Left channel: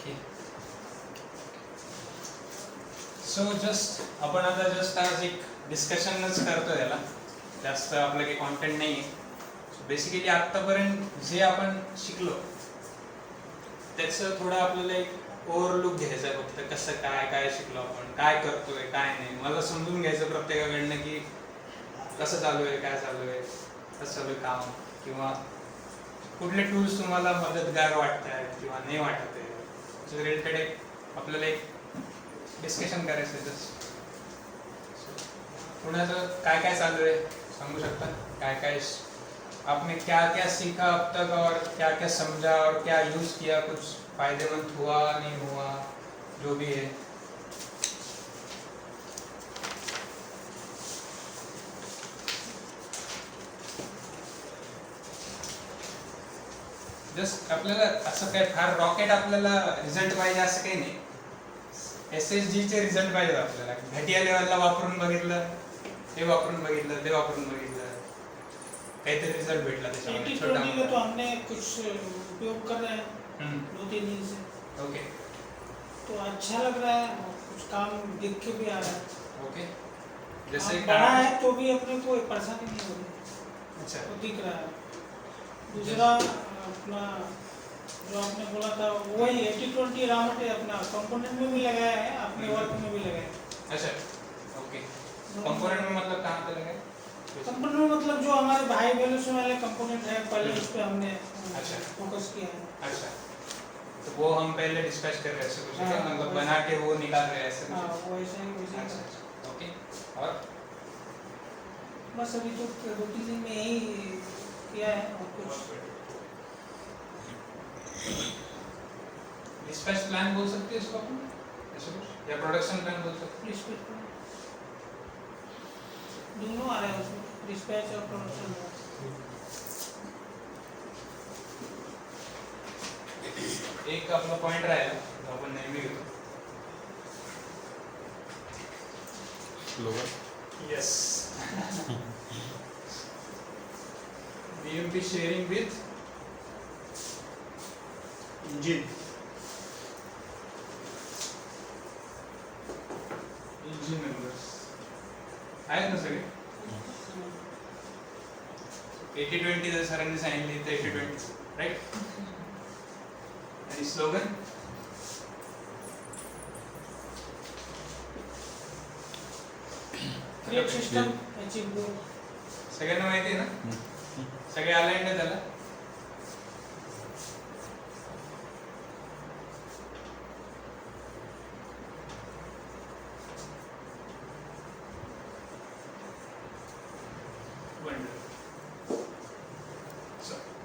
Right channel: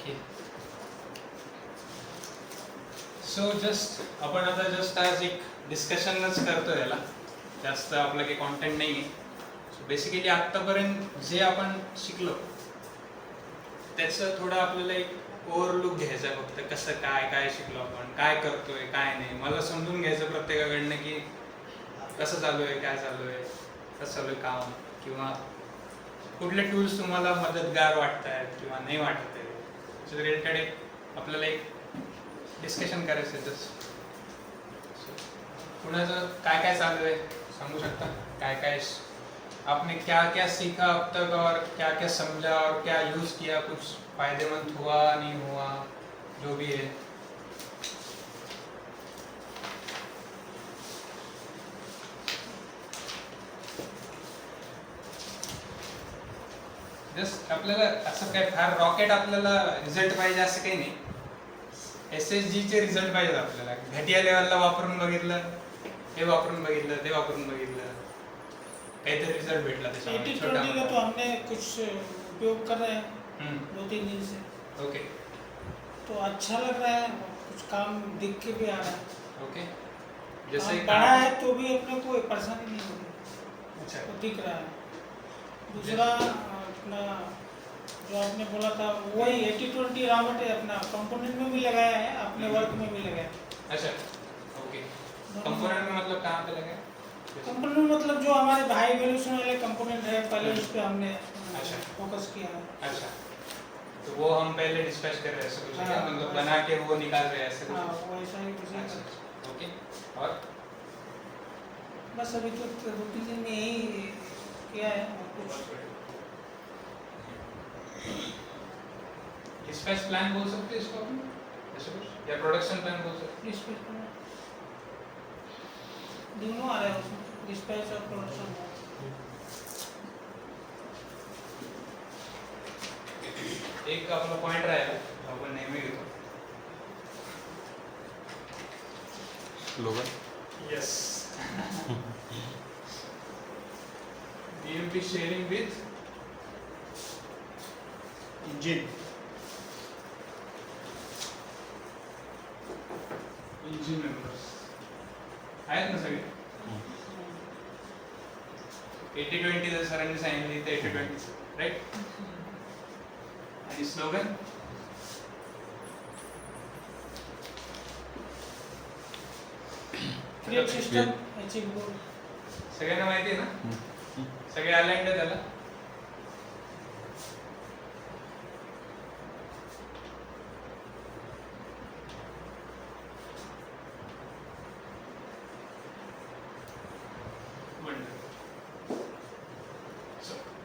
Okay. So just आपण आता just आज एक डिस्कशनच करतो याला, जास्त आपलं काही कॉन्टेंट नाही आहे. सो बेसिकली आत्तापर्यंत जे आपण शिकलो त्याचं थोडं आपल्याला एक ओव्हरलुक घ्यायचं आहे, फक्त कसं काय काय शिकलो आपण, काय करतोय काय नाही, मला समजून घ्यायचं प्रत्येकाकडनं की कसं चालू आहे, काय चालू आहे, कसं चालू आहे काम, किंवा कुठले टूल्स तुम्हाला मदतगार वाटत आहेत किंवा नाही वाटत आहे. सो रिलेटेड एक आपल्याला एक डिस्कशन करायचं आहे. जस्ट कुणाचं काय काय चालू आहे सांगू शकता, काय काय आपने क्या क्या सीखा अब तक और क्या क्या समझा और क्या यूज़ किया, कुछ फायदेमंद हुआ नहीं हुआ, जो भी है. जस्ट आपल्याला असं काय फार रॉकेट आपल्याला रिझल्ट पाहिजे असं काही नाही. SSG चे रिझल्ट पाहिजेत आपल्याला. घटिया लेवलला वापरून बघितलं, हे वापरून बघितलं, ते वापरून बघितलं, काहीतरी रिजल्ट भेटला त्याच्यामध्ये छोटा मोठा. तो हमने कुछ उपयोग कर रहे हैं 2-3 दिन से. ओके. तो अच्छा लग रहा है, कुछ काम दिख के भी आ रहा है. ओके. जैसे बड़ा है तो भी अपने को परेशानी नहीं हो रही. अच्छा. तो दिख रहा है. दूसरा अपना जो आपने बोला था वही 80-20 रॉ मटेरियल अपना कंपोनेंट में भी लगाया है, अपने वर्क में भी लगाया है. अच्छा. ओके. कंपोनेंट में मतलब कहाँ पे लगे? कंपोनेंट में मतलब जो हमारे हाई वैल्यूशन वाले कंपोनेंट है पहले उस पे हमने अच्छा फोकस किया है. अच्छा. तो वो हम पहले डिस्कस कर रहे हैं ऐसे कुछ है, मतलब बना के वो निकाल रहे हैं ऐसे हाँ कुछ. वैसा ही वैसा ही. अच्छा. ओके. और बस अभी तो 2-3 दिन में यही किया है और कुछ डिस्पैच प्लान बोल सकते हैं इसको अपन ऐसे कुछ, या प्रोडक्शन प्लान बोल सकते हैं. डिस्पैच दोनों आ रहे हैं उसमें, डिस्पैच और प्रोडक्शन. एक आपला पॉइंट राहिला जो आपण नेहमी घेतो. Slogan. Yes. BMP sharing with engine. Engine members. आहेत ना सगळे? 80-20 जर सरांनी सांगितले तर 80-20 राईट. आणि स्लोगन क्रिएट सिस्टम अचीव. सगळ्यांना माहिती आहे ना, सगळे अलाइंड आहे त्याला.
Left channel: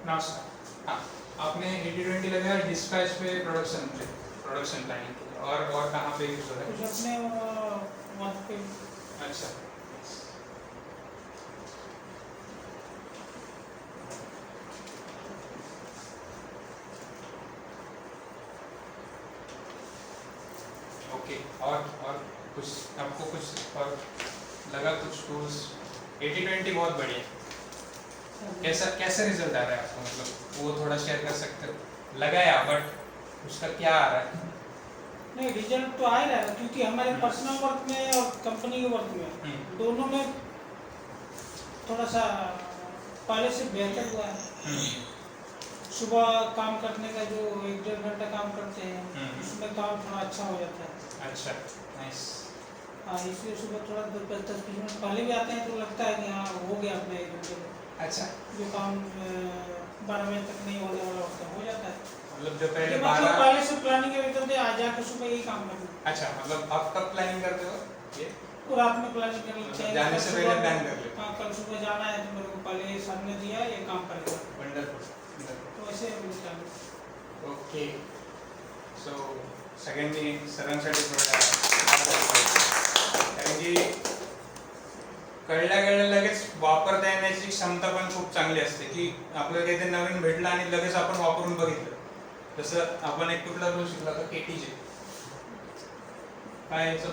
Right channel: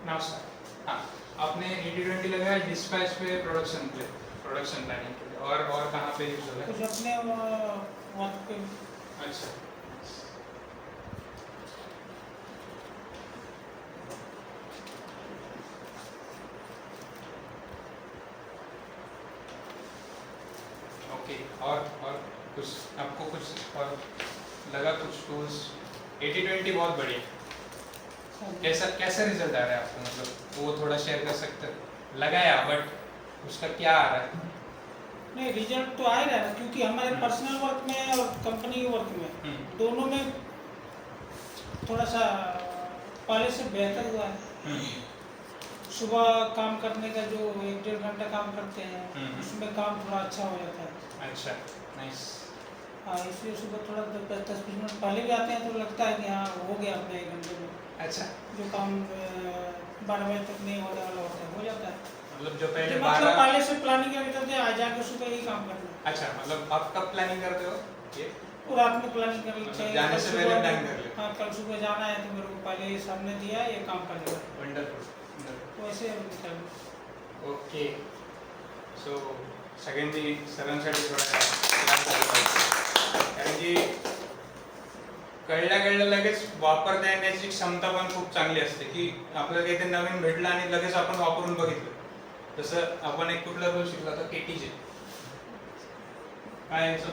Now start. हाँ, आपने 80-20 लगाया डिस्पैच पे, प्रोडक्शन प्लानिंग के लिए, और कहाँ पे यूज हो रहा कुछ अपने वर्क पे. है? अच्छा. ओके. और कुछ आपको कुछ और लगा, कुछ टूल्स? 80-20 बहुत बढ़िया. कैसा रिजल्ट आ रहा है आपको, मतलब वो थोड़ा शेयर कर सकते हो? लगाया बट उसका क्या आ रहा है? नहीं रिजल्ट तो आ ही रहा है क्योंकि हमारे पर्सनल वर्क में और कंपनी के वर्क में दोनों में थोड़ा सा पहले से बेहतर हुआ है. सुबह काम करने का जो 1-1.5 घंटा काम करते हैं उसमें काम थोड़ा अच्छा हो जाता है. अच्छा. नाइस. हाँ इसलिए सुबह थोड़ा 10 मिनट पहले भी आते हैं तो लगता है कि हाँ हो गया अपने 1 घंटे में. अच्छा. जो काम 12 बजे तक नहीं होने वाला होता है हो जाता है. मतलब जो पहले मतलब 12. पहले से प्लानिंग करते थे आज जाकर सुबह यही काम करते हैं. अच्छा, मतलब आप कब प्लानिंग करते हो ये? पूरा आपने प्लानिंग कर लेते मतलब हैं. जाने से पहले प्लान कर लेते. हाँ कल सुबह जाना है तो मेरे को पहले ही सामने दिया ये काम कर लिया. वंडरफुल. तो ऐसे होता है. ओके. सो सगळ्यांनी सरांसाठी थोडा clap द्यायला पाहिजे. कारण की कळल्या लगेच वापरता येण्याची क्षमता पण खूप चांगली असते, की आपल्याला काहीतरी नवीन भेटलं आणि लगेच आपण वापरून बघितलं. जसं आपण एक कुठला रूल शिकला होता KTJ, काय याचं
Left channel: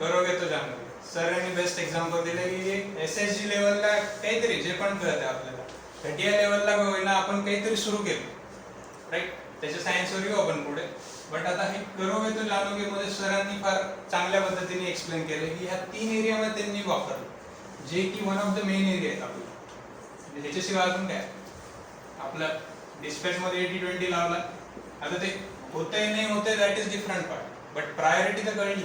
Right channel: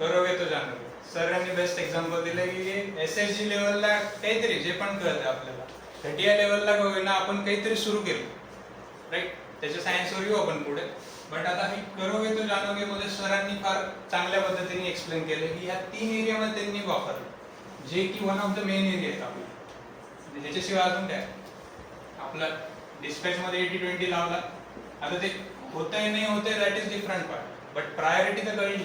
करोगे तो जानोगे. सरांनी बेस्ट एक्झाम्पल दिलं की SSG लेवलला काहीतरी जे पण कळतं आपल्याला, घटिया लेवलला होईना आपण काहीतरी सुरू केलं राईट. त्याच्या सायन्सवर येऊ आपण पुढे. बट आता हे करोगे तो जानोगे मध्ये सरांनी फार चांगल्या पद्धतीने एक्सप्लेन केलं की ह्या 3 एरियामध्ये त्यांनी वापरलं, जे की one of the main area आहेत आपले. म्हणजे ह्याच्याशिवाय अजून काय आपला डिस्पॅच मध्ये 80-20 लावला. आता ते होतंय नाही होतंय that is different part, but priority तर कळली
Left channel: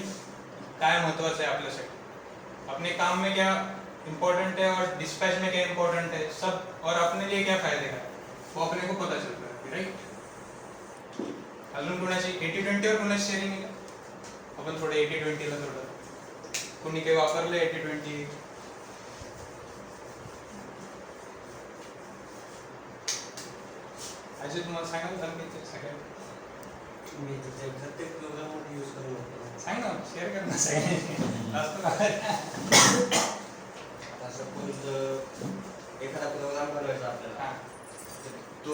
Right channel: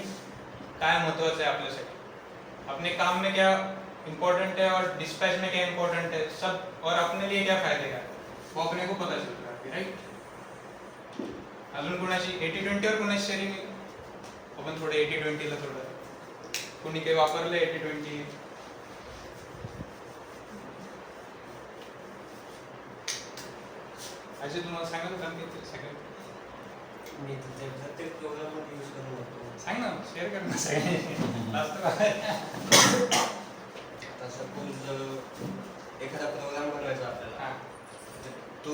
काय महत्वाचं आहे आपल्यासाठी, अपने काम में क्या इम्पोर्टेंट है और डिस्पैच में क्या इम्पोर्टेंट है, सब और अपने लिए क्या फायदे का वो अपने को पता चल रहा है, राइट. अजून कोणाची 80-20 वर कोणाची शेअरिंग आहे का? आपण थोडं 80-20 ला थोडं कोणी काही वापरलं 80-20? अजय तुम्हाला सांगा होतं मी सगळ्यात सांग ना, शेअर कर ना आता सपोज एखादा प्रोग्राम बनवायचा आपल्याला, तो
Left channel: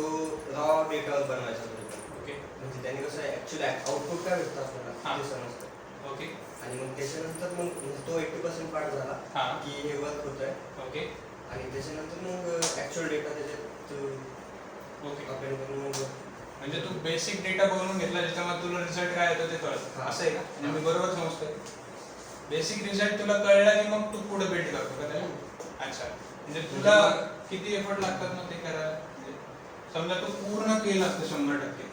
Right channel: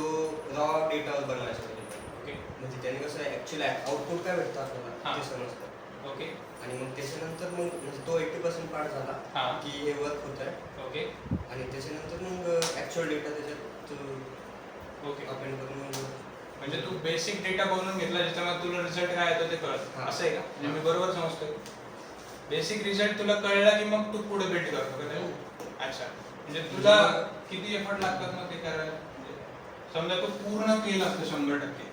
रॉ डेटावर बनवायचा होता. ओके. म्हणजे त्याने कसं ऍक्च्युअली आउटपुट काय भेटतं आपल्याला ते समजतं. ओके. आणि मग त्याच्यानंतर मग म्हणजे तो 80% पार्ट झाला की हे वर्क होत आहे. ओके. आणि त्याच्यानंतर मग ऍक्च्युअल डेटा त्याच्यात ओके अपेंड करून मग म्हणजे तू बेसिक डेटा बनवून घेतला ज्याच्यामध्ये तुला रिझल्ट काय येतो ते कळत असं आहे का? म्हणजे मी बरोबर समजतोय, बेसिक रिझल्ट तुला कळला की मग तू पुढे बिल्ड करतो का त्याला? अच्छा, म्हणजे तुला किती एफर्ट लागतात मग ते करायला? म्हणजे समजा तू पूर्ण केलं असतं 100%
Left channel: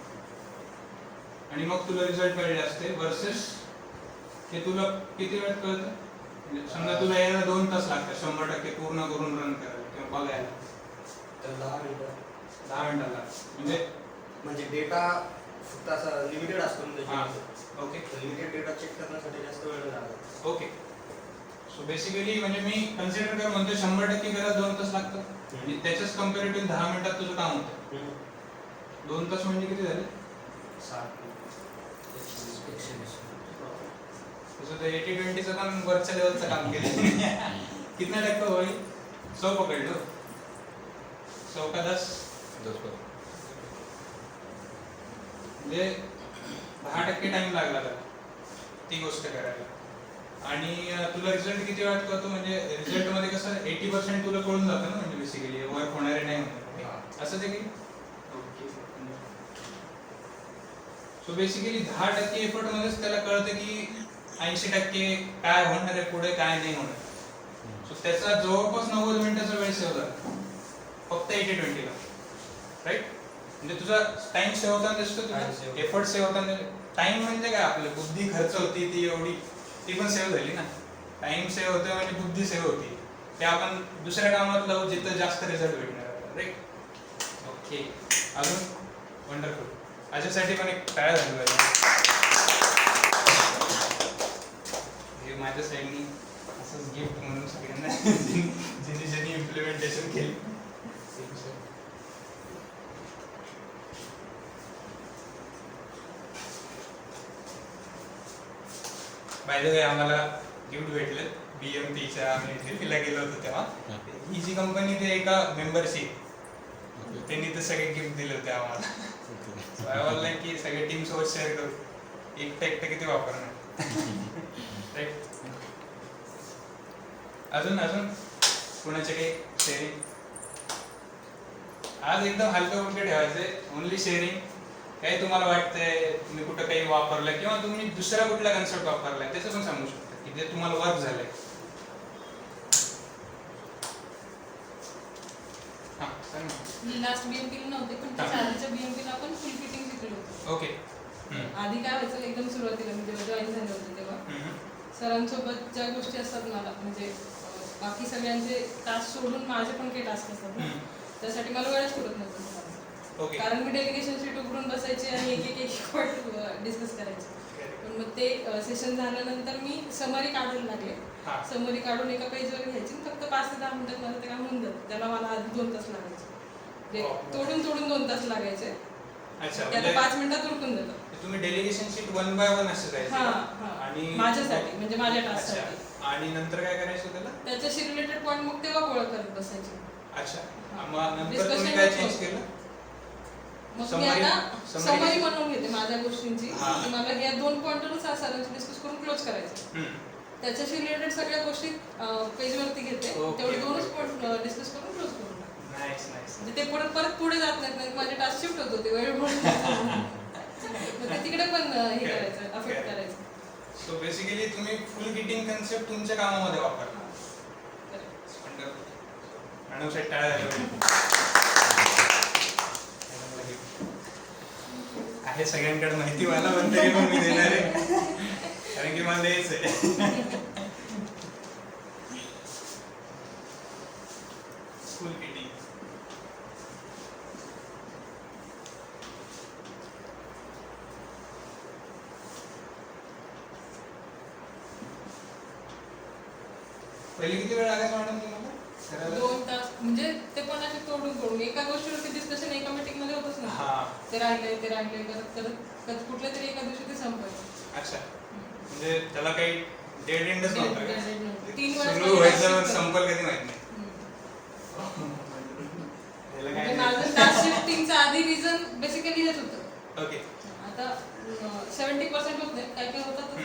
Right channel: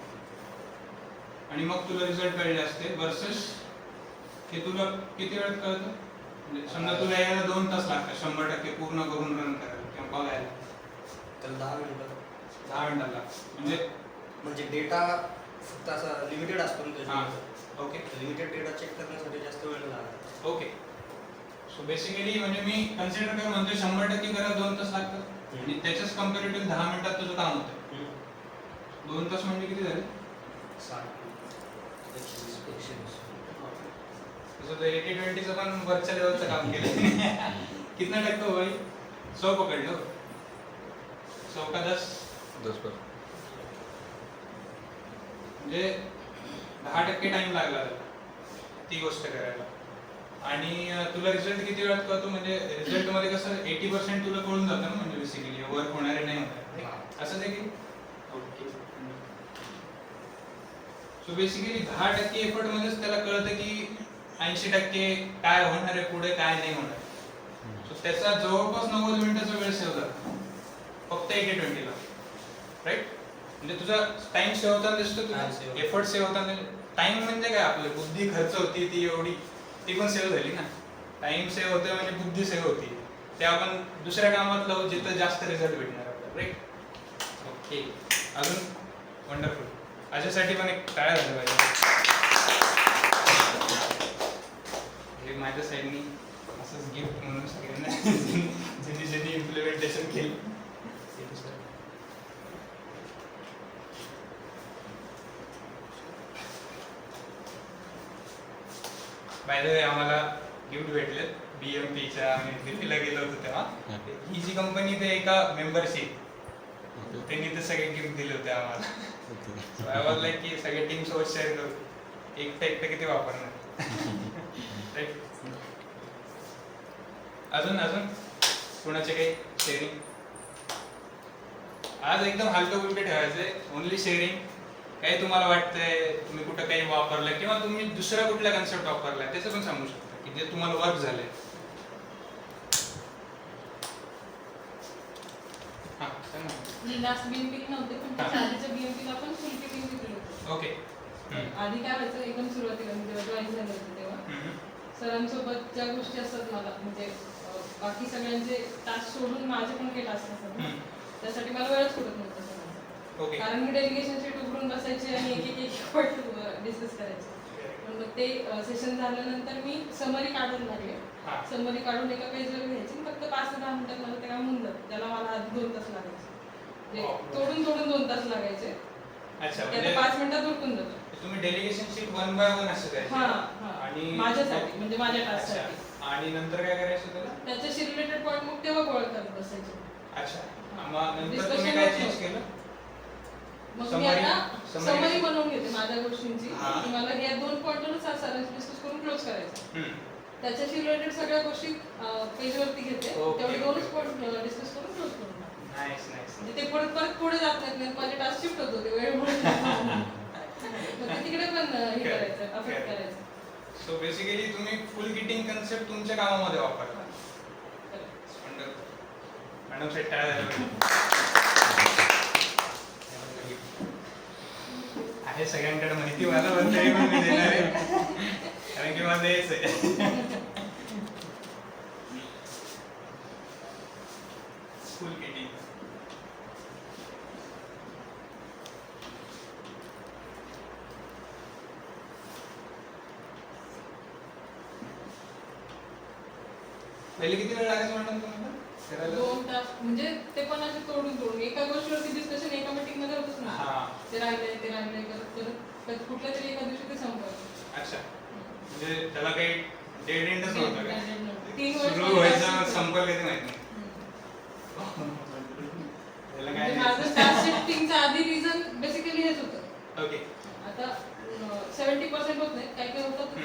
आणि मग तुला रिझल्ट कळले असते वर्सेस हे तुला किती वेळात कळतं? म्हणजे समजा तुला यायला 2 तास लागतात 100% पूर्ण करून रन करायला किंवा बघायला, तर 10 मिनिटं 10 मिनिटाला. म्हणजे डेटा फक्त असा लिमिटेड असतो ना त्याच्यामध्ये. ओके. लिमिटेड डेटा चेक करण्यासाठी जास्त वेळ लागत. ओके. सो बेसिकली म्हणजे मी कन्सिडर कर म्हणतो 100% करायला 2 तास लागतात आणि त्याच्याच कम्पॅरेटिव्ह 10 मिनिटात तुझं काम होतं. 2 तास म्हणजे किती झाले? तुझं 80-20चं पण वरच्या लेवलचं काम केलं. कितना टक्का होईल? 100 पकडलो, 100 का 10 म्हणजे 10% टाइम लागला त्याला ती गोष्ट करायला. आणि तुला रिझल्ट किती वेळात कळतो? म्हणजे रिझल्ट मध्ये कसं 80% तुला कळून जातं ना, म्हणजे बेसिकली वर्क होणारे नाही होणार असं ते की. ओके. सो बेसिकली 10% एफर्ट मध्येच त्याला कळतं की 80% काय होणार आहे पुढे काय नाही होणार. सो त्याचा जवळपास 90 मिनिटाचा वेळ सेव्ह झाला फक्त 80-20 ला, राईट. म्हणजे तुझा टाइम सेव्ह होताना दिसतो, तुझा एफर्ट सेव्ह होताना. टाइम म्हणजे काय आपली बुद्धी खर्च होती ती एवढी, ती पण सेव्ह झाली ना. टाइम सेव्ह होते म्हणजे बुद्धी सेव्ह होती, ते आपण दुसऱ्या कामात लावू जिथं जास्त रिझल्ट भेटणार आपल्याला, राईट. ओके. अजून वंडरफुल. अशासाठी पण एक टाळ्या झाली पाहिजे. माझ्या साईडनी असंच गिफ्ट म्हणून सगळ्यांना ज्यांनी इम्प्लिमेंटेशन केली. बाय द वे आम्हाला गिफ्ट भेटले BMPच्या, आम्ही दिल्लीला गेलो होतो तेव्हा. ही जी कंपनी ते एका मेंबरशिप त्यांनी ते सगळे गिफ्ट दिले होते आम्हाला. आय वॉज लाईक की सगळे टीम सोबत शेअर करू, एकटं किती वापरणार. अजून कुणाचे काही शेअरिंग? आज एकदम हलकं फुलकं ठेवायचंय, ओनली शेअरिंग. काही तुम्हाला वाटतंय तुम्ही कुठं काही वापरलं किंवा तुम्ही दुसरा कुठला कन्सेप्ट वापरलाय त्याचं पण सांगू शकता की जे तुम्हाला वर्क झालंय. हां सांग ना. मी लास्ट BMP नव्हते पण त्याच्या BMP आपण फुल फिटिंग घेतलं होतं. ओके. आधी काय व्हायचं एकदम सुरुवातीला मी जेव्हा जॉईन झाले होते तेव्हा सरांसोबत ज्या गोष्टी असतात मला म्हणजे बाकी सगळ्यांचे टास्क सोडून माझे पण काही टास्क असतात ना, त्यासाठी मला वेळच पुरत नव्हता सरांचा. कारण मी डेलिगेशन शीट उघडून बसायची आणि एक पॉईंट डिस्कस करायचे. पण मग ते सेशन झाल्यानंतर मी समरी काढायला लागले. समरी काढून एका पेजवर घ्यायची, फक्त 5 ते 10 मिनिटात मला ते काम होऊन जातं. त्याला मला आधी 2 तास लागायचे, तोडून 2 तास लागायचे. अच्छा, म्हणजे 5 मिनिटात उरकून जातं. तुम्ही डेलिगेशन शीट 1 बाय 1 असं जायचं आणि माझ्यासाठी म्हणजे माझ्या टास्कसाठी. आणि नंतर काय करायचं त्याला? त्याच्याशी रिलेटेड पॉईंट मग तेव्हा गोळा करत बसायचे. अच्छा, मग नंतर तुम्ही काय चेंज केलं? मग मी आता समरी बनवून घेते माझ्या गोष्टींची. मला या 2 पॉइंटवरच सरांची डिस्कस करून क्लोज करायचं. त्याच्याशी रिलेटेड सगळ्या गोष्टी पेजवरती घेते, तेवढे 2च पॉइंट डिस्कस करून क्लोज करून. Nice nice. म्हणजे ते परत पुढे जात नाहीत, माझे टास्क शिफ्ट होत होते वेळ म्हणून. तुम्ही फुल किटिंग कन्सेप्ट तुमच्या कामामध्ये वापरला. मॅडम साहेब टाळ्या आहे सगळ्यांकडे माहिती मला पण तरी पण मी देणार आहे कारण की मला द्यायचं आहे. फुल किटिंग पहिले किती वेळ लागायचा मॅडम तुम्हाला करायला? 2 तास म्हणजे ते पण असे तोडून एका गोष्टीवरती डिस्कशन एका मीटिंग मध्ये होतच ना. हा. ते राहिले करत कुठल्या तरी एका दिवशी ते संपलं. अच्छा म्हणजे त्याला काही डेड एंडच नव्हता का? Dead end नव्हतं. 3 वेळेस सुरू व्हायचं संपल कधी माहित नाही. त्याला काय म्हणजे नाही. माझं टास्क शिफ्टिंगचं आधी रिझन बेसिकली हेच होतं. ओके. आता 70% होत नाही, काय होतं तर ते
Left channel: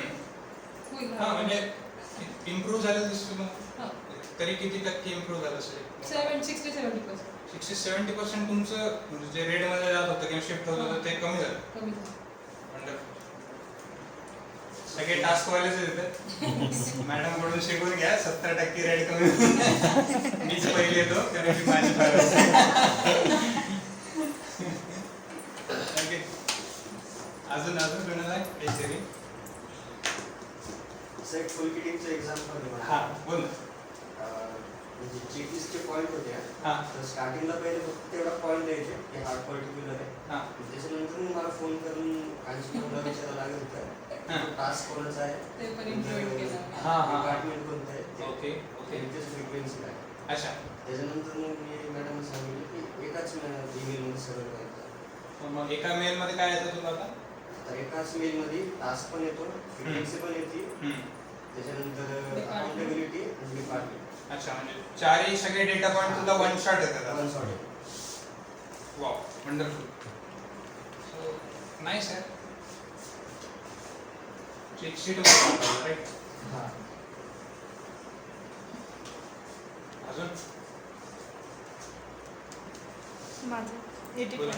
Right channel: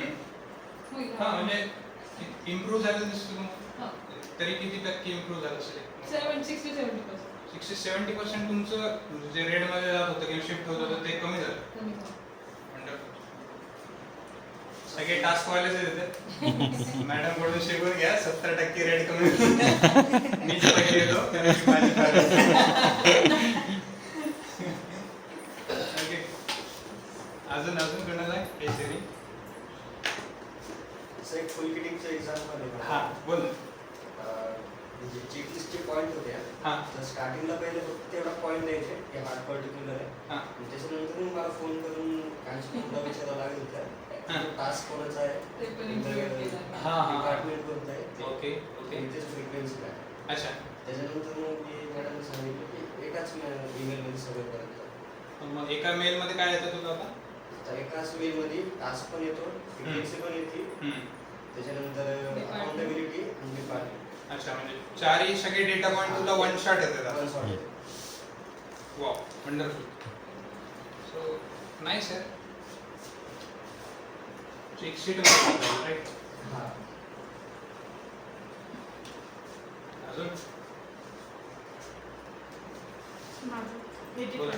होईल. हा म्हणजे इम्प्रूव्ह झालं दिसतो मग हा. तरी किती टक्के इम्प्रूव्ह झालं असेल? 60-70%. 60-70% तुमचं म्हणजे जे रेड मध्ये जात होतं किंवा शिफ्ट होत होतं ते कमी झालं. कमी झालं. Wonderful. सगळे टास्क वालेच येतात मॅडम कडून शिकून घ्या 70% रेड कमी मीच पहिले येतो कारण की माझी Okay. अजून कोणाला काहीतरी एक फुल किटिंगचं एक्झाम्पल आहे मला. हा बोल ना. म्हणजे चेकलिस्टचे पॉईंट होते हा. तर स्टार्टिंगला पहिले फक्त तेवढा पॉईंट द्यायचे की हा पर्टिक्युलर आहे. हा. त्याच्यानंतर मग मला फोन करून कान्स्टेबलला विचारायला लागत हा. होतं टास्क कोणाचा आहे, ते पण implement केलं. हा, हा. डिपार्टमेंट कोणतं आहे, ओके ओके फ्रिक्वेन्सी काय. अच्छा त्याच्यानंतर मग मी मॅडमला सांगितलं की एकाच ईमेलमध्ये सगळं करायचं. मग एका मेल मध्ये काय येतं तुला आता? तर एकाच मेलमध्ये टास्क पण येतो, फ्रिक्वेन्सी पण येते, त्याच्यानंतर अकाउंटेबिलिटी आणि डिपार्टमेंट. अच्छा म्हणजे चारही सगळे डेटा पॉइंट तुला वन शॉट येतात. वन शॉट येतो. Wow wonderful. सो नाईस आहे. एक शीट राईट. हां. अजून माझं बोला.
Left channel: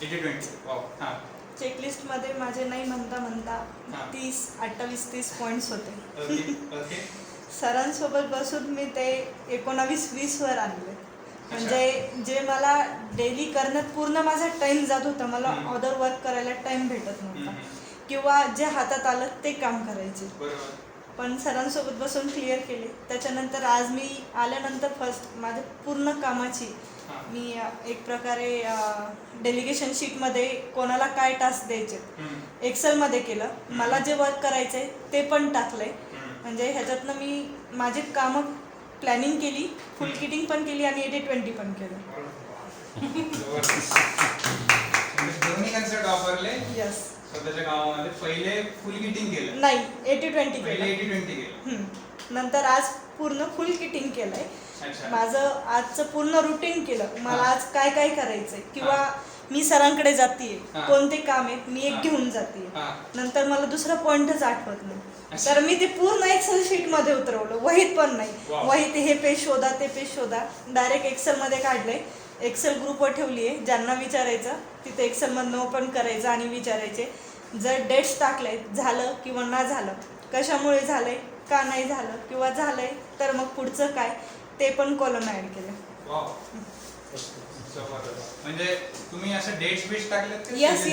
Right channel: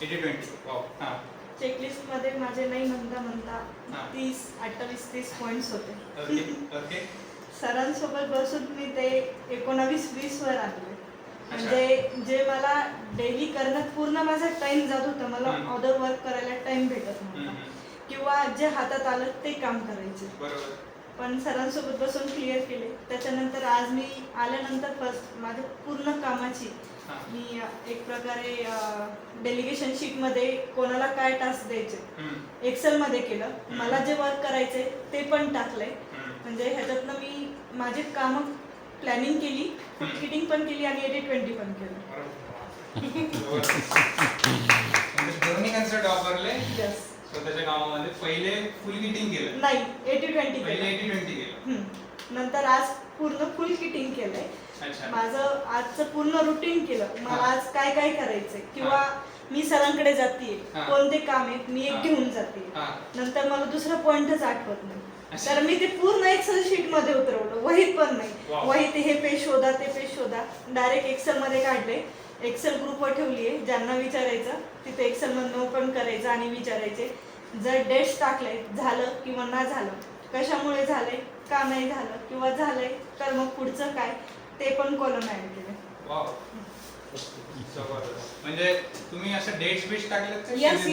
80-20 वाव. हां चेकलिस्टमध्ये माझे नाही म्हणता हा. 28-30 पॉईंट्स होते. ओके ओके सरांसोबत बसून मी ते 19-20 वर आणले. म्हणजे जे मला डेली करण्यात पूर्ण माझा टाइम जात होता, मला अदर वर्क करायला टाइम भेटत नव्हता किंवा जे हातात आलं ते काम करायचे. बरोबर. पण सरांसोबत बसून क्लिअर केले. त्याच्यानंतर आज मी आल्यानंतर फर्स्ट माझ्या पूर्ण कामाची हां. मी एक प्रकारे डेलिगेशन शीटमध्ये कोणाला काय टास्क द्यायचे एक्सेलमध्ये केलं. मला जे वर्क करायचंय ते पण टाकलंय. म्हणजे ह्याच्यातनं मी माझे कामं प्लॅनिंग केली, फुल किटिंग पण केली आणि 80-20 पण केलं. दोन्ही कन्सेप्ट वापरले यस. स्वतःच्या कामामध्ये. पहिले फुल किटिंग केलं, नाही 80-20 पहिले केलं. 80-20 केलं. नंतर आज पूर्ण फुल किटिंग केलंय. अच्छा. माझं आजचं पूर्ण रुटीन केलं. मला हा. आज काय काय करायचंय किंवा मी सरांकडे जाते, हा. कोणते काम आहेत मी हा. एक घेऊन जाते. हां. नंतर मला दुसरा पॉइंटच आठवत नाही, अच्छा. तर मी ते पूर्ण एक्सेल शीट मध्ये उतरवलं. वहीत पण नाही, वाव. वहीत हे पेज शोधा ते पेज शोधा, डायरेक्ट एक्सेल मध्ये काढले. एक्सेल ग्रुपवर ठेवली आहे. ज्यांना विचारायचं तिथे एक्सेल मधनं ओपन करायचं आणि विचारायचे. जर डेट्स टाकले झालं किंवा ना झालं, कशामुळे झालंय, का नाही झालं किंवा झालंय तर मग पुढचं काय, ते पण कॉलम ऍड केले. वाव जबरदस्त. म्हणजे तुम्ही असं डेट्स बीट्स टाकलेत का? येस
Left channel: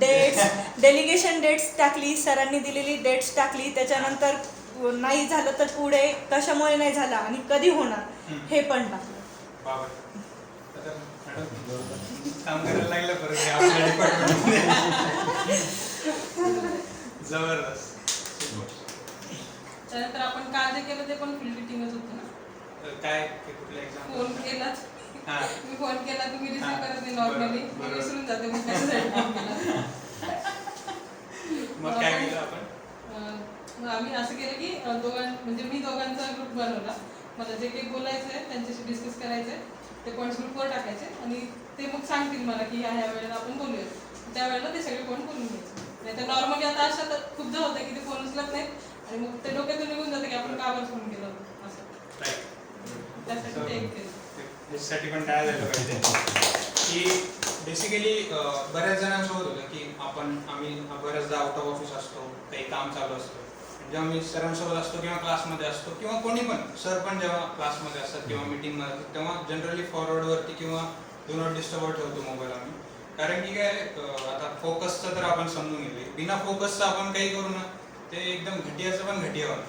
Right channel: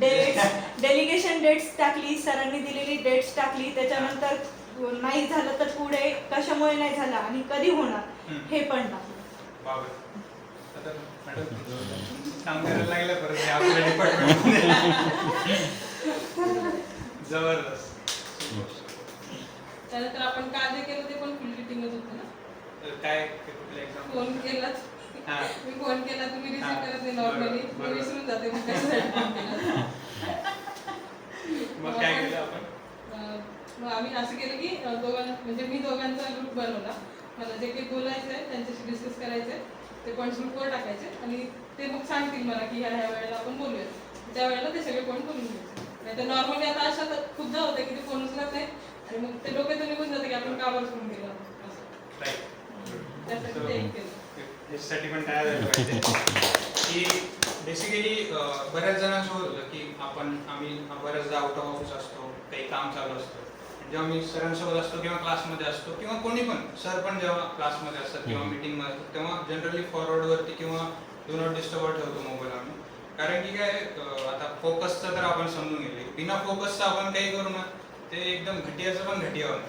डेट्स, डेलिगेशन डेट्स टाकली, सरांनी दिलेली डेट्स टाकली. त्याच्यानंतर नाही झालं तर पुढे कशामुळे नाही झालं आणि कधी होणार हे पण टाकलं. बाबर. आता मॅडम काम करायला लागलं परत हे आपल्या डिपार्टमेंटमध्ये. जबरदस्त. त्यानंतर आपण काय जे केलं ते पण फुल किटिंगच होतं ना. काय ते कुठलं एक्झाम्पल? फोन केलाच, हां. मी फोन केला तुम्ही हा. रिसीव्ह करत नाही नॉर्मली, बरोबर. मी विसरून जाते मग त्याच्यासाठी फोन केला. मग काय केलं आपण? मग आम्ही असं केलं की म्हणजे मी दोघांचा ग्रुप बनवला. मला जे काही बोलायचं आहे त्यांच्याशी डिस्कस करायचं आहे ते पॉईंट्स ग्रुपवर टाकायचे आणि ते मग सांगतील मला की ह्या वेळेला आपण बोलूया. त्यावेळेला ते सगळे पॉईंट बोलून घ्यायचे. नाही तर नॉर्मली आता अशा तर खूपदा होतं की ते फोन उचलत नाही आणि मग ते डोक्यातून निघून जाते की आपण का बरं फोन केला असं. राईट. त्यासाठी ते एक केलं. याच्यासाठी पण काय झालं पाहिजे की बेसिकली बऱ्याच जणांसोबत होतं की आम्ही बऱ्याचदा आउट ऑफ ऑफिस असतो, काही काम चालू असतं आणि जेव्हा मी सरांसोबत असतो किंवा क्लासमध्ये असतो किंवा कोणी पण सर पण जेव्हा क्लासमध्ये असतात किंवा मीटिंगमध्ये असतात तेव्हा जनरली फॉरवर्डवरती किंवा डू नॉट डिस्टर्बवर ठेवतो मोबाईल आम्ही. कारण की काय आता फोकसचं तर आपण समजून घेतले, बिना फोकसचं आपण काही करू ना ते एकदम घटियाचं पण घटिया होतं.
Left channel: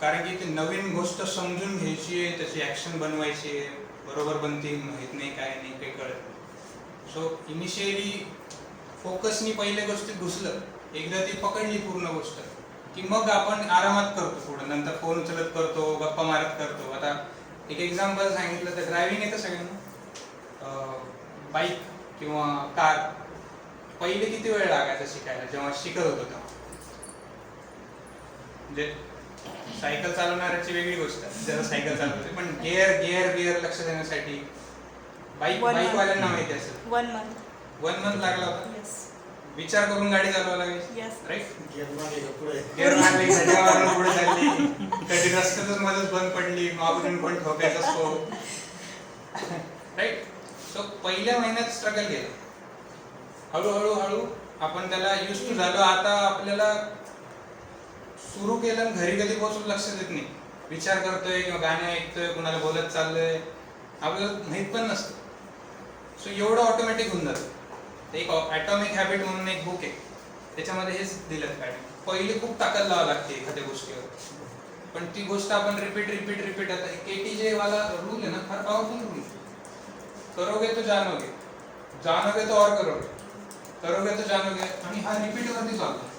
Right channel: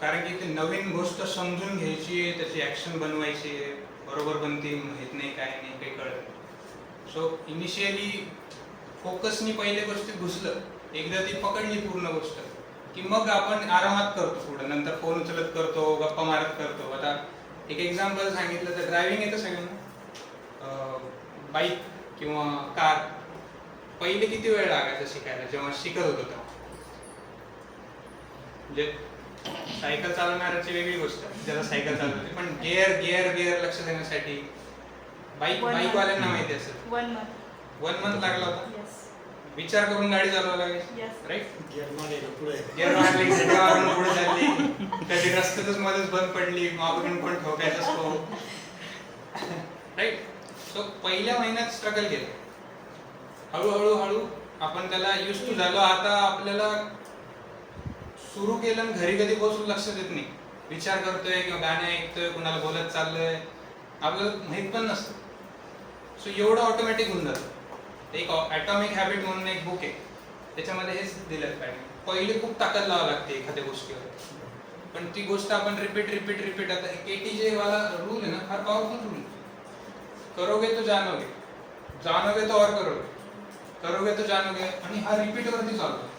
कारण की ते नवीन गोष्ट समजून घ्यायची आहे, त्याची ॲक्शन बनवायची आहे, बरोबर बनते माहीत नाही काय नाही काही कळत. सो इनिशियली फोकसनी पहिल्या गोष्टीत घुसलं, एकदा ती पकडली पूर्ण गोष्ट की मग आपण आरामात करतो पुढं, नंतर फोन उचलत करतो, गप्पा मारत करतो. आता एक एक्झाम्पल सांगितलं तर ड्रायव्हिंग येतं सगळ्यांना, बाईक किंवा कार पहिले किती वेळ लागायचा शिकायला जेव्हा शिकत होतो तेव्हा. म्हणजे सायकल चालवणाऱ्याची वेगळी गोष्ट, ज्याला सायकल चालवते, पण गिअर गिअर गिअर लक्ष देण्यासाठी बाईकवाल्यांना माहिती असेल 1 month. 1 month लागला होता. Yes. विचार करून गाडी चालवायला लागायची, Yes. राईट? गिअर मारली, सड्या मारून पुढे चालली, कधी रस्त्यातच मध्येच बंद पडली, मागून कोण ठोकायचा असतो, राईट? सो पहिल्या महिन्यात स्ट्रगल केलं, हळूहळू आपण त्याला युज टू झालो. आता आपल्याला सुरू केलं आणि घरी कधी पोहोचून लक्ष देत नाही, विचार करतोय किंवा गाणे ऐकतोय, कुणाला बोलत चाललंय, आपल्याला माहित पण नसतं. सो एवढं ऑटोमॅटिक होऊन जातं. एक ॲटॉमिक हॅबिट म्हणून एक बुक आहे, त्याच्यामध्ये हेच दिलं पाहिजे. पहिले खूप ताकद लावावी लागते एखाद्या गोष्टीवर, पण ती गोष्ट आपण रिपीट आता KTJ वाला रूल आहे ना, फार पॉवरफुल रूल. करोगे तो जानोगे, जानोगे तो और करोगे तो जानोगे, आणि हा रिपीट वरती चालतो.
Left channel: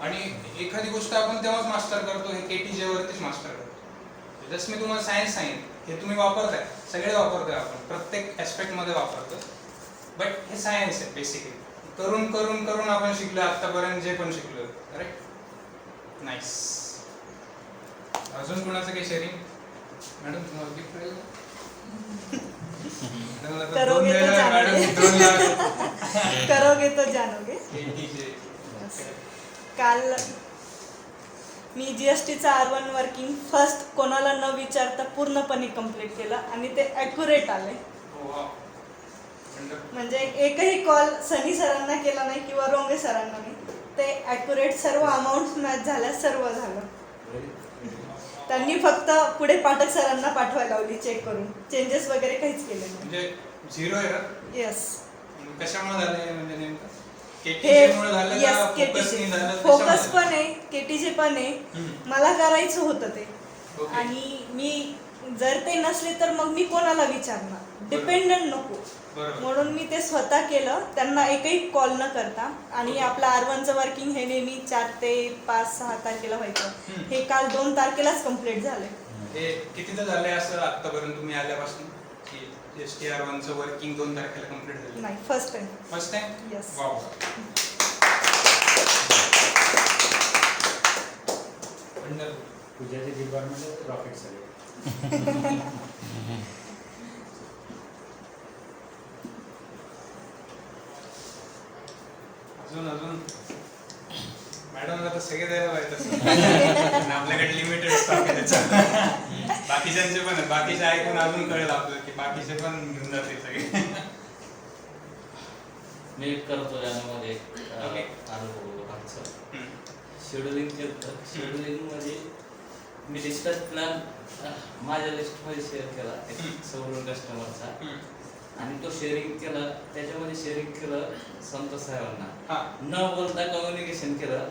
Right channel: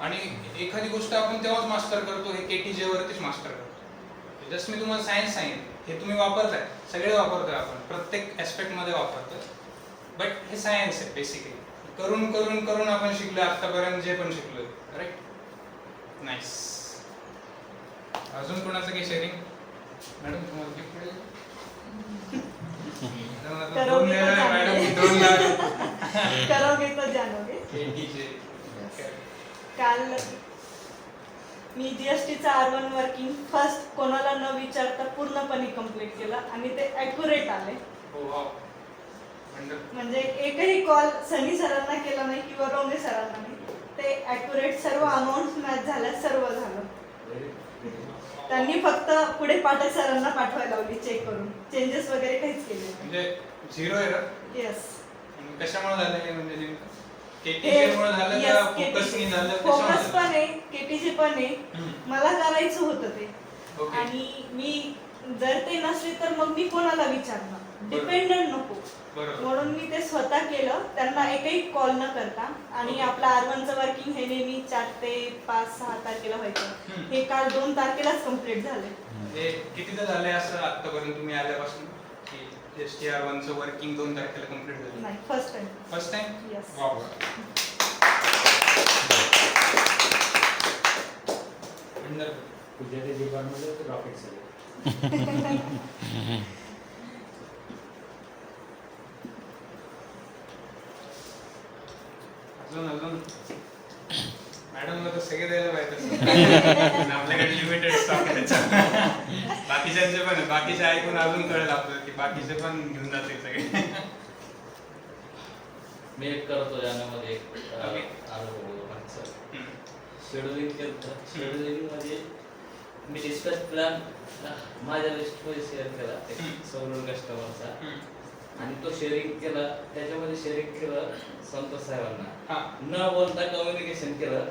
आणि एखादी गोष्ट आपण तेव्हाच मास्टर करतो, हे KTJ वरतीच मास्टर करतो. जस्ट मी तुम्हाला सायन्स सांगितलं, हे तुम्ही वापरताय, सगळे वापरतोय आपण, प्रत्येक ऍस्पेक्ट मध्ये वापरतोय. बट हे सायन्स आहे बेसिकली, करून करून करून आपण शिकलो आतापर्यंत जे पण शिकलो, राईट? नाईस. अजून कोणाचं काही शेअरिंग? मॅडम तुम्हाला गिफ्ट मिळेल? करोगे तो जानोगे. KTJ. काल मी GSTचा R1 वर्किंग फर्स्ट कोणाला न विचारता पूर्णपणे कंप्लीट केलं आणि ते ॲक्युरेट आले. म्हणजे एकही कॉल सनी सरांना केला नाही किंवा रोंगे सरांना नाही, ते ॲक्युरेट सर्व अमाऊंट मॅच झाल्या, सर्व झालं. त्यांनी फक्त पुढे पाठक सरांना पाठवायला लावली चेक करून, चेंजेस वगैरे काहीच केले नाही. म्हणजे 0 एरर. येस. कशामुळे झालं हे? म्हणजे नेमकं KTJ मुळे झालं का फोकसनी झालं? फोकस पण आहे, KTJ पण आहे. मला करायचं होतं ते, Okay. आणि मी जर ते नसले तर मग मी कोणाला विचारणार, डिपेंडंट नको. बरोबर. म्हणून मी ते स्वतः केलं, त्यांना एकही कॉल न करता. आणि Okay. आपलं R1चं वर्किंग हे नेहमी 4 ते 5-6 तारखेला व्हायचं, हे काल 2 तारखेलाच कम्प्लीट झाले. हे कितीदा झालंय असं आतापर्यंत तुम्ही आल्यापासून की ST R1चं वर्किंग 2 तारखेला कम्प्लीट झालं? नाही, first time. First time? Yes. Wow. पूजेच्या डिपार्टमेंटमध्ये ते रॉकेट झाले. अजून मॅडमला तर सगळे द्यायला पाहिजे तसं. आपल्याकडे लिमिटेड स्टॉक आहे त्याचा. बाकीच्यांचे पण आहे, बाकीचे ऐकून अजून कळेल आपल्याला की बाकीचे पण घेऊन जाते सगळे. मी एक करतो ज्यामध्ये Okay. शेड्युलिंग केलं. शेड्युलिंगमध्ये मी डिस्कस प्लॅन माझ्या लिस्टमध्ये शेअर केला सवरून कस्टमरचा, आणि तो शेअरिंग केला. त्याच्यामध्ये शेअरिंग केलं संतोष साहेबांना, न बोलता कम्युनिकेशन केलं.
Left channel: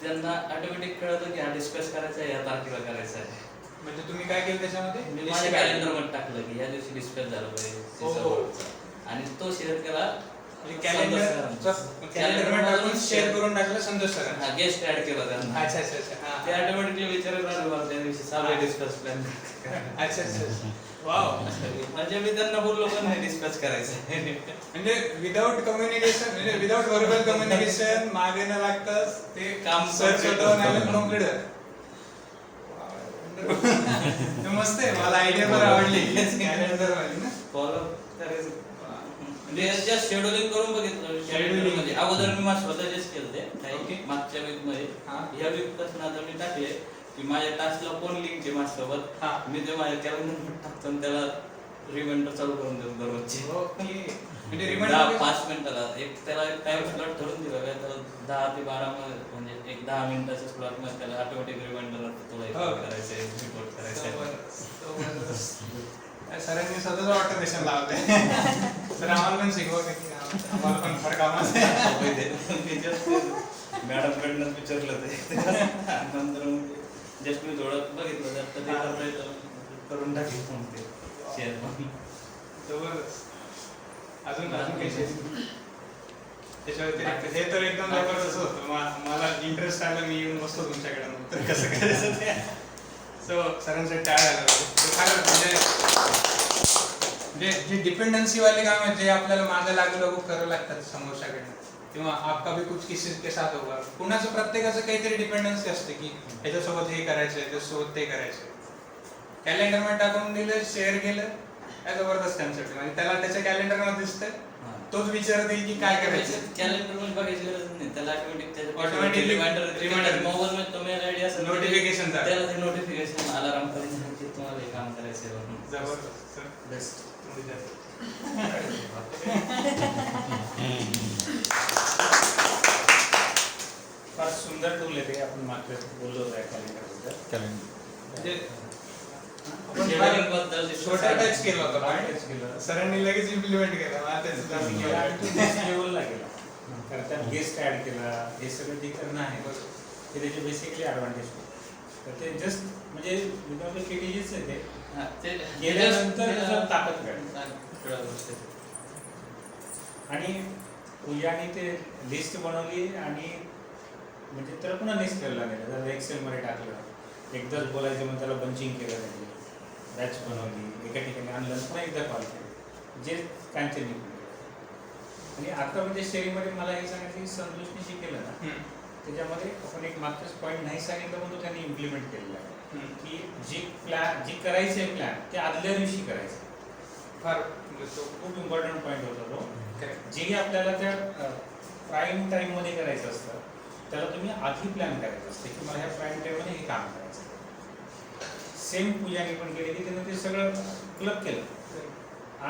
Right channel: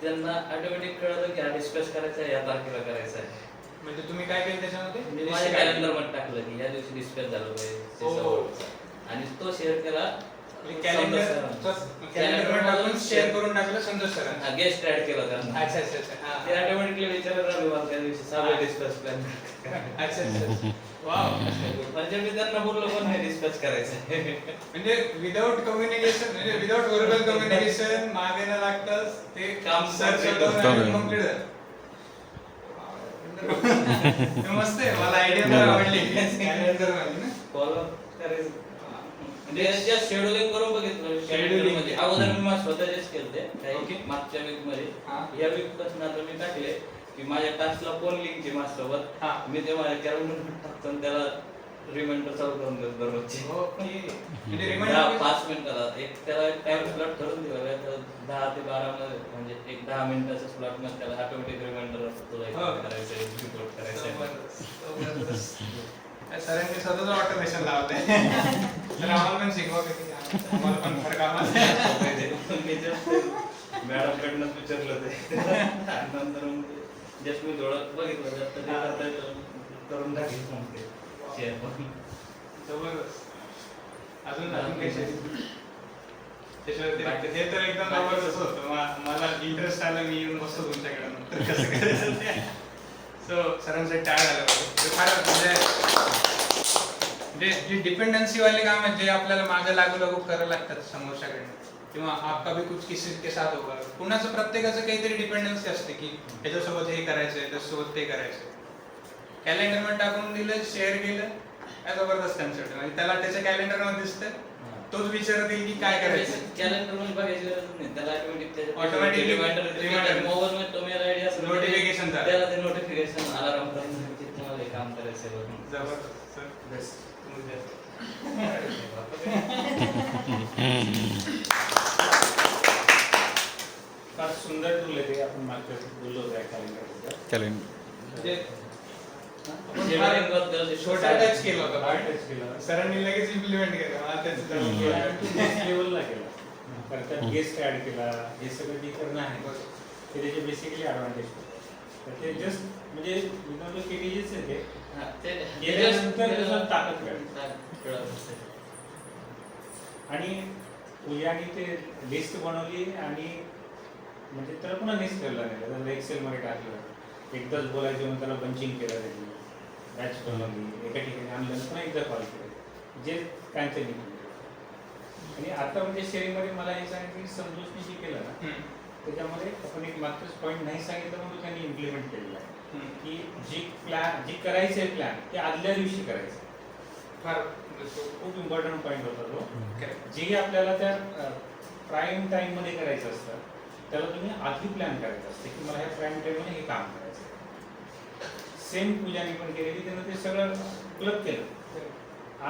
त्यांना ऑटोमॅटिक कळलं की हा डिस्कस करायचा आहे, या तारखेला करायचा आहे. म्हणजे तुम्ही काय केलं त्याच्यामध्ये? मी माझ्या कॅलेंडरमध्ये टाकलं की या दिवशी डिस्कस झालं पाहिजे, आणि तो शेअर केला. कॅलेंडर टाकून शेअर करून टाकलं संतोष सरांना. गेस्ट ऍड केला त्यांना. अच्छा अच्छा अच्छा. ते ऑटोमॅटिकली विचारत राहिलो त्या दिवशी सगळे डिस्कस प्लॅन. अच्छा अच्छा. वाव. म्हणजे मी त्यांना बोललो पण नाही डिस्कस करायचं. म्हणजे विदाउट कम्युनिकेशन, म्हणजे विदाउट व्हर्बल कम्युनिकेशन मागे न लागताच ते काम सर स्वतःहून कंप्लीट झालं. मस्त आहे, मला आयडिया पण आवडली. कॅलेंडर वाली ना, फॉलो करायचं. म्हणजे जस्ट शेड्यूलिंग करून बघितलं. शेड्यूलिंग म्हणजे अगोदर मी माझं स्वतःचेच केलते मागच्या वीक मध्ये. या वीक पासून आता मी टाकले की माझ्या टास्कला कोण लिंक आहे माझ्यासोबत, मी ते माझ्या कॅलेंडर टाकतो, त्याला रिमाइंडर चालू करून देऊ दररोजचे. ओके म्हणजे 10 रिमाइंडर 5 मिनिटाला त्याला एक टाइम स्लॉट ठरवून दिला आहे. तर 10 ते 12 मध्ये म्हणजे एक 10 मिनिटाच्या स्लॉट मध्ये त्याला ऑटोमॅटिक रिमाइंडर तुला एक हो. करायचं आहे, रिपोर्ट करायचं आहे. सरांनी स्वतःच ऑटोमेशन लावलंय तर आम्हाला पण शिकवा किती आम्हाला पण फार कामाचं आहे. मी just मॅडमकडनं विचारलं ते नंतर जस्ट मी थोडं बघितलं तर ते करता येतं करून टाकेल पण ते शेअर पण. जबरदस्त. अजून काही त्याच्या व्यतिरिक्त हे तर एकदम जबरदस्त होतं. मला इंटरेस्ट आलं, मी येऊन बसतो तुमच्याकडे तर कसं करायचं ते. सो सरांचं टाळ आलं होतं ते फार म्हणजे जे डिपेंडन्सीवाले काम आहेत जे आपल्याला मागे लागू लागू करावं लागतात समोरच्याकडनं किंवा आपका भी कुछ किसी के साथ होगा. कुणाचं प्रत्येकाचं काहीतरी डिपेंडन्सी असते की ह्याच्यासोबत हे करायचं त्याच्यासोबत ते करायचं. कॅलेंडरमध्ये टाकून दिलं, शेअर केलं, काय जबरदस्त कन्सेप्ट म्हणजे त्याला त्याच्या कॅलेंडरमध्ये दिसतंय, तोच विचारत येईल की काय करायचं. कॅलेंडर मध्ये बघायची गरज नाही, त्याला ऑटोमॅटिक Automatic रिमाइंडर मोबाईल मध्ये तो मेल आयडी असतो, Notification झालं. त्याला ते नोटिफिकेशन अलार्म करायचं की तुम्हाला हे काम करायचं आहे वरून. जबरदस्त सर बेस्ट. फार सुंदर टूल आहे ते. आपण मागच्या बोललो होतो कॅलेंडर म्हणजे आपण शेड्यूलिंग बद्दल जे छोटा टच केला होता फार point. टच केलं सरांनी लगेच इम्प्लिमेंट केलं. त्याचं चालू केलं. लेवलला गेला. त्यात गेस्ट ऍड केला, हे सगळं जे करणं आहे ते त्याचे बेसिकली ॲडव्हान्टेज. तर ते जस्ट म्हणजे विदाउट केटीजीच आहे ते. हा, ते केल्यानंतर त्याला ताकद मिळेल. कळलं. आणि पूजाने ते लिस्ट बनवली आणि म्हणजे त्याला पुन्हा लिस्ट ठेवला नाही. त्याला एक्सेलमध्ये टाकलं, एकदाच बोलायचं म्हणून त्याला बंचिंग केलं, त्याची बॅच बनवली, एका ठिकाणी आणलं, पुन्हा एकदा कॉल केलं, जे काहीतरी निघून. आणि आता म्हणजे शेअरिंगमध्ये मला हे सांगितलं की संतोषने जे केलं ना त्याच्यामध्ये आपण एक मागचाच पॉईंट नाही सांगितलं म्हणून त्यांनी इम्प्लिमेंट केलेलं आहे की जी करायचं आहे प्लॅन ते आदल्या दिवशी करायचं. फार खूप इम्पॉर्टंट पॉईंट होता तो. Correct. जे आपल्याला त्या प्राईम टाईममध्ये करायचं असतं त्याला तुम्ही आधी प्लॅन करायचं असतं की मला ह्या प्राईम टाईममध्ये हे काम करायचं. सेम पूजाने पण केलेली, त्यानं ते सगळं क्लब केलं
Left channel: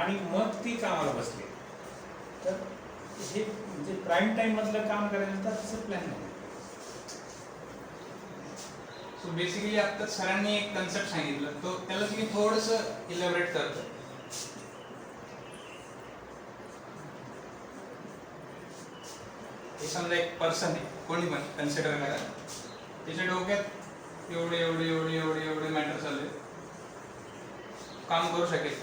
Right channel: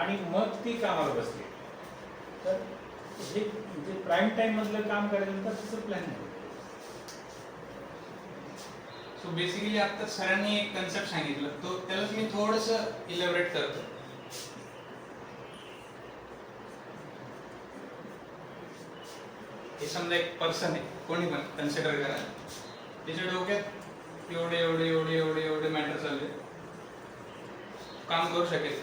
आणि मग ती कामाला बसली. तर हे जे प्राईम टाईम मधलं काम करायचं तर तसं प्लॅन आहे. सो बेसिकली आता सरांनी एक कन्सेप्ट सांगितलं, तो त्याला मी थोडंसं इलॅबोरेट करतो. हे समजा एक पर्सन आहे, कोणी पण कन्सिडर करा, त्याच्या डोक्यात एवढे एवढे एवढे एवढे एवढे मॅटर चालले, काम करू शकेल.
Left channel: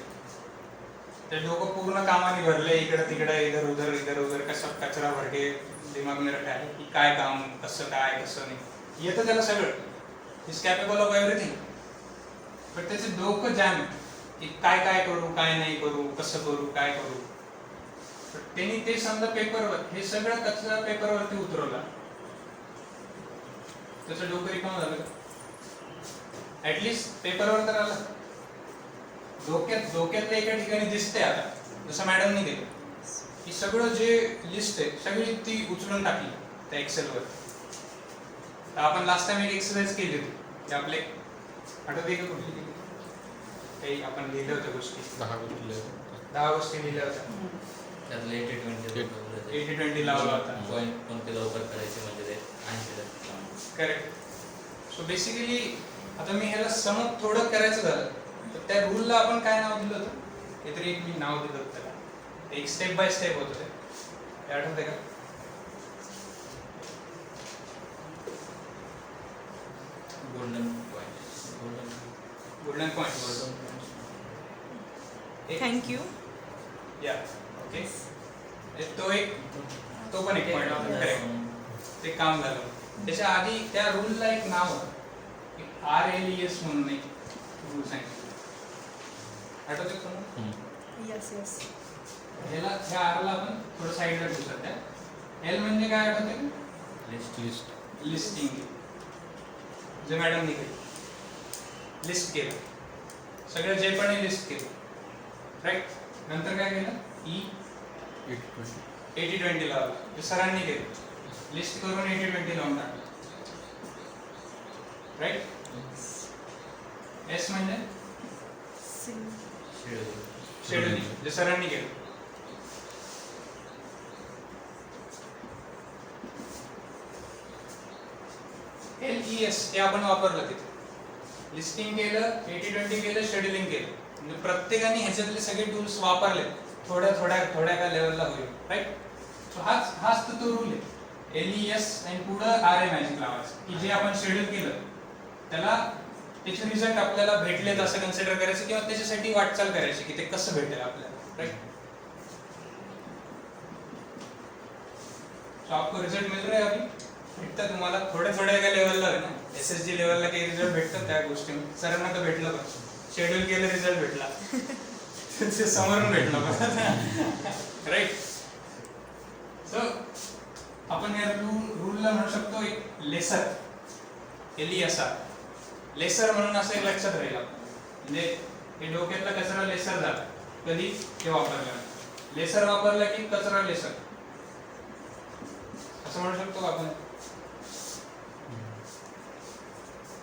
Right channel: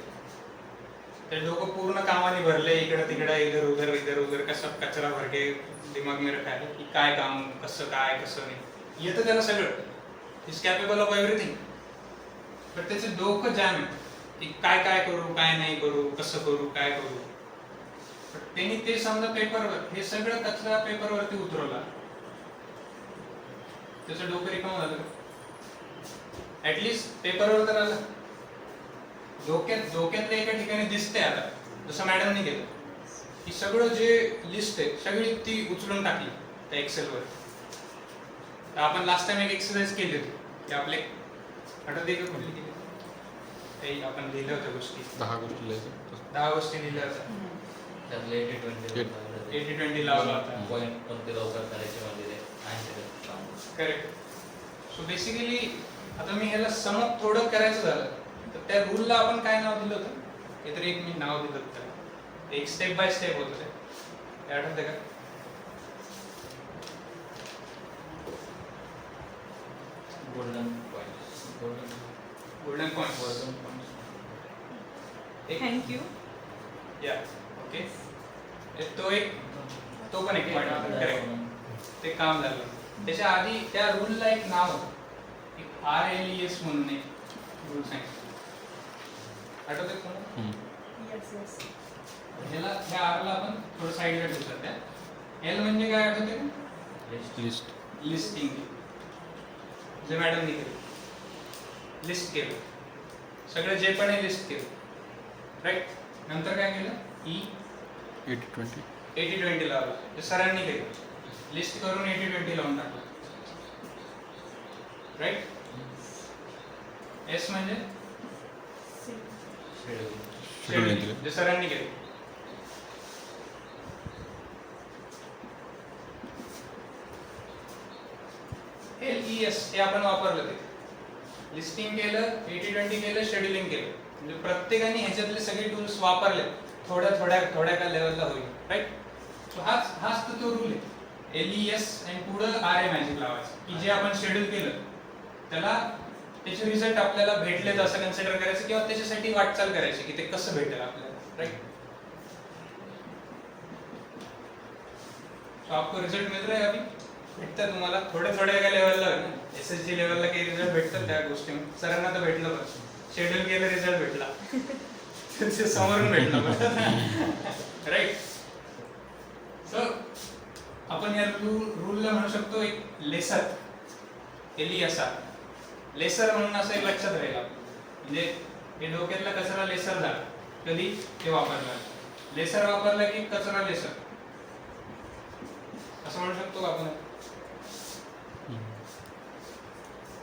ते डोकं पूर्ण कामाने भरले, इकडं तिकडं इधर उधर कसं कचरा भर के दिमाग में रखा है की काय काम कसं काय कसं नाही येतं त्याला सगळं. Is capable of everything. पण त्याचं डोकं जॅम आहे की काय काय करू काय नाही करू कसं करू काय करू. त्यांनी ते समजा पेपरवर हे सगळं कचरा पेपरवरती उतरवला, त्याचं डोकं रिकामं झालं. ऍटलिस्ट पेपरवर तर आलं. डोक्यातलं एका ठिकाणी दिसतंय. आता जसं मॅडमनी केलं की सगळं जे लिस्ट आहे सगळी ती उचलून टाकली त्या एक्सेलवर. तर आपण लास्ट टाइम एक एक्सरसाइज केली होती की आपले आठवते का कुठली केली काही आपण लिहिल्या होत्या गोष्टी. 10 गोष्टी लिहिल्या होत्या. त्यातले 80-20 लावला होता. पॉईंट कोणते लवकर करायचे म्हणजे ते 80% करेक्ट. सो बेसिकली आता मी ह्याला सम ऑफ प्रोडक्ट करायचं झालं तर त्या रूलला आपण काय नाव दिलं होतं, काहीतरी एक मी नाव दिलं होतं त्याला. एक स्टेप बाय स्टेप होतं ते आठवते का? Golden point. थँक्यू. या ओके. तो पण एक पॉइंट होता. करेक्ट. ते काम झालं. त्याच्या आधी त्या रूलला एक नाव होतं, एक RLES म्हणून एक रूल सांगितलं. आठवते तुम्हाला? Yes yes. ह्या आरला आपण थोडं साईडला ठेवू सध्या. एल म्हणजे काय आठवते? लिस्टिंग. जे मॅडमनी केलं, लिस्ट केलं सगळं जे पण आहे लिस्ट केलं. राईट. नंतर काय केलं? 80-20 लावलं. ते सरांनी केलं. लिस्ट करून 80-20 लावून टाकलं. राईट. एस म्हणजे शेड्यूलिंग जे सरांनी केलं. LES हे आपण वापरलं तिथे. लिस्टिंग केलं, 80-20 केलं, शेड्यूलिंग केलं. म्हणजे प्रत्येकाने ह्याच्यातले सगळे टूल्स वापरले थोड्या का लेवलला होईल, राईट. सो हाच तो रूल आहे. LES आणि पुढं RA मॅजिक लावायचं की जे आपण शेड्यूल केलं त्याला त्याचे रिझल्ट आपल्याला भेटलेत असं कन्सिडर करायचं किंवा त्याच्यासाठी वाटचाल करायची की ते कसं भेटेल आपल्याला, राईट. सो आपको रिझल्ट मिल रहा है अभी, भेटतं तुम्हाला थोड्या का लेवलला आहे ना. SSG लेवलला काही रिझल्ट भेटतात त्या गोष्टी. सरांना तर भेटलं पण शेड्यूल केलं रिझल्ट भेटला ते समोरून भेटलं पण राईट. सो आपण या रूलला म्हणू शकतो एक लेसर. LESR लेसर म्हणून असं एक लक्षात राहील. म्हणजे हे डोक्यातला कचरा लेसर झाला कधी ते वापरलं. लेसर वापरला की कचरा लेसर असं म्हणू शकतो आपण.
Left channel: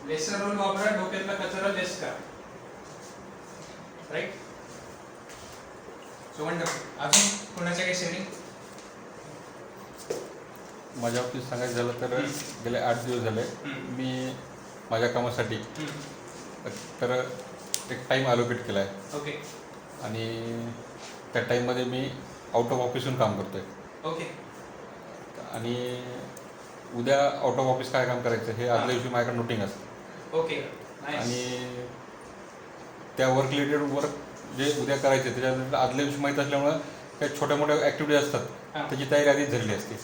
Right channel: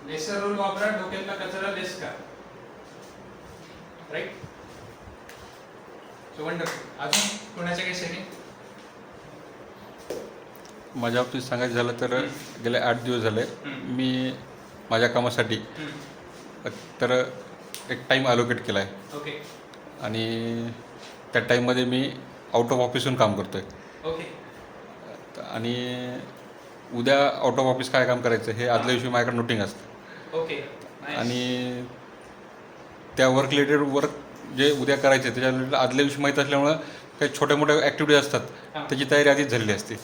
लेसर रूल वापरा, डोक्यातला कचरा लेस करा, राईट. So wonderful. अजून कोणाच्या काही शेअरिंग? माझ्या बाबतीत सांगायचं झालं तर गेले 8 दिवस झाले मी माझ्या कामासाठी तर एक टाईम अलोकेट केला आहे. ओके आणि त्या टाईममध्ये मी आउट ऑफ ऑफिसहून काम करतो आहे. ओके आणि उद्या आउट ऑफ ऑफिस काय काम करायचं हे आदल्या दिवशी माझ्याकडे नोटिंग असतं. ओके आणि त्या वर्क रिलेटेड वर्क जे उद्या करायचे त्याच्या आदल्या दिवशी माहीत असल्यामुळं काही छोट्या मोठ्या ॲक्टिव्हिटीज असतात त्याची तयारी आधीच झालेली असते.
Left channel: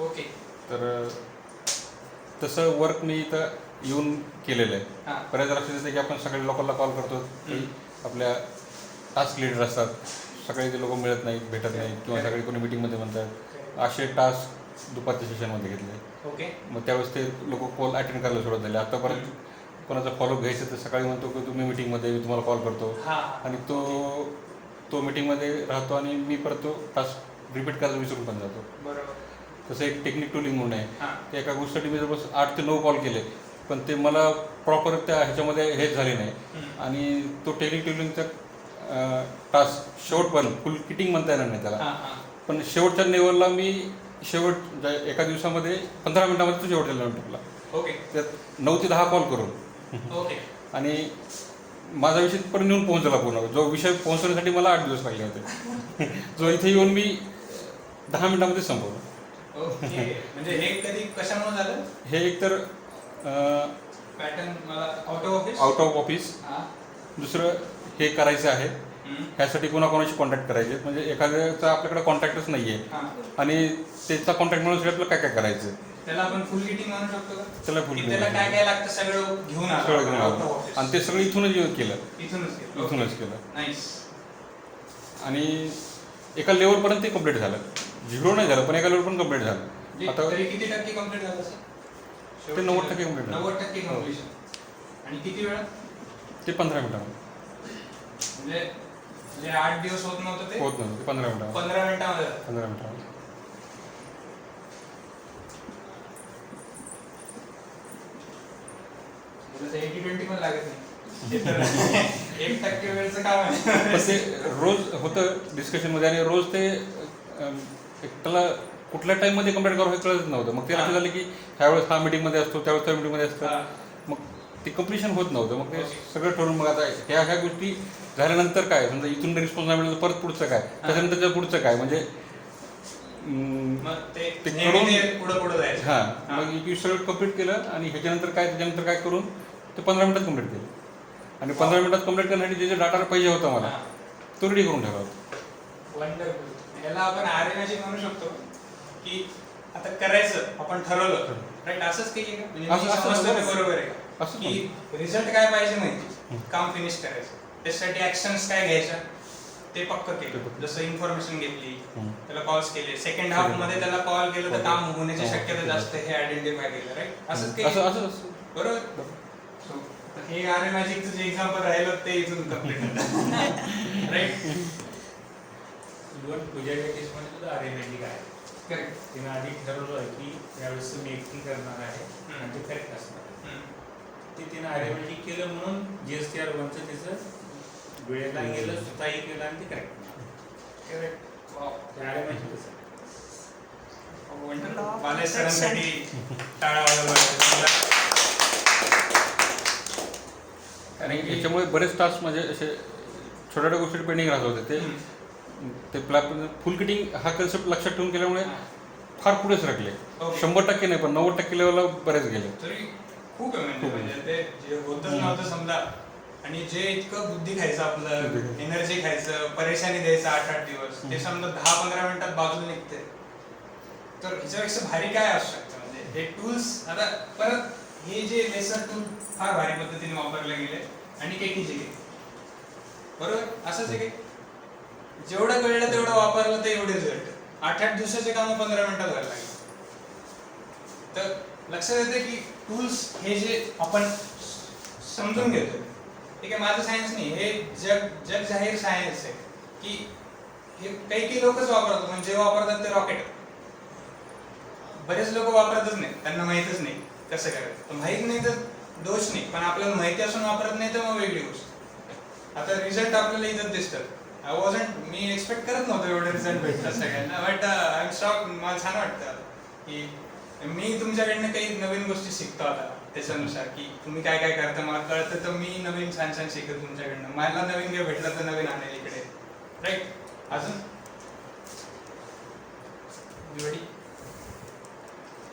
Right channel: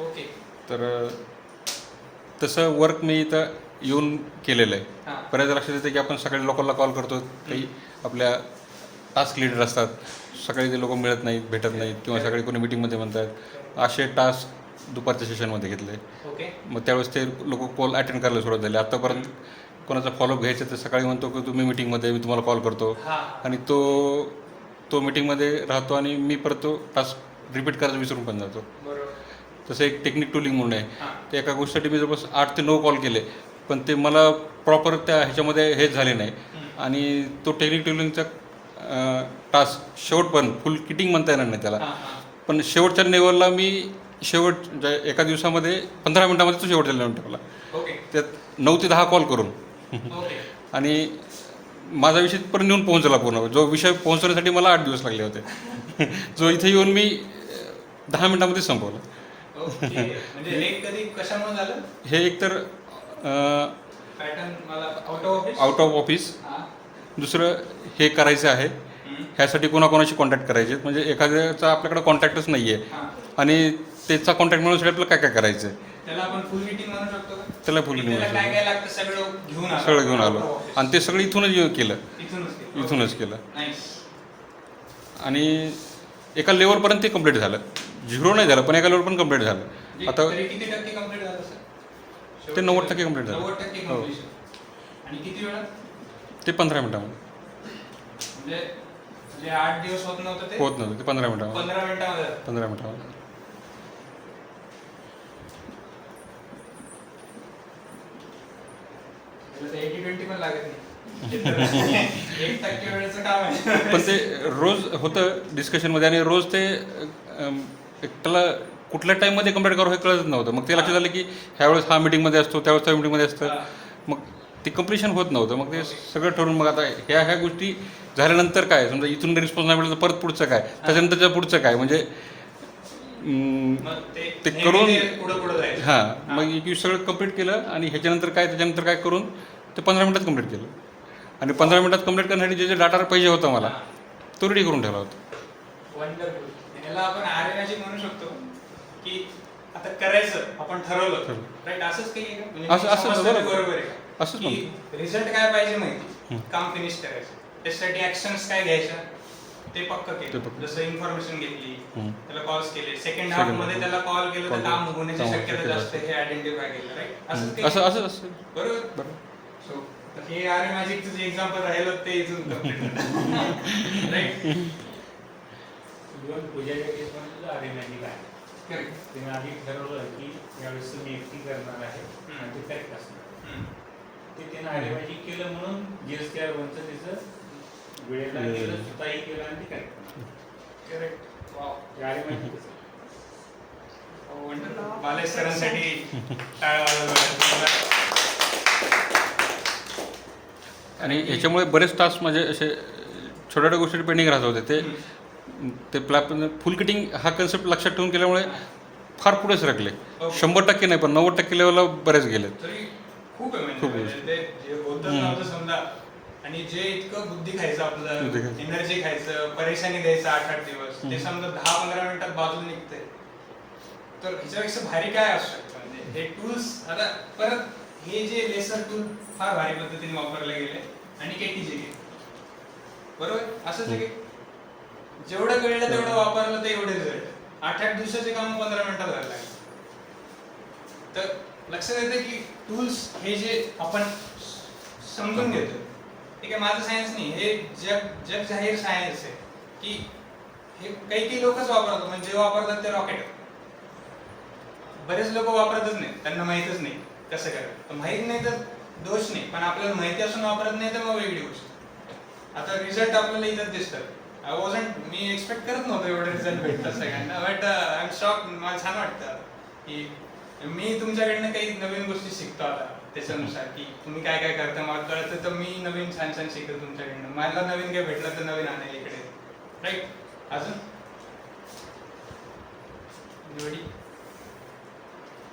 ओके तर तसं वर्क मी इथं येऊन केलेलं आहे. बऱ्याच लक्षात येतं की आपण सगळ्या लोकांना कॉल करतो, काही आपल्या टास्क लीडर असतात, सगळे ते लोक मिळत नाहीत, भेटत नाहीत किंवा सगळे कोणी मिटिंगमध्ये म्हणतात. असे टास्क दुपारच्या सेशनमध्ये घेतले. ओके मग त्यावेळेस ते लोक कॉल अटेंड करायला सुरुवात झाली. आतापर्यंत कोणाचा फॉलोअप घ्यायचा तर सकाळी म्हणतो की तुम्ही मिटिंगमध्ये, मी तुम्हाला कॉल करतो. आणि तो मिटिंगमध्ये राहतो आणि मी परत तो टास्क रिपीट करायचा विसरून पण जातो. बरोबर. तसं एक टेक्निक टुलिंग म्हणून आहे. ते एका गोष्टीसाठी मी जवळपास 8 ते 9 कॉल केले, पण ते मला प्रॉपर त्या ह्याच्यामध्ये हेच झाले नाही. आणि तो टेक्निक टुलिंगचा टास्क शेवटपर्यंत फुल किटिंग म्हणता येणार नाही त्याला, पण शेवटच्या लेवलला मी एका दिवसामध्ये 15 मिनिटामध्ये तो शेवटच्या लेवल टाकला. ओके त्यात 9 ते 10 कॉल करून. ओके आणि माझा विषय पण येऊन पोहोचला पूर्ण. जो विषय पोहोचवण्यासाठी मला 8 दिवस लागले होते जो इथे येऊन मी 10 मिनिटामध्ये संपवलं. ओके. म्हणजे हे कधी कशामुळे झालं? हे एकतर पॅटर्न मला आउट ऑफ ऑफिस, दुसरं हे करायचं आहे ह्यासाठी कोणाकोणाशी कॉन्टॅक्ट करायचे, म्हणजे एखाद्याचा आपल्याकडे कॉन्टॅक्टच नाही आहे आणि त्याचा कॉन्टॅक्ट मिळवण्यासाठी आपल्याला काय करायचं आहे. त्याला आपण फुल मीटिंग म्हणू शकतो का? त्याला फुल त्याला काय लागतं सगळं घेऊन आलो आणि ते सगळं इथूनच केलं. इथूनच केलं. नाईस. आणि एका लेवलपर्यंत ते कम्प्लीट झालं. 0 नाही झालं पण एका लेवल पण कम्प्लीट झालं. आता तरी किती टक्के कम्प्लीट झालं सर? ते 90% कम्प्लीट झालं. 90% कम्प्लीशन. आणि किती वेळात? ते 15 मिनिटामध्ये. म्हणजे 8 दिवस होत नव्हतं ते? होत नव्हतं ते 15 मिनिटामध्ये. 15 मिनिटामध्ये. 15 मिनिटामध्ये. जसं 80-20 पण लागत नाही. 1% वेळचं काम आहे. पण ते रोज होतं डिस्कशनमध्ये आणि रोज ते त्याला कुठल्या टाईममध्ये कम्प्लीट करू हे कळत नव्हतं. मग ते लक्षात आलं की ह्यावेळेस हा मीटिंगमध्ये असतो, त्यावेळेस त्या मीटिंगमध्ये असतं. मग ते कम्प्लिशन होत नव्हतं. मग ते सगळं ठरवून मग आता ह्या गोष्टी झाल्यानंतर काय, समजा इथून रिस्पॉन्स नाही मिळाला तर परत पुढचं काय, त्याच्यानंतरच्या पुढचं काय, म्हणजे ते करून हां मग एक सगळं कम्प्लीट केलं आणि ह्याच्यानंतर काय त्याच्यानंतर काय करून ते 15 मिनिटात कम्प्लीट केलं. आणि 15 मिनिटात कम्प्लीट करण्यासाठी जे डाटा पाहिजे होता मला तो रेडी करून ठेवला होता. वंडरफुल. ह्याला आपण RA मॅजिक म्हणू शकतो की आता करायचं आपण ठरवलं, राईट. असंच काही आहे का? म्हणजे बरोबर आहे का की रिझल्ट काय पाहिजे माहिती, काम फिनिश करायचं, त्याच्यासाठी ऍक्शन्स काय घ्यायच्या ते पक्क केलं. जसं इन्फॉर्मेशन घेतली, त्याला कॉल्स केले, सेकंड हाफ मध्ये त्याला कॉल केलं तर काम होण्याची शक्यता जास्त हे आयडेंटिफाय केलं, राईट. असंच काही बरोबर. सो हे RA मॅजिकचं जे एक्झाम्पल राहिलं ते इथून कम्प्लीट झालं, राईट. इव्हन पूजाच्या केसमध्ये RA मॅजिक आहे. करेक्ट. तिने आधी ठरवलं आहे की यावेळेस मी एकटी करणार आहे आणि ते करेक्ट असणार. ते तिने RA मॅजिक केलं म्हणून GSTR 1चं तिचं वेळेला गेलं, स्वतःही केलं आणि ते करेक्ट. करेक्ट. वाव. ते आले माहिती कसं. वंडरफुल. बालाजी सरांसाठी टाळा वाजवा. आणि याच्यामुळे बरेच तास म्हणजे असे छोट्या छोट्या गोष्टी पेंडिंग राहत होते ते फुल किटिंग हा कन्सेप्ट लक्षात ठेवून केल्यामुळे फार पुढे सरकले. Okay. 100% नाही पण 90% लेवलला बरेच गेले. तरी खूप आहे खूप म्हणजे आहे. ते जे होतच नव्हतं समजा, आणि जे इतकं बुद्धी खायचं आपलं, बुद्धी खायचं. एनर्जी खायचं, परेशानी द्यायचं 8-8 दिवस, ते समजा 10-15 मिनिटात बाजूला निघते. तर ह्याच्यापेक्षा भारी काय असू शकतं म्हणजे हे टूल्स. आता परत हे जे लेसर टूल फार भारी पद्धतीने वापरले गेले आणि केटीचे गेले, बरोबर असंच आहे की जेवढं कळलं तेवढं वापरलं तर एवढे रिझल्ट. 8-8 दिवसाचे काम 15 मिनिटात व्हायला लागले. तर लक्षात येते की टूल्स हे जे आपण समजून घेतो, हे काय माझं सायन्स नाही, हे जग जाहीर सायन्स आहे की हे काही लोकच वापरतात. म्हणजे जे वापरतात ते रॉकेट. बरेच लोक वापरतच नाही, त्यांना माहीतच नाही कसं करायचं. तर माहीत नाही तर दोष नाही, पण आपल्याला माहिती असून वापरत नाही तर मग वेगळी गोष्ट. आता रिझल्ट आपल्याला इथंच दिसतात. मी एक्सपेक्ट करत नव्हतो एवढे रिझल्ट भेटतात सगळ्यांना, बट आय एम शॉक. मला छान वाटतं की मी तुमच्याकडनं काही नवीन गोष्टी शिकतो आता त्याच्यानुसार, की तुम्ही काय काय करता मला कळतं, तर मी नवीन छान छान शिकतो तुमच्याकडनं. मला नवीन काय भेटलं तर नवीन आणेल इकडे, राईट. अजून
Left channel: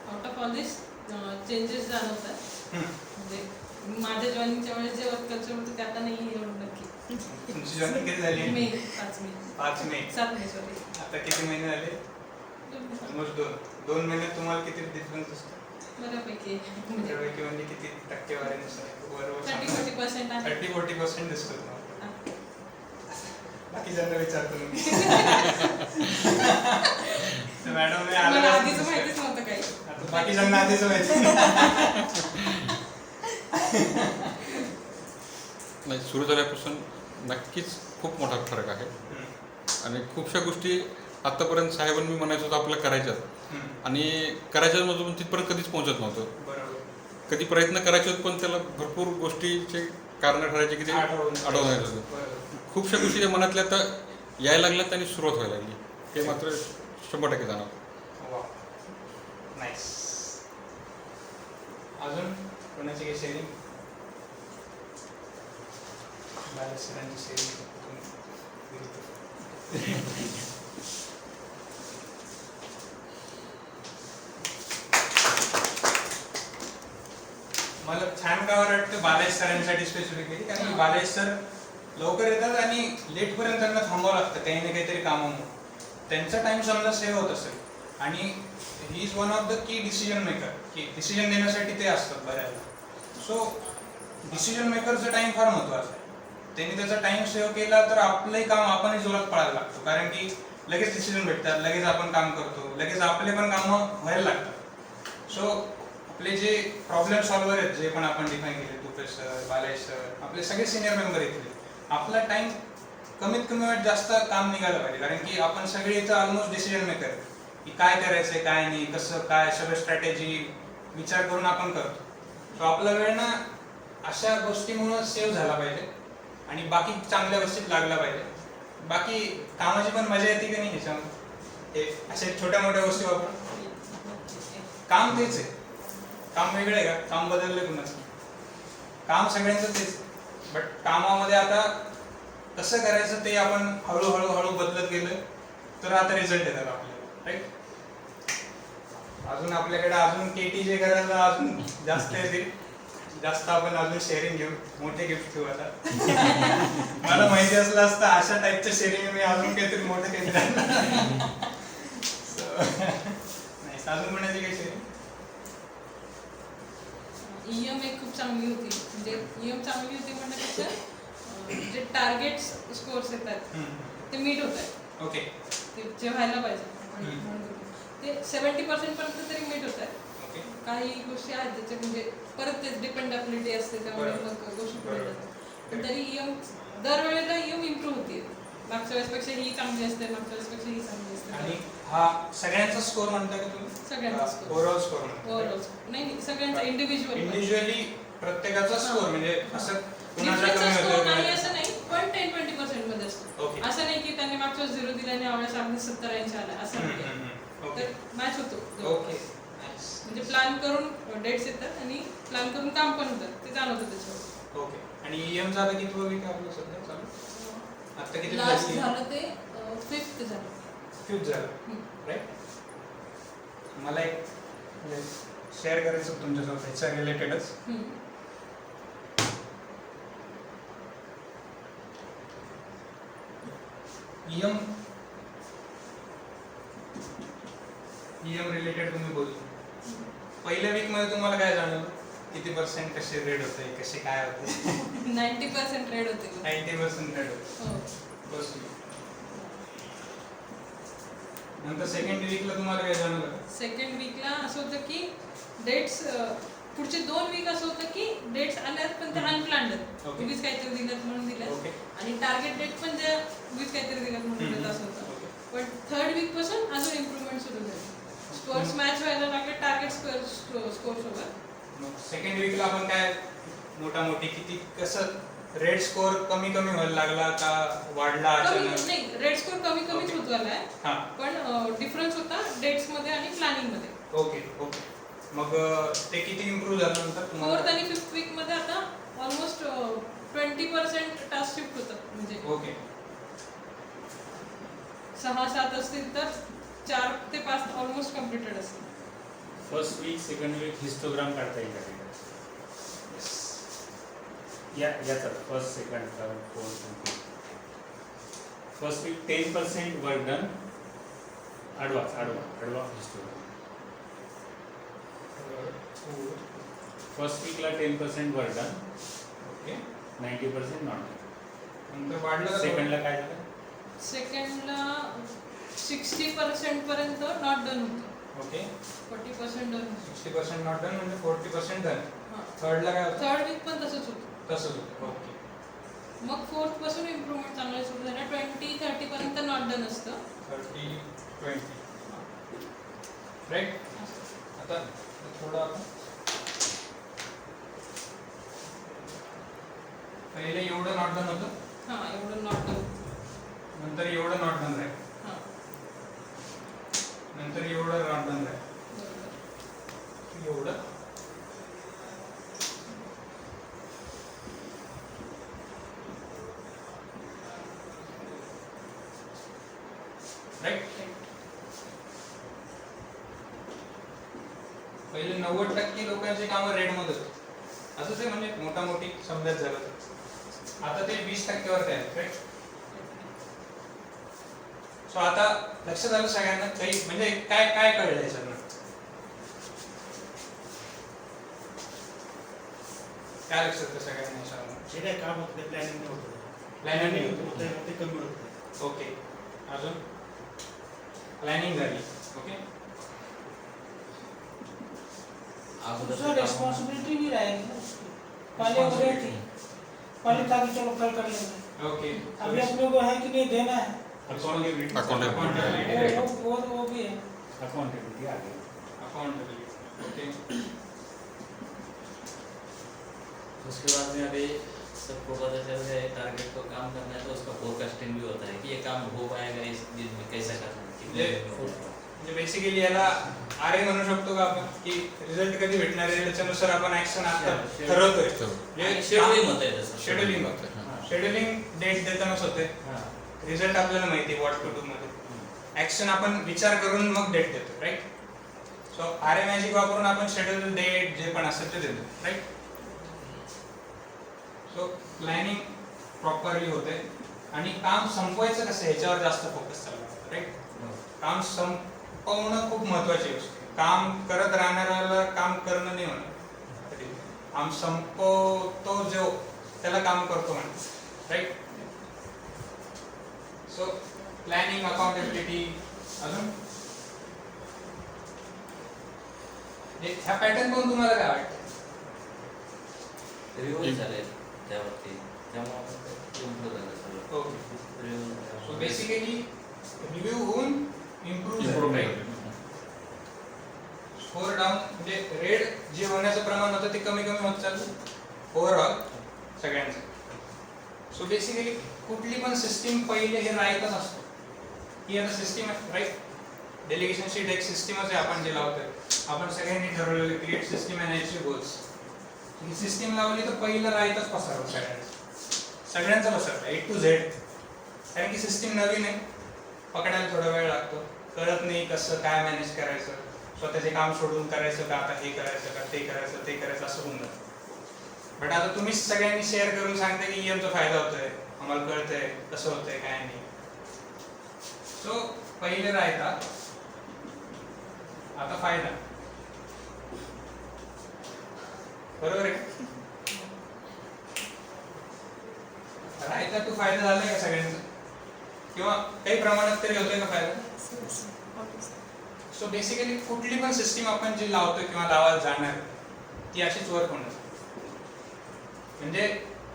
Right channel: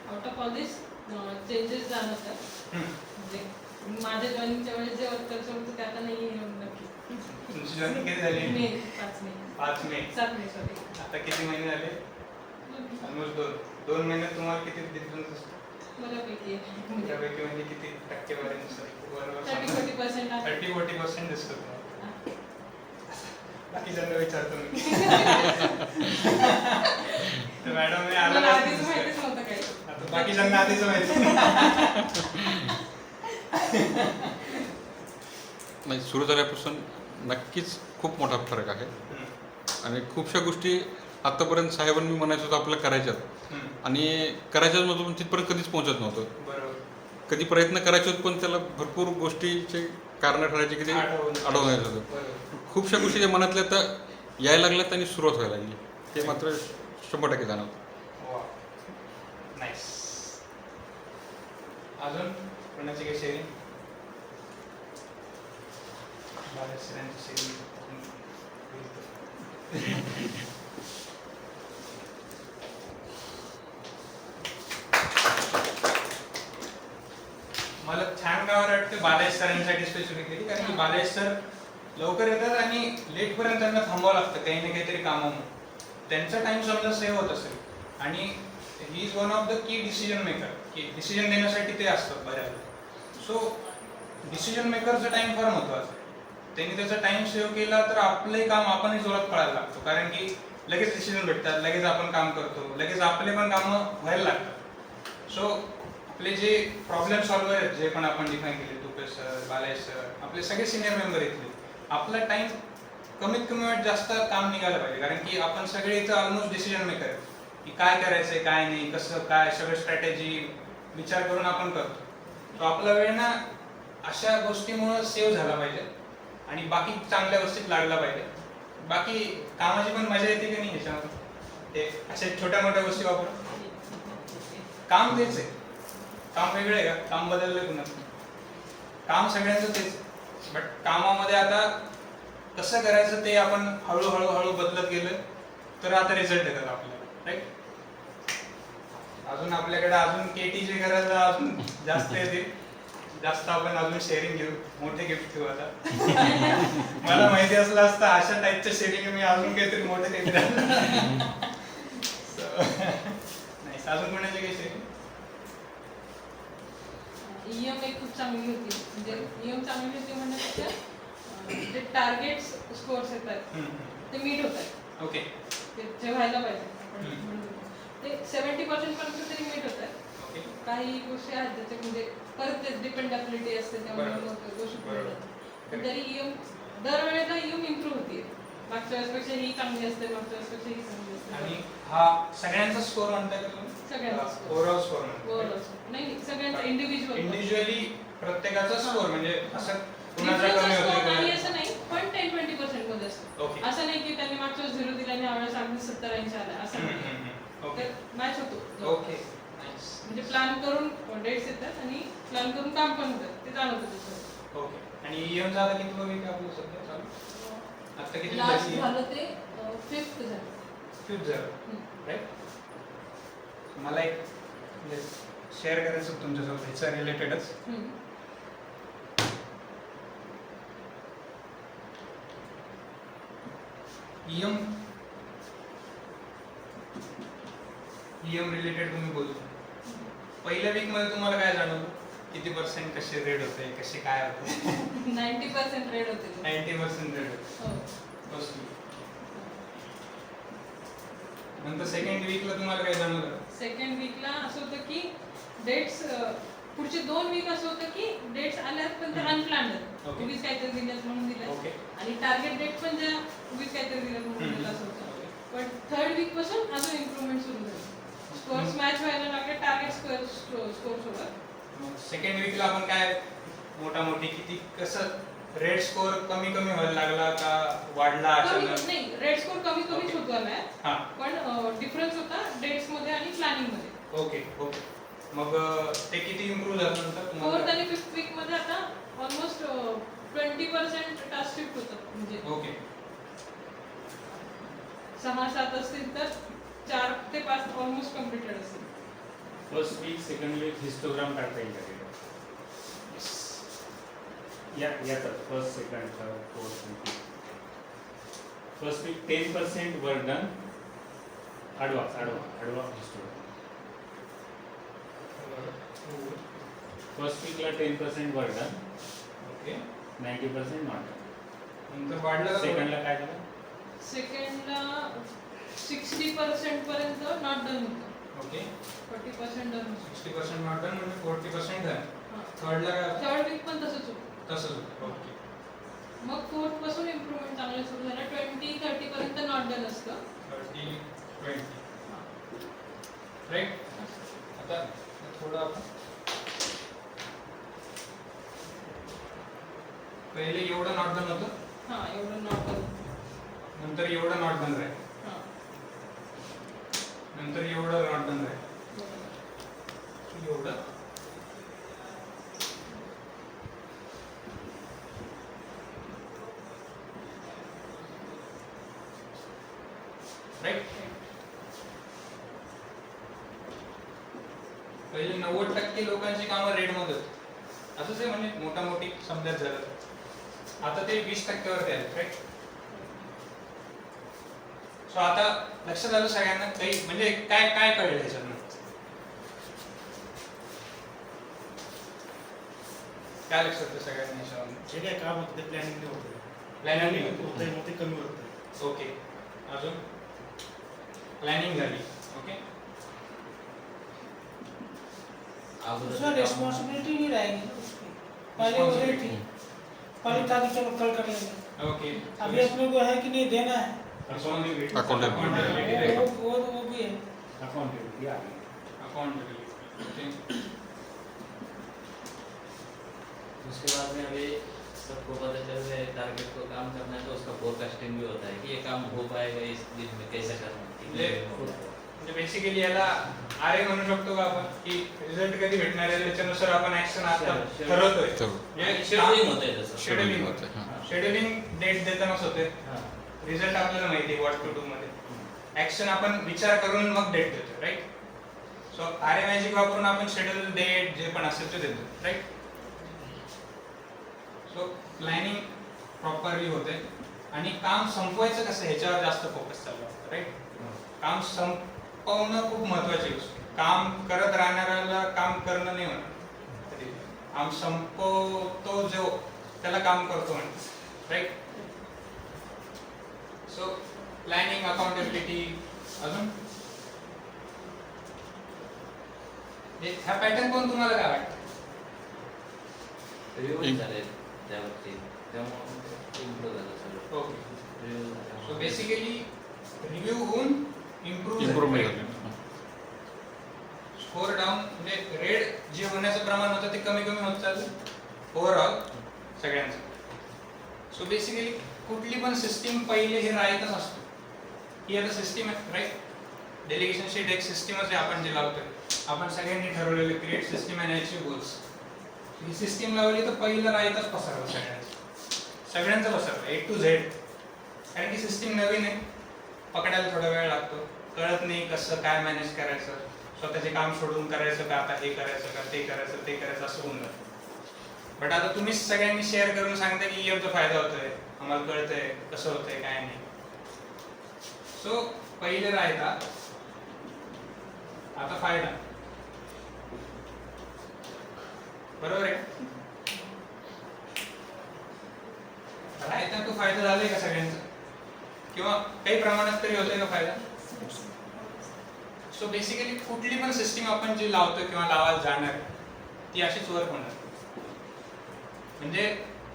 out of all this changes जाणवतात. म्हणजे माझ्या जॉईनिंगच्या वेळेस जे वर्क कल्चर होतं ते आता नाही एवढं नक्की. तुमची जर्नी किती झाली? मे 5 मे 5 मे. 7 मे सॉरी. आता किती महिने झाले? ऑलमोस्ट 2 महिन्यात तुम्हाला किती डिफरन्स दिसतो? बऱ्यापैकी बऱ्यापैकी म्हणजे किती टक्केवारीनुसार? 30-40% आहे. 30-40% दिसतो तुम्हाला. बाकीच्यांना विचारतो मी. तर मॅडम मी आला मला आधीच माहितीच नव्हतं काही. आता बाकीच्यांना आधीच माहिती. नाही, सुरू झाल्यापासून नक्कीच खूप मोठा फरक आहे. आणि खूपशा गोष्टी आतापर्यंत साहेबांनी म्हणायचं होतं आपल्याला करायच्यात, आणि करायच्यामधून तिथपर्यंत कधीच पोहोचत नव्हतं. बरोबर. कधी प्रयत्न करायचे होते पण त्याला भरपूर गोष्टीचे कारण ठरायचे की ते अडवून येत होतं. बरोबर. खूपशा गोष्टी ज्या मनातल्या आता यायला लागल्यात आणि सुरुवात व्हायला लागली, ते मात्र 100% जाणवतं. वा, नाईस. अजून कोणाची काही शेअरिंग? सरांची शेअरिंग. मला छान काय वाटतं बालाजी सरांसाठी स्पेसिफिकली, कारण की बालाजी सर लवकर येतात आणि लेटपर्यंत त्यांना थांबावं लागतं काही ना काहीतरी कामामुळे. त्यांचा टाइम समजा सेव्ह होत असेल, आणि he is one of the key decision maker, की डिसिजन देण्यासाठी ते असतात बऱ्याचदा. सो डिसिजन मेकरचा टाइम फार महत्त्वाचा आहे. त्यांनी त्याचा टाइम सेव्ह केला तर आपलंही काम आपणही जोरात पळायला लागतो, कारण की लगेच डिसिजन भेटतात, लगेच आपण काम करतो, लगेच आपले पण कामं व्हायला लागतात. सो आपले जे प्रॉब्लेम सॉल्व्हर आहेत, जे पण आपण डिफाईन केले, तुपेश सर, बालाजी सर, आपले सगळे सिनियर मेंबर येतील, आपला टाइम कमीत कमी वेळ जास्त काम निघायला पाहिजे, कारण की आपण सगळे इथं ऑलमोस्ट डिसिजन मेकर, की काय करायचंय काय नाही, कसं काय सगळं स्ट्रॅटेजी विचार करून आपण करतो. तो आपला वेळ ना अशा गोष्टीमुळे सेव्ह झाला पाहिजे आणि बाकी चांगल्या गोष्टीत लागला पाहिजे. बाकी कामाची पण मजा येते की नाही ह्याच्यामध्ये, ते अशा छोट्या मोठ्या गोष्टी वापरून. काम तेच आहे, काम वेगळं आहे का? काम बदललं कुणाचं? काम सगळ्यांचं तेच, बट कामामध्ये आता कसं करायचं ते आपण हळूहळू बदलत गेलं तर आता रिझल्ट येतात आपल्याला, राईट. अजून आपल्याकडे अजून केटी जे करायला अजून जास्त येतील, जास्त आपण अजून शेअरिंग घेऊ, मोठे गिफ्ट ठेवू आता. मला माहिती असलं असतं अशा टाईपचं शेअरिंग मी अजून काहीतरी मोठं काहीतरी. नाही, अजून म्हणायचे काही शेअरिंग? EM एक खूप चांगली होती, म्हणजे EM चांगली होती म्हणण्यापेक्षा जे टार्गेट स्कोअर्स येतात ते मीट होत आहेत. ओके. ते जे व्हायला पाहिजे आपण म्हणतो ते 70% पर्यंत तरी मीट होत आहेत. ओके. काही गोष्टी आहेत त्याच्या म्हणजे परत ते डिपेंडेबिलिटी असते, त्यामुळे मग गोष्टी पुढे जातात. पण तरी EM दरवेळेला EM इम्प्रूव्ह होते. मागच्या वेळेसपेक्षा ही चांगली असते, मागच्या वेळेसपेक्षा ही चांगली असते. आणि हा सगळ्यांचा स्कोर म्हणताय का तुम्ही? सगळ्यांचा स्कोर, ओव्हरऑल स्कोर म्हणताय? ओव्हरऑल नाही, सगळ्यांचा इंडिव्हिज्युअल इंडिव्हिज्युअली प्रत्येकाचा स्कोर, म्हणजे असं कुणाचा डिफरन्स कमी स्कोर होतोय नाही का? असं नाही, पण 10-20% मध्ये असतो. ओके. असं नाही की त्यांनी मागच्या 0 दिल्याने यावेळेस आम्ही 70-80 आला असं नाही. ओके तर मॅच होतो. Okay nice. म्हणजे प्लॅन करून डेट्स येतात आणि प्लॅन करून काम पण होतात, ते जाणवतं त्याच्यावर. ओके. आणि EMचा आता किती वीक आहे आपलं सध्या चालू? आता किती लास्ट झालं ते 5th झालं. 5th झालं राईट. मला एक म्हणजे शेअर करायचं होतं तुमच्यासोबत ह्याच्या रिलेटेडच. EM रिलेटेड तुम्ही बोलू. पहिल्या वीक मध्ये तुम्हाला काय जाणवलं? किती % कसे रेड होते, कसे काय होते? 90% रेड होते. 90% रेड होते. हो. बस. नंतर सेकंड वीकला तुम्हाला काय जाणवलं? सेकंड वीकला असं होतं की डेट्स पुढचे 2 वीक असं होतं की डेट्स आल्यात पण ते अनप्लॅन्ड आहेत. ओके. उगीच काहीतरी दिल्यात म्हणून दिल्यात. ओके. आणि टार्गेट डेट पण जे उगीच काहीतरी दिल्यात म्हणून दिल्यात असं होतं. पण थर्ड वीक पासून अजून इम्प्रूव्हमेंट सुरू झाली. स्कोअर्स मॅच व्हायला लागले टार्गेट स्कोअर सोबत. मग सेकंड वीकला आपण काय मोठी किती कसं रेड स्कोर कमी व्हायला लागला का वाढला अचानक? नाही, रेड स्कोर कमीच ओके. होत गेलाय. हां. पण डिफरन्स होता डेट्स मध्ये आणि प्लॅनिंग मध्ये. ओके. मग ते किती इम्प्रूव्ह झालं नंतर तुम्हाला? 4th आणि 5th वीक मध्ये आता ऑलमोस्ट 20% टास्क शिफ्ट होतात. म्हणजे ओके. 6-7 असतील तर 4 ते 5 ऑलमोस्ट कम्प्लिटेड असतील. First week second week histogram काढता येईल का? याचा first second third fourth. First week 10% work done. आडवा हिस्टोग्राम. फर्स्ट वीकला 10% work done. Okay. 90% not done. नंतर वाढलं का? सेकंडला काय झालं? सेकंडला 60% पर्यंत नॉट डन होतं. ओके. 40% डन होतं. 60% नॉट डन म्हणजे 40% डन. हां. थर्डला काय होतं? थर्ड वीक पण तसंच होतं. तसंच होतं. ओके. मग 4th पासून इम्प्रूव्हमेंट चांगलं सुरू झालं. 20-30 पर्यंत नॉट डन असतं. 30-20 राईट. आता थोडं आपण पहिले एवढं नॉट डन होतं, हां, एवढं नॉट डन. नंतर एवढं नॉट डन राहील, हां. नंतर एवढं नॉट डन राहील, एवढं राईट. पहिले 90% लोकांची कामं रेडमध्ये होती. असंच आहे म्हणजे मोठी समजायचं झालं तर. आता ते 20% वरती आहेत राईट. सो आता लक्षात आलं सगळ्यांना काही म्हणजे काय कळलं याच्यातून? काय लक्षात येतं सगळ्यांना याच्यावरून? जे काय काम होतं ते प्लॅनिंग नाही होतं. प्लॅनिंग नाही होतं. मग ते कमी होतं. ओके. अजून प्लॅनिंग झाली. ओके. उसमें रिस्पॉन्सिबिलिटी नहीं रहेगी ना उसकी। पहले वो रेट थी, पहले था कि चलो कल करेंगे। ओके. अभी अपने को है कि नहीं देना है, Accountability. Accountability. वो भी है। अकाउंटेबिलिटी आ गई. Accountability. ओके. उसके बाद में अभी सबको पता चल गया है टारगेट को काम करना है तो उसका फोरकास्टिंग भी होता है कि ये काम हो पाएगा इस दिन में, कैसा करना है, कितने दिन में होगा. म्हणजे बेसिकली याला आरए म्हणू शकतो का आपण की रिझल्ट कधी भेटणार आहे त्याच्यानुसार आपण ऍक्शन आता ठरवतोय. आणि शेड्यूलिंग होत आहे तसं. शेड्यूलिंग शेड्यूलिंग डेट देतानाच होते. हां. रिझल्ट आपल्याला माहिती आहे व्हॉट टू डू मध्ये. ऍक्शन आपण विचार करून मग डेट देतो राईट. सो आरए मॅजिक वापरून आपण शेड्यूल डेट जे पण असेल ते देतो राईट. सो प्लॅनिंग प्रॉपरली होते आणि काम संपवायचं कसं ह्याच्यावर जास्त फोकस चालला राईट. काम संपवणं खूप महत्वाची गोष्ट आहे. काम करत राहणाऱ्याला काम करणं नाही म्हणत. काम संपवतो जो त्याला काम करतो म्हणतात राईट. So planning, accountability. अजून ह्या पॅटर्न पाहून तुम्हाला काय वाटतं? रिव्ह्यू झाले त्यावरती त्यामुळे इम्प्रूव्ह झालं सगळं. ओके. सो बेसिकली रिव्ह्यू होऊन इम्प्रूव्ह इम्प्रूव्हमेंट. स्कोर डाऊन म्हणजे रेड जे होण्याचं प्रमाण होतं ते कमी होत चाललं ओव्हरऑल सगळ्यांचं. सो बेसिकली कुठली पण सिस्टीम पहिले हे राईतच असतो. ही आता सिस्टीम आहे राईट. डेलिगेशन शीट एक सिस्टीमच आहे आपण जे लावतोय. आपण सगळ्यांनी ठरवलेलं create system and achieve goals. He system लावली तर पहिलं राईतच पसरवलं सगळ्यांचं पसरलं A to Z. कारण की सिस्टीम नवीन आहे, पकडायला थोडा वेळ लागतो, कळत नाही कसं काय मॅनेज करायचं, स्वतःचे काम सोडून करायचं का, आता हे करायचं का, ते करायचं ते करायचं असं होऊन जातं. बट आता तुम्हीच सगळ्यांनी शेअर करून सांगता की EMचा फायदा होतोय, आम्हाला कळतंय कसं होतंय काय नाही. सो पहिले राहता, आता फायदा. बरोबर आहे. राहता तो फायदा झालाय का सगळ्यांचा, किंवा काही प्रमाणात तरी होतोय का फायदा. सो बेसिकली कुठली पण सिस्टीम आपण जी लावतो किंवा लावायला जाणार ती अशीच वर्क होणार. म्हणजे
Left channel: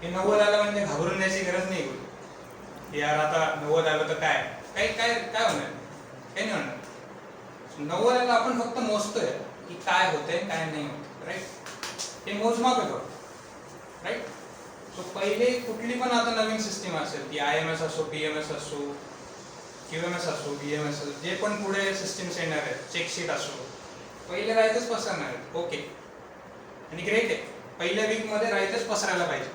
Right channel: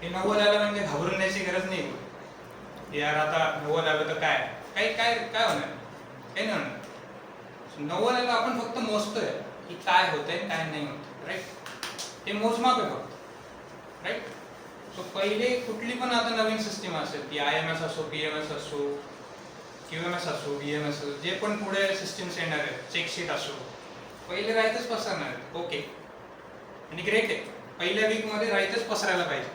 हे 90 आलं म्हणजे घाबरून जायची गरज नाही. यार आता 90 आलं तर काय काय काय काय होणार, काही नाही होणार. 90 आलं आपण फक्त मोजतोय की काय होतंय काय नाही होत, राईट. हे मोजमाप आहे फक्त, राईट. सो पहिले कुठली पण आता नवीन सिस्टीम असेल ती IMS असो, PMS असो, QMS असो, BMS असो, जे पण पुढे सिस्टीम्स येणार आहेत, चेकशीट असो, पहिले राईतच पसरणार आहेत. ओके, आणि ग्रेट आहे. पहिल्या वीकमध्ये राईतच पसरायला पाहिजे,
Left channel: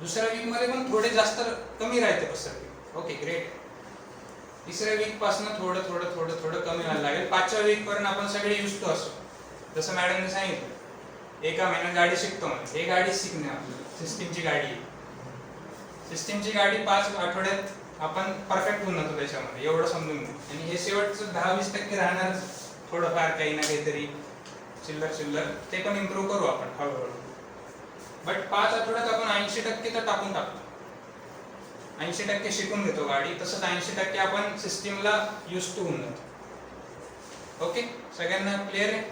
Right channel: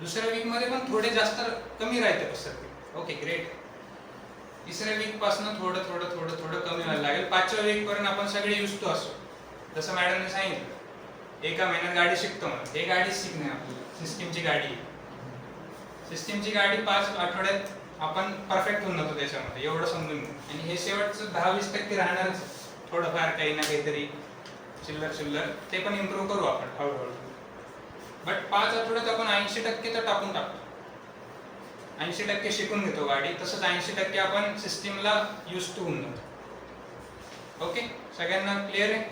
दुसऱ्या वीकमध्ये पण थोडे जास्त कमी राहते पसरते. Okay great. तिसऱ्या वीकपासून थोडं थोडं थोडं थोडं कमी व्हायला लागेल. 5व्या वीकपर्यंत आपण सगळे युज टू असो. जसं मॅडमने सांगितलं, एका महिन्यात गाडी शिकतो म्हणून. हे गाडी शिकणे सिस्टीमची गाडी. सिस्टीमची गाडी 5 आठवड्यात आपण परफेक्ट होऊन जातो त्याच्यामध्ये, एवढं समजून घेऊ. आणि हे शेवटचं 10-20% राहणारच, थोडंफार काही ना काहीतरी चिल्लर चिल्लर, ते पण इम्प्रूव्ह करू आपण हळूहळू. बट 5 आठवड्यात आपण 80% तर टाकून टाकतो. 80% शिकून घेतो गाडी. तसंच 80% आपण सिस्टीमला यूज टू होऊन जातो. ओके, सगळ्यांना क्लिअर आहे.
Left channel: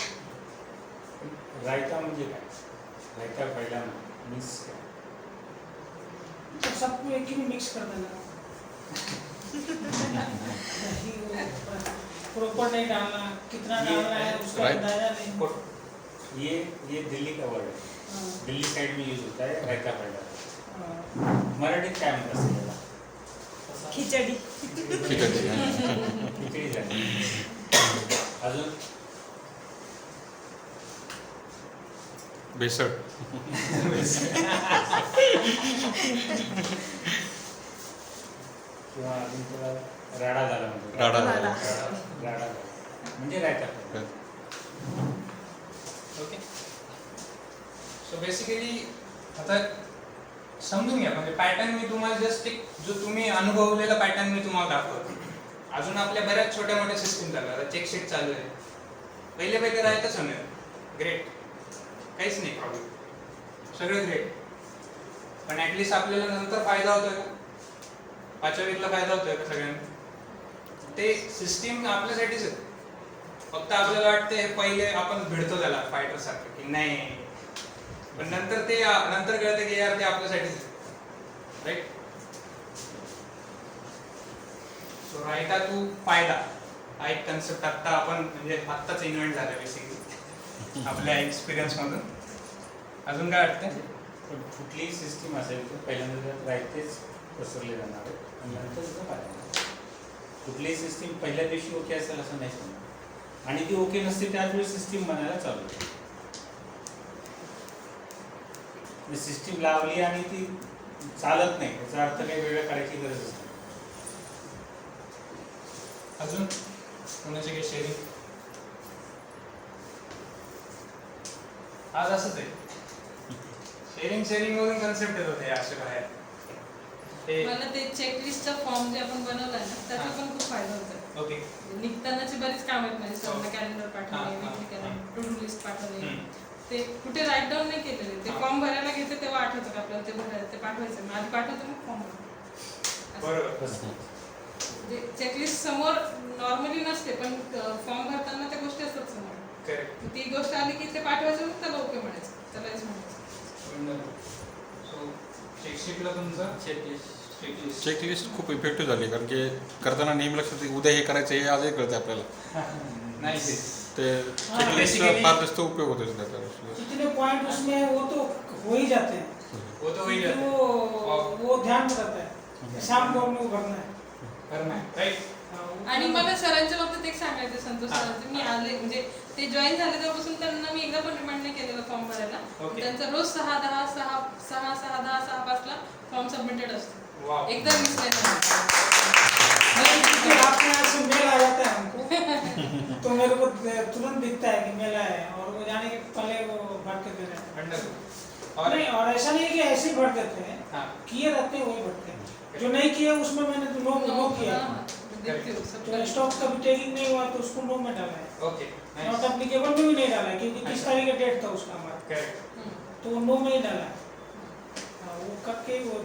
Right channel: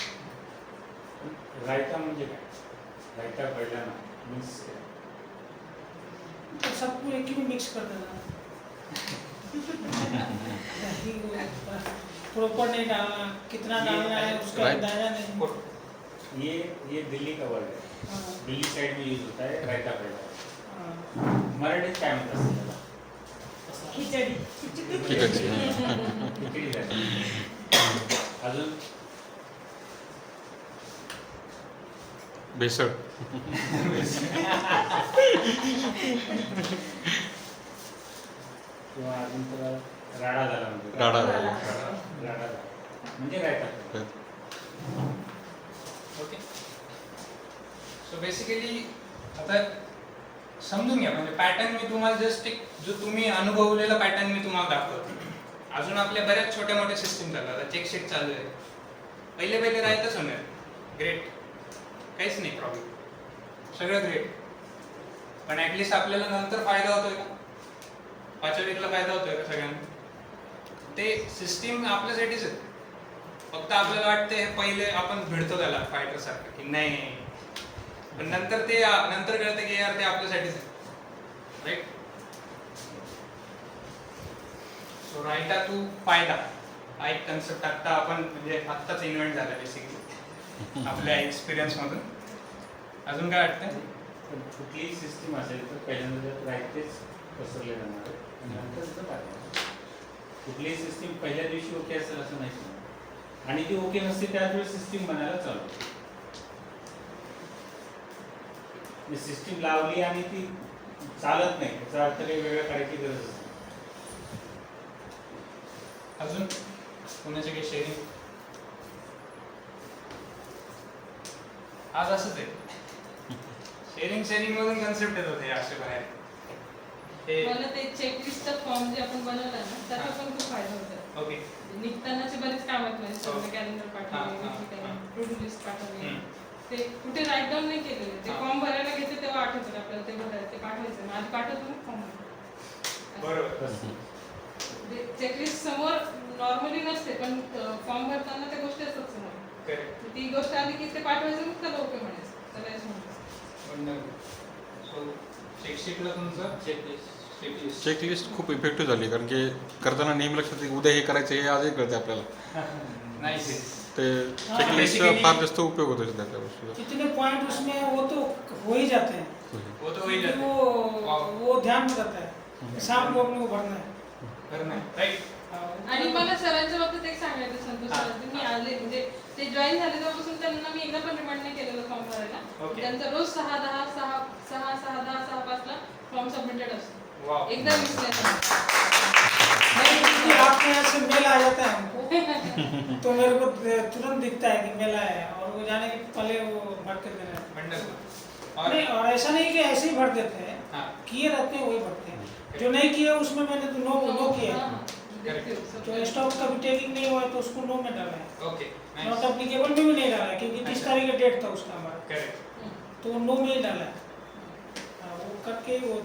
रायता म्हणजे काय? रायता पहिला ना मीन्स तो सबको एक ही में मिक्स कर देना. प्रॉपर नहीं डालना, कितना डालना है उसका Right. अंदाजा नहीं. ये दिल्ली का वर्ड है. हाँ, दिल्ली साइड में यूज होता है रायता पहिला. हाँ. मराठीत काय म्हणतात त्याला? खिचडी. खिचडी झाली. अजून बेसळ. किंवा अजून त्याला राडा झाला म्हणतो. राडा झाला. राडा झाला म्हणजे रायता. ओके. सो बेसिकली आता समजून घ्या, म्हणजे पॅटर्न मी तुम्हाला जस्ट एक जो तुम्ही अनुभवलेला पॅटर्न मी तुम्हाला दाखवतो. अजून आपल्या बऱ्याच छोट्या मोठ्या सिस्टीम चालू आहे. चेकशीट चालू आहे. पहिले राहतच होणार. ग्रेट, काहीच नाही प्रॉब्लेम, सगळं ग्रेट. पण ॲटलिस्ट आपल्याला नंतर फायदा होतोय का? 5व्या वीकला फायदा होतोय का सगळ्यांना? ते सिस्टीम आपल्यासाठीच आहे. फक्त आपल्याला वाटतं हे पहिले आपण भिडतो त्याला फायटर सारखं की नाही, पण नंतर कळतं की यार ते आपल्यासाठीच आहे, राईट. सो राईटा टू फायदा हा एक कन्सेप्ट आत्ता आपण म्हणजे आत्ताच इन्व्हेंट झाला बेसिकली आपल्या एक्सपिरियन्स मधून. अजून काय वाटतं? पण कुठलीही सिस्टीम असेल तर पहिल्यांदा रायतेच पसरले जाणार आहे आणि नंतर त्याचा फायदा. कुठलीही सिस्टीम पहिल्या दिवशी ओके असेल असं नाही समजा, आणि जी ओके नसते त्याच वेळी सिस्टीम बनायला चालू होते. सिस्टीम लावली आणि ती चालत नाही याचा अर्थ काही वेगळं करायची गरज असते. अजून कोणाचे काही शेअरिंग? आज असंच आहे, शेअरिंग मधून कन्सेप्ट येत होते असे बाहेर. मला ते चेकलिस्टचा फॉर्म जे आपण बनवलाय ना त्याचा पण खूप फायदा होत आहे. ओके. निघतानाचे बरेच काम आहेत माझे. सगळं कॅलेंडर पाठवले, टू डू लिस्ट पाठवले, ते कुठे राईट डाऊन नाही केलेले. ते फॉर्म भरायला घेते तेव्हा आठवतं का आपल्याला ते भरायला, ते पाठवायचं. मग आधी पाठवतो मग फॉर्म बरोबर. चेकलिस्ट समोर नॉर्मली नसते, पण फॉर्म भरताना त्या गोष्टी असतात समोर. करेक्ट. ती गोष्ट आली की ते पाठवायचं, मग त्याला ओके म्हणायचं, त्याला हेच म्हणायचं. सो चेकशीटला तुमचं चेकलिस्ट खूप इफेक्टिव्ह झाली, कारण की करताना नेहमी लक्षात येते, उद्या हे करायचं हे आजही कळतं आपल्याला. नाही ते चेकलिस्टचा फार जास्त उपयोग होतो त्याचा त्या गोष्टीचा. कितने पॉइंट उसमें वो तो हो ही जाते हैं, वो तो वही जाते हैं. वो ध्यान में रहता है, शाम को अपने को भरना है. बरं नाही राईट. आणि मला सरांच्या बाबतीत एक सांगायचं संतोष सरांचं, मी आले म्हणजे ते जॉईन झाले तेव्हापासून त्यांना मी एकदा पण रिमाइंड नाही केलेलं फॉर्म भरायला. Okay. त्यांचा रोज 6:10 फॉर्म सबमिटेड असतो. वाव. एकदा मिस नाही झाला. आपके यहाँ से मेल आ जाता है हमको तो मेरे को तुरंत दिखता है कि मेल आया है, और वो जाने के पहले वो भर के दे रहे हैं. वंडरफुल. और नहीं, और ऐसा नहीं कि ऐसे ही भर देते हैं, हाँ. किए रहते हैं वही भरते हैं. जो नहीं किए उसमें मैंने तो नो किया. हाँ, देखती हूँ, सब जो स्टॉक का भी टेकिंग नहीं हुआ तो उसको नो में डाला है, ओके नॉट नाइस. एप्लीकेबल में भी नहीं डाला है, क्योंकि 30 अच्छा. तारीख का डेट था उसका हमारा, करेक्ट. हम्म. तो वो नो में ही डाला है. वो करके ही वो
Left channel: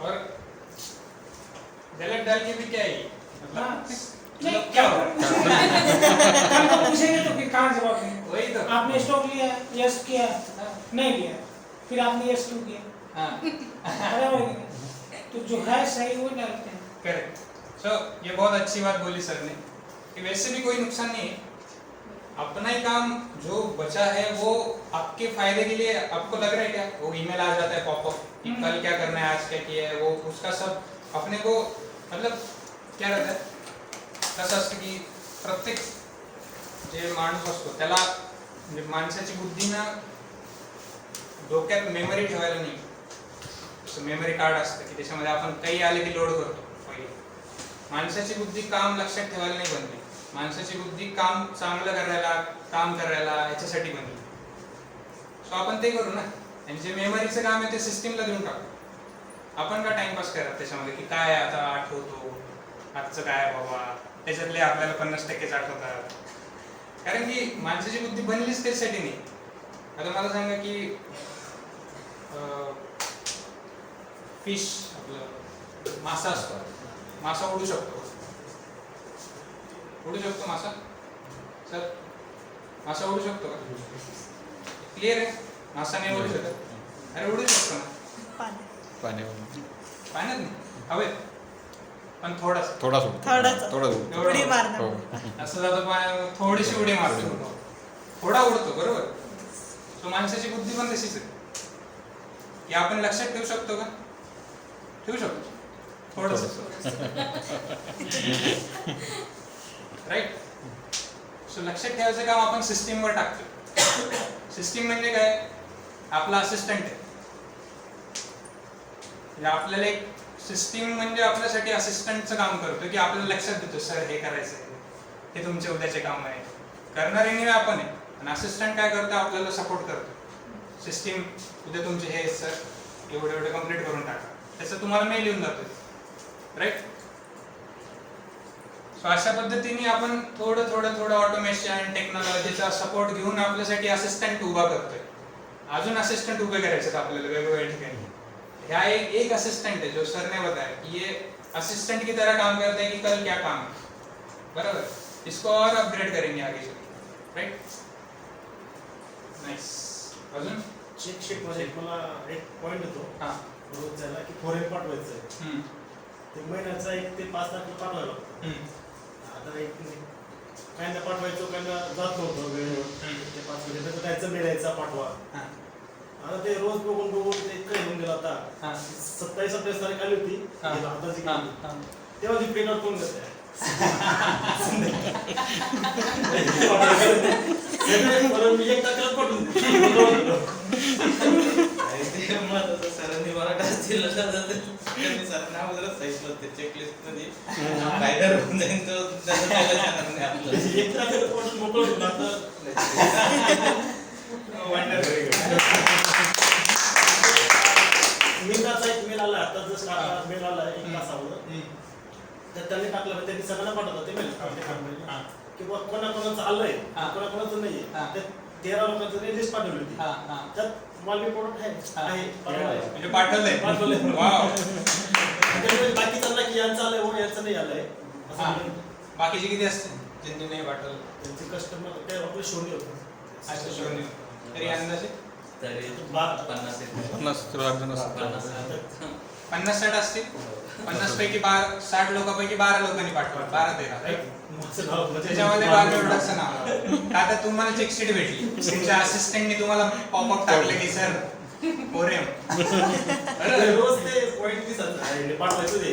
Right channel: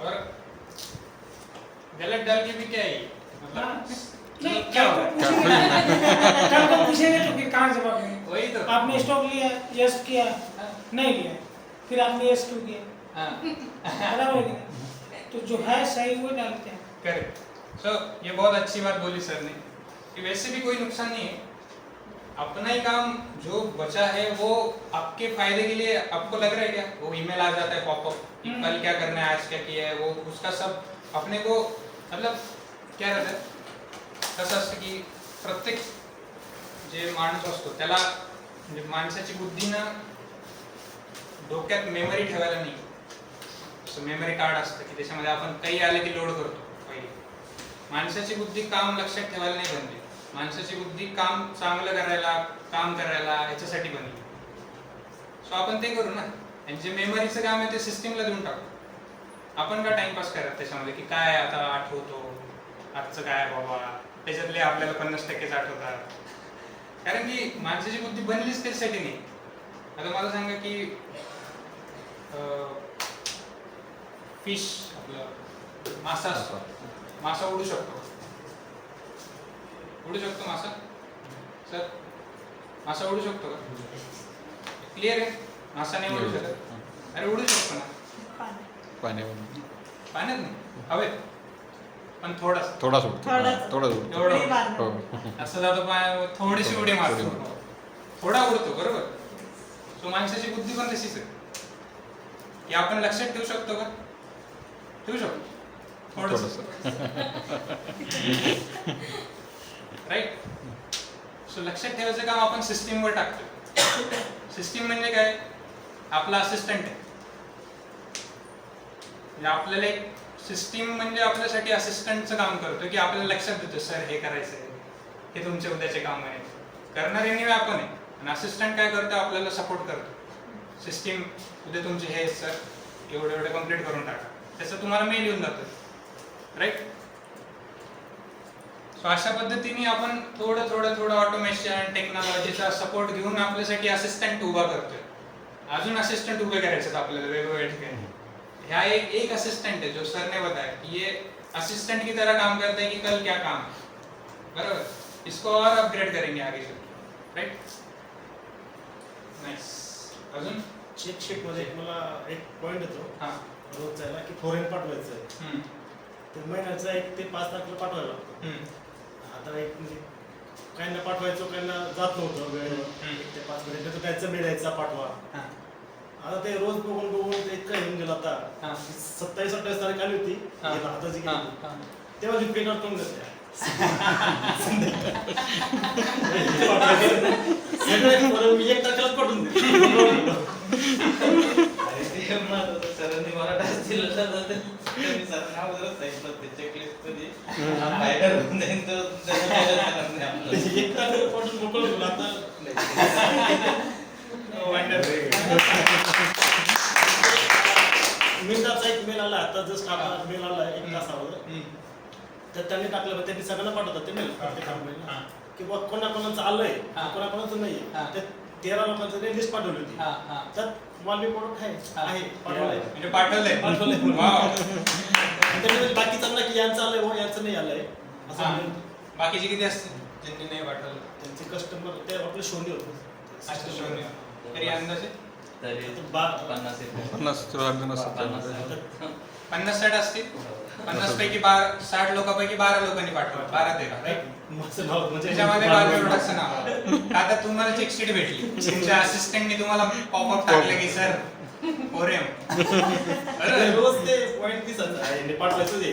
और गलत डाल के भी क्या है मतलब हाँ. नहीं, मतलब क्या होगा? कल को पूछेंगे तो कि कहाँ जवाब देंगे. वही तो. आपने स्टॉक लिया है, यस किया है, नहीं लिया है, फिर आपने यस क्यों किया, हाँ. बराबर है कि नहीं? तो जो है सही वो डालते हैं. करेक्ट. सो ये बहुत अच्छी बात बोली सर ने कि वैसे भी कोई नुकसान नहीं है. अपना ही काम जो बचा है वो आपके फायदे के लिए आपको लग रहा है क्या? वो ईमेल आ जाता है पॉपअप कि कल क्या करना है, आज क्या किया है, वो उसका सब अपने को मतलब क्या रहता है, कसं असतं की प्रत्येक जे माणूस असतो त्याला म्हणजे माणसाची बुद्धी ना डोक्यात मेमरी ठेवायला नाही. मेमरी कार्ड असतं की त्याच्यामध्ये आपण काही आले की लोड करतो. पहिले माणसाची बुद्धी काम लक्षात ठेवायला नाही बनते. माणसाची बुद्धी काम चांगलं करायला, काम करायला याच्यासाठी बनली. सो आपण ते करू ना. आणि जे मेमरीचं काम आहे ते सिस्टीमला देऊन टाकू. आपण का टाइमपास करत त्याच्यामध्ये की काय आता आठवतो, आजचं काय बाबा, त्याच्यातले आपल्याला 50%च आठवतात. कारण की माणसाची बुद्धी बनलीच त्याच्यासाठी नाही. आता मला सांगा की फिश आपलं मासा असतो, मासा उडू शकतो. उडू शकतो मासा? सर मासा उडू शकतो का? क्लिअर आहे? मासा नाही उडू शकत. अरे उडू शकतो ना पाण्यावर पाण्यात नाही, हवेत पण थोडासा. थोडाच उडतो. थोडाच. थोडाच उडतो. उडी मारणं. हो. असं जातो पाण्यावर, थोडीशी उडी मारतो, थोडा उडतो. बरोबर. सो माणसाची बुद्धी पण तशीच आहे की आपण लक्षात ठेवू शकतो का? ठेवू शकतो थोडस. राईट. सो लक्षात ठेवायचं काम आपण सिस्टीमवर टाकतो. सिस्टीम म्हणजे काय? आपला असिस्टंट आहे. म्हणजे आपल्याला एक सिस्टीम म्हणजे आपल्यासाठी असिस्टंटचं काम करतो की आपल्याला लक्षात देतो सर हे करायचं आहे, हे तुमचे उद्याचे काम आहे. करणारे निवे आपण आहे आणि असिस्टंट काय करतो? आपल्याला सपोर्ट करतो. सिस्टीम उद्या तुमचे हे सर एवढे कम्प्लीट करून टाका, त्याचं तुम्हाला मेल येऊन जातो. राईट. सो अशा पद्धतीने आपण थोडं ऑटोमेशन टेक्नॉलॉजीचा सपोर्ट घेऊन आपल्यासाठी असिस्टंट उभा करतोय. अजून असिस्टंट उभे करायचे आपल्याला वेगवेगळ्या ठिकाणी. ह्या एक असिस्टेंट है जो सर ने बताया कि ये असिस्टेंट की तरह काम करता है कि कल क्या काम है. बराबर. इसको और अपग्रेड करेंगे आगे चल. राइट. नाइस. अजून चेक शीट मध्ये मला एक पॉइंट येतो. हां. रोजचा आहे ना की फॉरेन पाठवायचं आहे. ते महिन्याचा 1 ते 5 लाख पाठवायला लागतं. आता एक काहींना पाठवायचो, काहींना जात नव्हतं वेळेवर. ते 5 महिने त्याचं मिळायचा पाठवा. आता ते रोज बघून ते इतकं येऊन गेलं. आता 27-28 तारीख आली होती आताची, तेव्हा ती पेपर करून देते. मी 1 तारखेला पाठवून सरांनी मराठा दिलं त्यांनी सरांनी अगोदरच सांगितलं ते चेकलिस्ट मध्ये रायडर होऊन जाईल तो त्याचा 1 तारखेला पाठवून मोकळं आता मेलचा एक मेल आला आता जस्ट मेल आला 1 तासावर. तर त्यांनी टाकलं, त्यांनी सगळ्यांना पाठवतात ते मेल की बघ कोणाकोणाचं आलंय, कोणाकोणाचं नाही. ते 13 लोकांची लिस्ट पाठवली होती. त्यात वॉल रिपोर्ट आहे म्हणजे पाठवलंय. वाव. बाकीच्यांना की यांचं आलंय हो यांचं नाही आलंय. बाकीचे किती असते ज्यांनी नाही पाठवलं? त्यांचे कस्टमर ते आपले शोनी होते. अच्छा शून्य. तरी अंदाजे तरी 50 50 50 जण असतात. 50-60 असतील. 50 पैकी 60 लोकांपैकी 12 लोकांनी पाठवलं, 12-13 राईट. माझं नाव म्हणजे त्याच्यामध्ये बालविभागाचं नाव आलं. आता तुम्हाला चेकशीट भेटली, तुमच्या असिस्टंटनी तुम्हाला पॉपअप टाकले की सर पोरेम रोज ते पॉईंट दिसत नाही पाठवायचं ते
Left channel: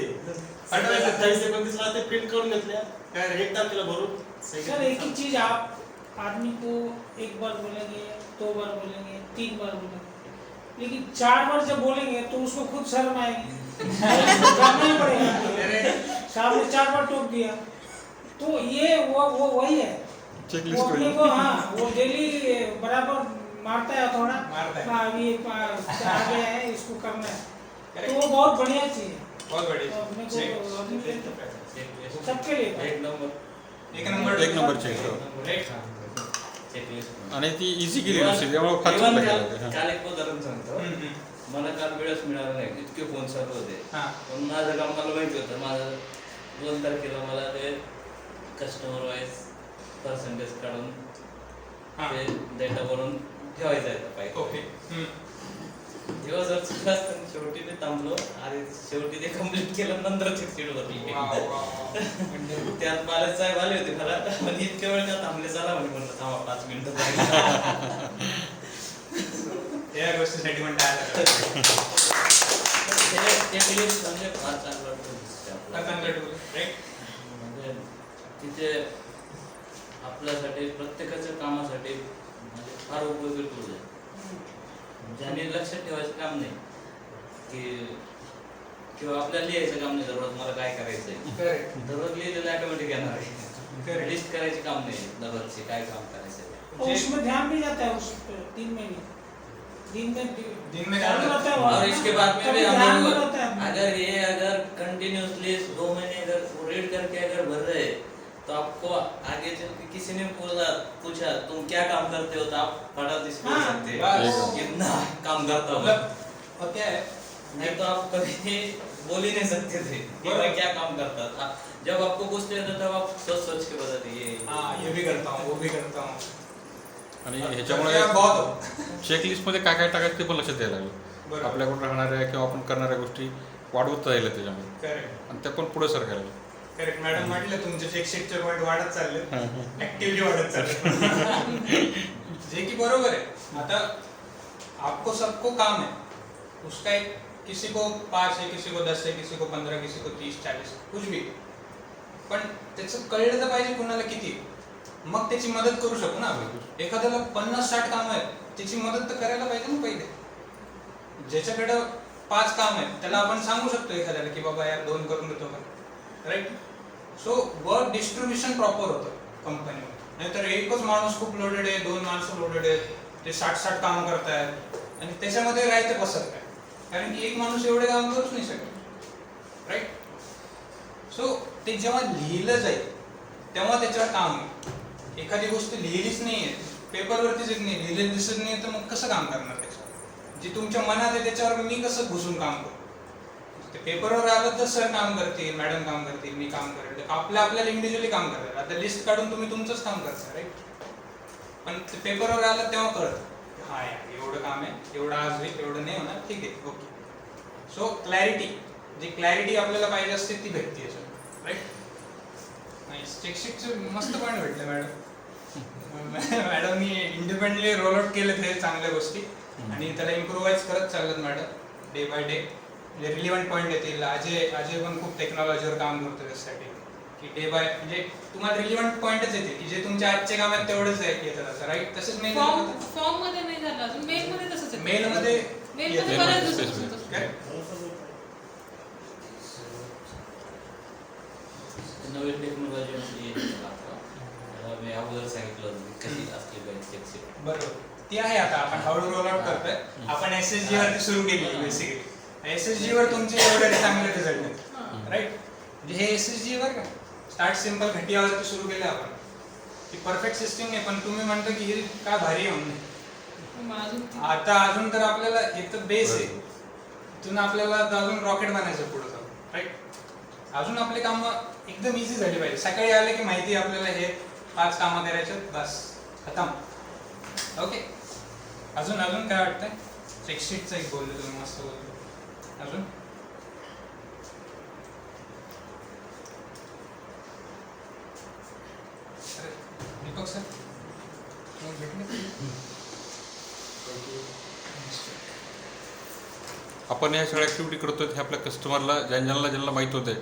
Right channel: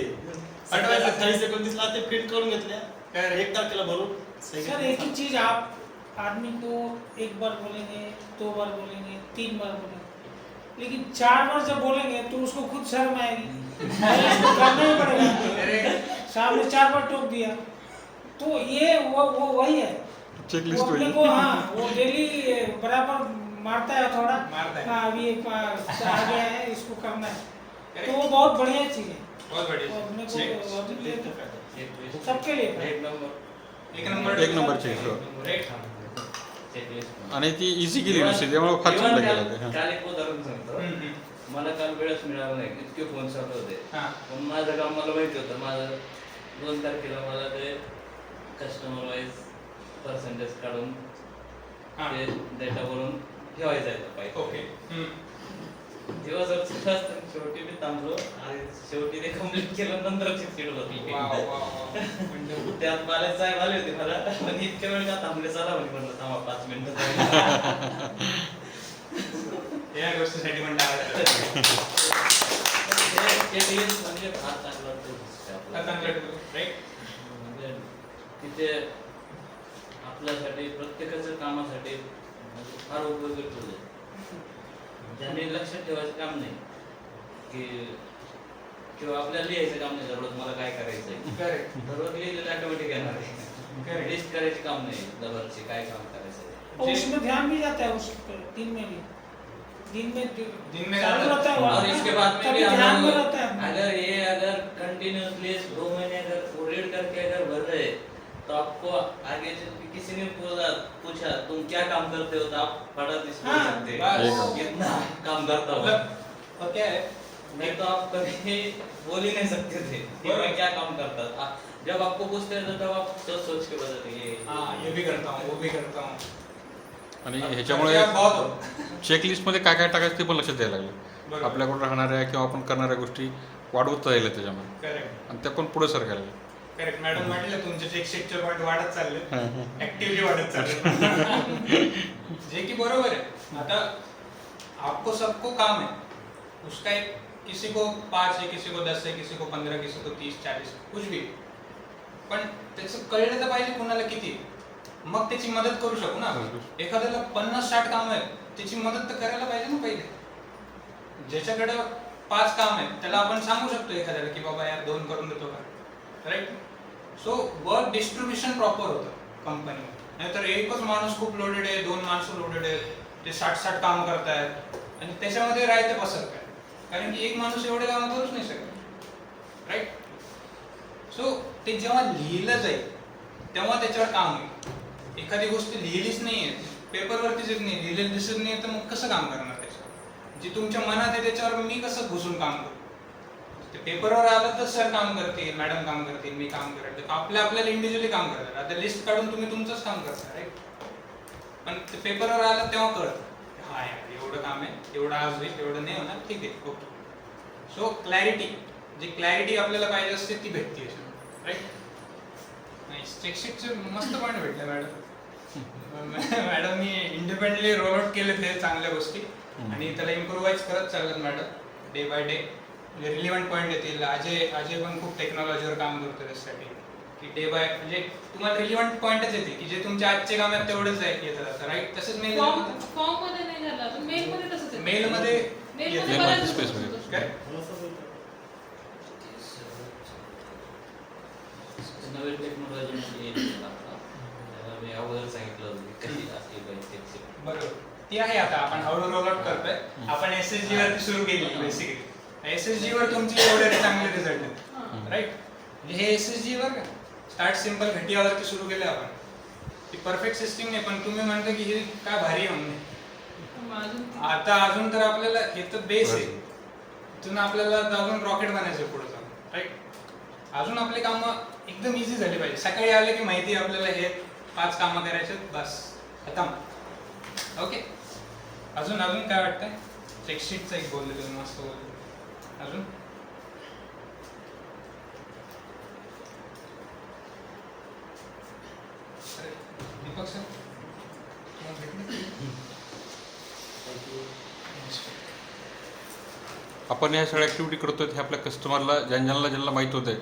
पाठवायचं. 28-29 ला ते प्रिंट करून घेतल्या तर 1 तारखेला भरून सर एक ही चीज आप आदमी को एक बार बोलेंगे, 2 बार बोलेंगे, 3 बार बोलेंगे, लेकिन 4 बार जब बोलेंगे तो उसको खुद शर्म आएगी, उसको करना ही पड़ेगा। साहब ने 4 बार टोक दिया तो ये वो वही है, वो अपने को हाँ वो डेली बराबर मारता है थोड़ा, मारता है। हाँ अभी एक बार आ गया है इसको करना है, तो वो बहुत बढ़िया चीज है। बहुत बड़ी तो अपने को चेक. सबके लिए एक नंबर एक नंबर एक नंबरची हो. चेकलिस्ट आणि ती इझी केली नसते त्यामुळे फार इव्हन चांगलं काल केलं ते. काल एक उदाहरण सांगतो. मला काल वेळच मिळाला नाही, इतके फोन चालू होते. हां. पण माझं काम मला माहिती होतं. माझं 2 तारखेला मला ते कस्टमर वाईज पर्सेंटेज काढून हां. ते डेटा बनवून ठेवायचं आहे पाहिजे. ओके. दिवस शेवटी मी थांबलो आणि शेवटी ते कम्प्लीट केलं, नंतर चेकशीट होती. त्यात मालक साहेब आले होते मला, पण इतक्या वेळ का थांबले, चला म्हणलं थांबा 5 मिनिटं. या गोष्टीसाठी म्हणता चेकलिस्ट म्हणजे फार चांगलं राईट. म्हणजे तिथे आपल्यासाठी प्रत्येकाच्या कामासाठी म्हणजे फार उपयोगी टूल आहे. ज्याने लक्षात ठेवायचं काम नाही की किंवा आपल्याला लिहायचं काम नाही दररोज मला काय करायचंय. करेक्ट. दररोज लिहिलेलं ऑटोमॅटिक येणार आहे. लिस्ट करायची काम नाही दररोजचे काय काम करायचं. और उसमें ध्यान भी जाता है उस पर 3 महीने दिन में चालू रहता है और इसके बाद में भी ध्यान हम में लोग रहता है। अगर कंटिन्यूसली 2 महीने अगर रीड करके अगर भर रहे तो आपको आगे चल के किसी ने पूछा तुम क्या काम करते हो तो आप फटाफट इसको बोल सकते बस। कितना काम करता हूँ. मतलब और क्या है, नहीं तो आप कभी बोल ही नहीं सकते थे कि मैं क्या काम करता था. जब आपको पूछते थे तब आप सोच के बताते ये हाँ ये भी करता हूँ वो भी करता हूँ. आणि अब ह्याच्यामुळे क्या बहुत हो. चेकलिस्टमध्ये काय काय टाकायचं ते पण लक्षात द्यायला लागलं. बरोबर. आपल्याकडून राहणाऱ्या किंवा आपण करणाऱ्या गोष्टी वाढवत राहिल्या त्याच्यामध्ये करेक्ट. आणि त्या पण पुढे सरकायला लागल्या. करेक्ट. मॅडम म्हटलं तुमचे चेकशीटचे पॉईंट वाढत चालले, हां, हां. ऍक्टिव्हली वाढत चालले. जे की बरोबर है. आता आपको सबको काम है, उसका एक किसी को 5 है, किसी को 10 है, किसी को 15, किसी को 30-40 कुछ भी, पण त्याचं कळलं तर पाहिजे कोणाला किती, मग त्याची मदत करू शकू ना आपण. एखाद्याला 50-60 काम आहेत त्याची मदत तर करायला पाहिजे ना पहिले. ज्याच्याकडे 5 काम आहेत त्याला आपण सांगू शकतो एखाद्याला की बाबा यार 2 करून देतो का, right. So work distribution proper होतं कंपनीवर. नाहीतर एकच माणूस खूप लोडेड आहे, 2 माणसं लोडेड आहेत, ते 60 काम करतायत आणि त्याच्यामध्ये राहायचं कसं काय, कारण की एक माणूस एवढे काम करूच नाही शकत, राईट. सो ते जेव्हा लिहिलं जाईल तेव्हा त्याच्यावर काम होईल. एखादी गोष्ट लिहिलीच नाहीये, पेपरवरतीच येत नाही, लिहिलेलं दिसत नाही, तर मग कसं काम करणार त्याच्यावर. जे तुमच्या मनात आहे त्याच्यावर मी कसं घुसून काम करू. ते पेपरवर आलं तर सर काम करतील, मॅडम काम करतील, मी काम करेल, तर आपल्याला इंडिव्हिज्युअली काम करतात. आता लिस्ट काढून तुम्ही तुमचंच काम करता, राईट. पण ते पेपरवर आलं तेव्हा कळतं हा यार एवढं काम आहे, एवढं आज होईल, एवढं नाही होणार, ठीक आहे, ओके. सो क्लॅरिटी, जी क्लॅरिटी आपल्याला पाहिजे असते ती भेटते याच्यात, राईट. नाही चेकशीटचं मस्त पॉईंट भेटले मॅडम. मॅडमनी इंडिपेंडेंटली रोल आउट केले ते चांगल्या गोष्टी आणि त्याला इम्प्रूव्हाइज करत चाललेत मॅडम डे बाय डे. म्हणजे रिलिव्हंट पॉईंट येतील. अजय पण खूप टेक्नॉलॉजीवर काम करतो त्यासाठी की डे बाय म्हणजे तुम्हाला रिलिव्हंट पॉईंटच येते की जे तुमच्या आजचे काम आहेत तेवढंच येतात असं, राईट. तसंच मेल फॉर्म मध्ये नाही झालं अजून, मेल मध्ये तसंच आहे. मेलमध्ये मेल मध्ये बऱ्याच दिवसापासून करेक्ट. नवीन टेक्नॉलॉजी मी अगोदर सांगितलं होतं कशी असली पाहिजे चेकशीट. बरोबर. ती आहे आता आपण हळूहळू रोल आउट करतोय. आपण SSG वरती सुरू केली बेसिकली. SSG वर तुमचे एवढे चांगले रिझल्ट आहेत, राईट. म्हणजे हे SSG वर का स्टार्ट सिंपल घटियावरती सुरू केले आपण. ती परफेक्ट सिस्टीम नाही, पण तुम्ही म्हणता की हे काय भारी आहे म्हणून. आता अजून तर आपल्याला हे तर बेस आहे, इथून आपल्याला अजून रॉकेट बनायचं पुढे जाऊन, राईट. अजून आपली कामं एकदम इझी झाली पाहिजे. सकाळी आले की माहिती आपल्याला हे 5 कामं करायचे, बस खतम, ओके. अजून काय वाटतंय. चेकशीटचं एक बोलले तुम्ही, मस्त बोलले. अजून आपण ह्या सगळ्या ॲक्टिव्हिटी करतो हे आपल्या कस्टमरला ज्यांना माहीत होतं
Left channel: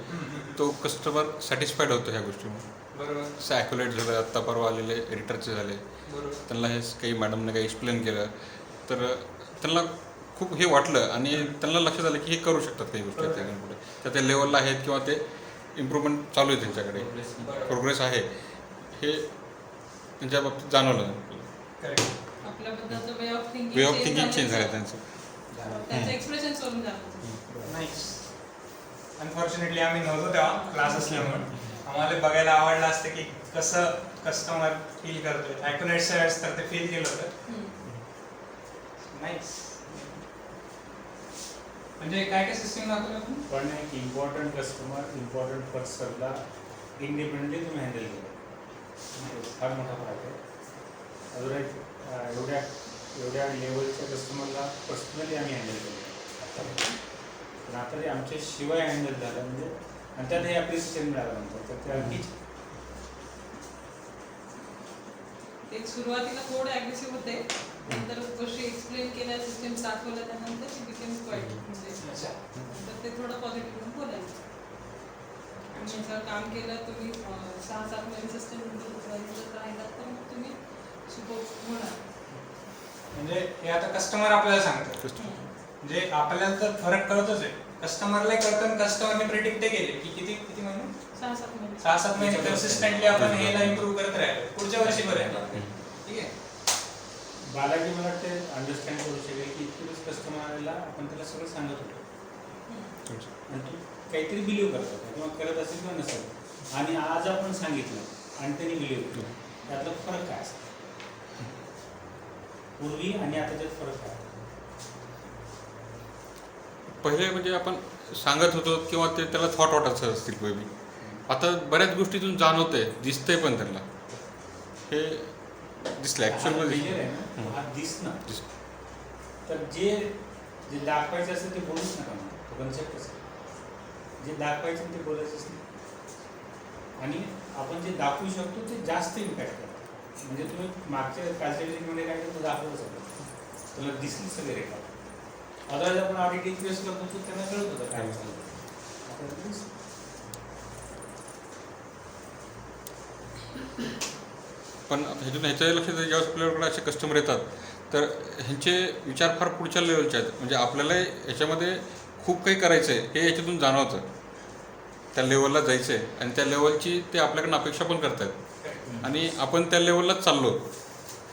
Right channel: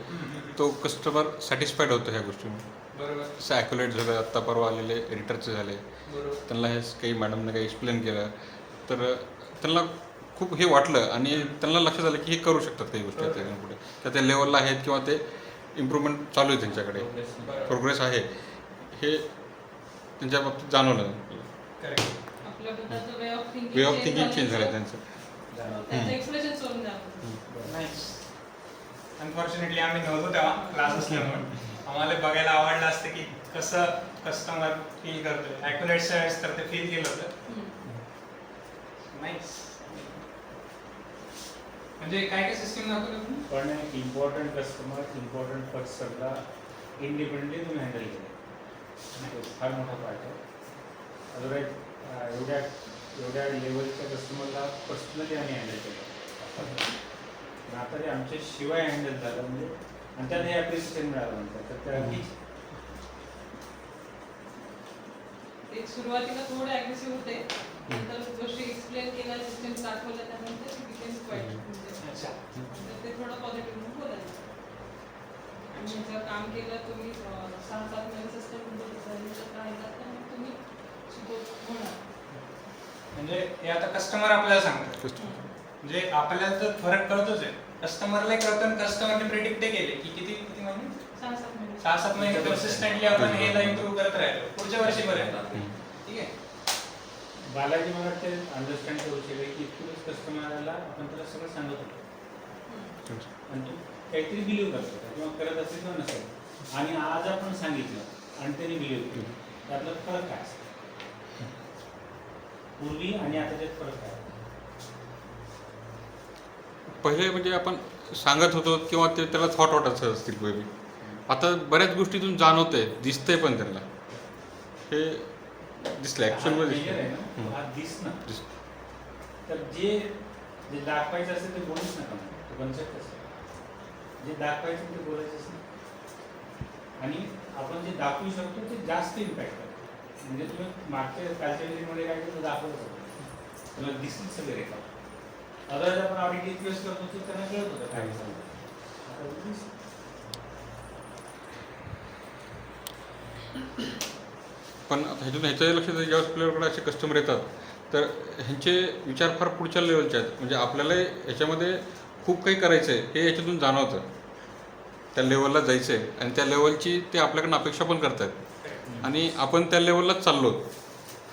तो कस्टमर सॅटिस्फाईड होतो ह्या गोष्टीमुळे. बरोबर. जसं ॲक्युलेट झालं, आत्ता परवा आलेले एडिटरचे झाले, बरोबर. त्यांना हे काही मॅडमने काही एक्सप्लेन केलं तर त्यांना खूप हे वाटलं आणि त्यांना लक्षात आलं की हे करू शकतात काही गोष्टी त्याच्याकडे पुढे तर त्या लेवलला आहेत किंवा ते इम्प्रूव्हमेंट चालू आहे त्यांच्याकडे, प्रोग्रेस आहे हे त्यांच्या बाबतीत जाणवलं. करेक्ट. आपल्याबद्दलचं way way of of thinking change झालं त्यांचं. त्यांचं एक्सप्रेशन सोडून जातं. नाईस. अनफॉर्च्युनेटली आम्ही नव्हतो तेव्हा क्लास असल्यामुळे आम्हाला बघायला आवडलं असतं की कसं कस्टमर फील करतोय. ॲक्युरेट्स वेळेस तर ते फील केलं होतं. नाईस. म्हणजे काय काय सिस्टीम दाखवलं आपण? पण इम्पॉर्टंट कस्टमर, इम्पॉर्टंट पर्सनला इंडिपेंडेंटली तुम्ही हँडल केलं, फार मोठा पार्ट आहे. अदरवाईज एवढ्या लेवलच्या कस्टमरला पर्सनली आम्ही हँडल केलं, पण आता ते आमच्या शिवाय हँडल झालं म्हणजे आणि त्यात हे ॲप्रिसिएशन मिळालं नंतर तर त्या अगदी एक सुरुवातीला थोडे ॲग्रेसिव्ह होते, नंतर गोष्टी एक्सप्लेन केल्या, सिस्टम दाखवल्या, त्यानंतर शी बिकेम क्वाईट म्हणजे नंतर ते थोडं पॉझिटिव्ह बोलायचं. आणि जर काम केलं तुम्ही 6-7 महिने सस्टेनेबल राहिला तर मग तुम्ही सुपर होणार. म्हणजे हे आता कस्टमर आपल्याला सांगतात. म्हणजे आपल्याला तर फरक कळतोच आहे, कस्टमरला कळतं. कस्टमरने प्रिडिक्ट केले की किती महिने, 6-7 महिने 6-7 महिने कन्सिस्टंटली आपण हेला इम्प्रूव्ह करत राहिलो, पुढच्या वर्षी बरं. ठीक आहे. बालाजी मला ते अंडरस्टँड करू शकेल की इतकंच कस्टमरला आपण त्याला सगळं सांगत होतो आणि तू काहीतरी बिलीव्ह करत होता किंवा करत असेल किंवा नसेल आणि आज आपण सांगितलं आणि त्यांनी बिलीव्ह केलं, त्यातला फरक काय असतो पूर्वी आणि आताच्यात फरक काय? पहिले म्हणजे आपण सांगत होतो किंवा ते त्याला थॉट वाटायचं असतील पहिले. आता बऱ्याच गोष्टीतून जाणवतंय, दिसतंय पण त्यांना हे दिसलं ॲक्च्युअलमध्ये आहे ना, हा दिसणं. तर जे दाखवायचं असेल ते बोलूच नका ना, तो कन्सेप्टच आहे. जे दाखवायचं ते बोलायचंच नाही आणि आपण जे दाखवू शकतो ते जास्त इम्पॅक्ट करतो. म्हणजे तुम्ही मागच्या कालच्या काय करतो दाखवलं सगळं तुला दिसली सगळे रेखा. अदरवाईज आपण ऑडिट रिक्वेस्ट करतो तर त्यांना कळत होतं काय चालतं. पण ह्याच्यातून ह्याच्या लक्षात ज्यावेळेस आपल्याकडे असे कस्टमर येतात तर ह्यांचे विचार फार पुढच्या लेवलचे आहेत. म्हणजे आपल्याला ह्याच्यामध्ये खूप काही करायचं आहे हे याच्यातून जाणवतं, त्या लेवलला जायचं आहे आणि त्या लेवलची ते आपल्याकडून अपेक्षा पण करतात आणि आपण त्या लेवललाच चाललो,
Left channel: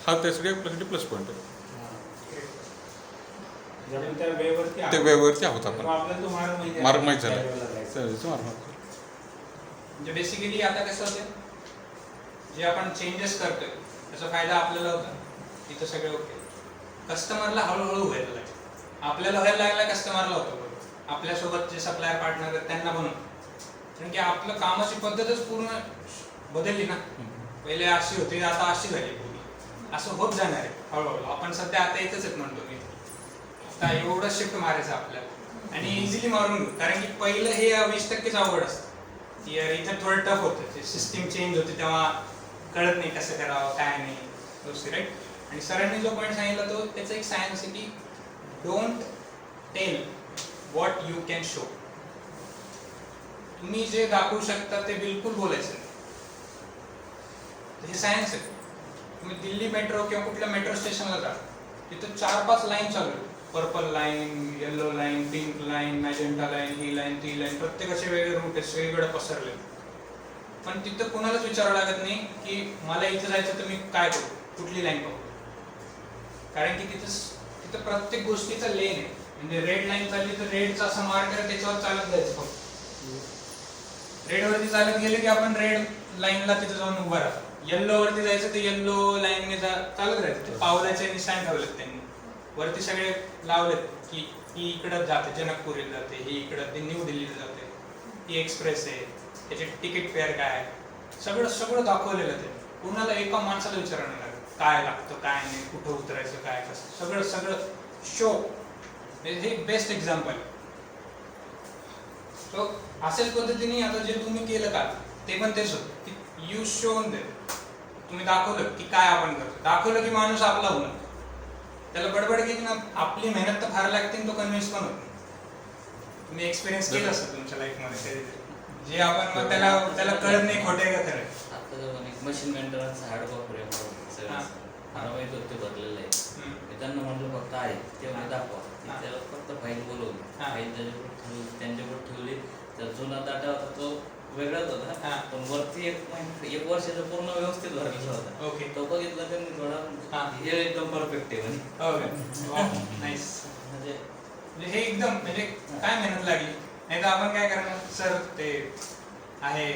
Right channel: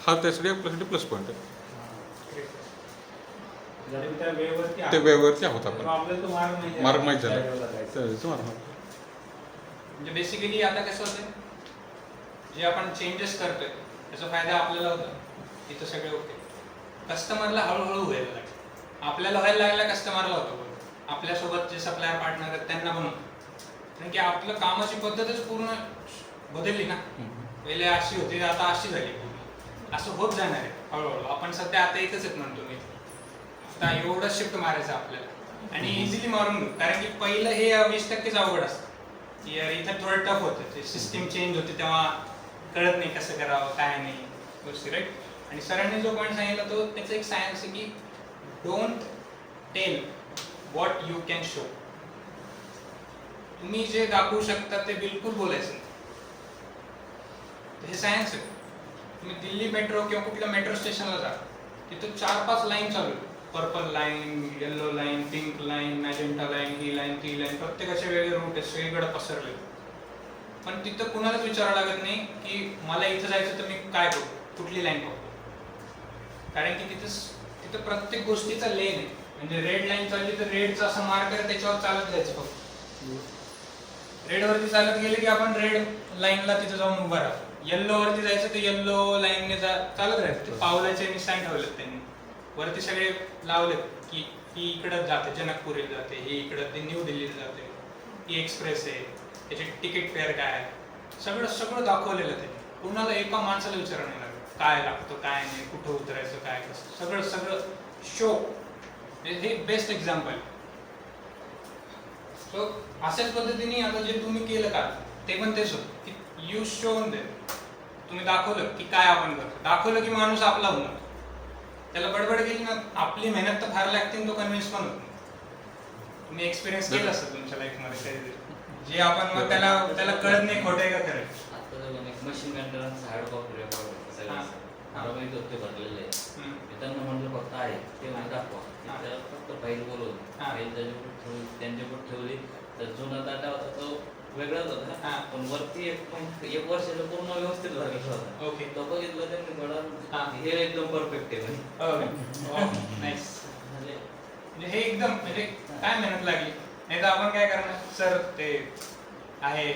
हा त्यासाठी आपल्यासाठी प्लस पॉईंट आहे. ते वेळेवरती आहोत आपण, मार्ग माहीत झाला मार्ग. म्हणजे बेसिकली आता कसं होतं, जे आपण चेंजेस करतोय त्याचा फायदा आपल्याला होता, इथं सगळे ओके. कस्टमरला हळूहळू व्हायला लागेल, आपल्याला व्हायला लागला, कस्टमरला होतं बरोबर. आपल्यासोबत जे सप्लायर पार्टनर आहेत त्यांना पण होतं, कारण की आपलं कामाची पद्धतच पूर्ण बदलली ना. पहिले अशी होती, आता अशी झाली पूर्ण. असं होत जाणार आहे हळूहळू. आपण सध्या आता इथंच आहेत म्हणतो मी, आता एवढं शिफ्ट मारायचं आपल्याला आणि इझिली मारून घेऊ. कारण की पहिलं हे 20% अवघड असतं की यार इथं थोडं टफ होतं, ते सिस्टीम चेंज होते तेव्हा कळत नाही कसं करावं काय नाही गोष्टी, राईट. आणि सरांनी जो पॉईंट सांगितला तो त्याचं एक सायन्स आहे की don't tell what you can show. तुम्ही जे दाखवू शकता ते बिलकुल बोलायचं नाही, हे सायन्स आहे. तुम्ही दिल्ली मेट्रो किंवा कुठल्या मेट्रो स्टेशनला जा, तिथं 4-5 लाईन चालू आहे, purple line, yellow line, pink line, magenta line, ही लाईन ती लाईन, प्रत्येकाचे वेगळे रूट आहेत, सगळीकडे पसरले. पण तिथं कुणालाच विचारावं लागत नाही की मला इथं जायचं तर मी काय करू, कुठली लाईन पकडू. कारण की तिथं प्रत्येक गोष्टीचा लेन आहे. म्हणजे रेड लाईन चालली तर रेडचा असं मार्कर आहे, त्याच्यावर चालत जायचं फक्त. रेडवरती चालत गेले की आपण रेड लाईनला तिथं जाऊन उभा राहतो. येल्लो वरती जायचं तर येल्लो लाईनने चालत राहायचं. ते पावलाचे निशाण ठेवलेत त्यांनी वरती, सगळे लावलेत की ही इकडं जाते जनकपुरीला जाते, ही इकडं ते न्यू दिल्लीला जाते, ही एक्सप्रेस आहे, त्याचे तिकीट फेअर काय आहे, सगळं दाखवलेलं ते. कुणाला एका माणसाला विचारावं नाही लागत काय लागतं काय नाही, कुठं उतरायचं काय कसं, सगळं शो. हे बेस्ट एक्झाम्पल. सो अशाच पद्धतीने आता जे तुम्ही केलं का ते पण तेच होतं की यू शोन दे तुम्ही दाखवलं की काय आपण करतो, दाखवलं की माणूस आपला होऊन जातो. त्याला बडबड केली ना, आपली मेहनत तर फार लागते आणि तो कन्व्हिन्स पण होतो. तुम्ही एक्सपिरियन्स केलं असतं तुमच्या लाईफमध्ये जे आपण मग त्याला कळत नाही खोटे का खरं. आता जर एक मशीन मेंटेनन्स हार्ड कॉपी मला माहित होतं ते भरलेलं आहे. मी त्यांना म्हटलं फक्त आहे ते म्हणजे दाखवा. त्याला फक्त फाईल बोलवली, फाईल त्यांच्याकडे ठेवली. तर जुना डाटा होता तो वेगळाच होता, पण वरती एक वर्षाचा पूर्ण व्यवस्थित भरलेला होता. ओके. तो बघितला त्यांनी थोडा हे एकदम परफेक्ट आहे म्हणे. नाईस. म्हणजे हे एकदम म्हणजे काय मेहनत लागली. नाही तर आपण काय करणार, सर ते आहे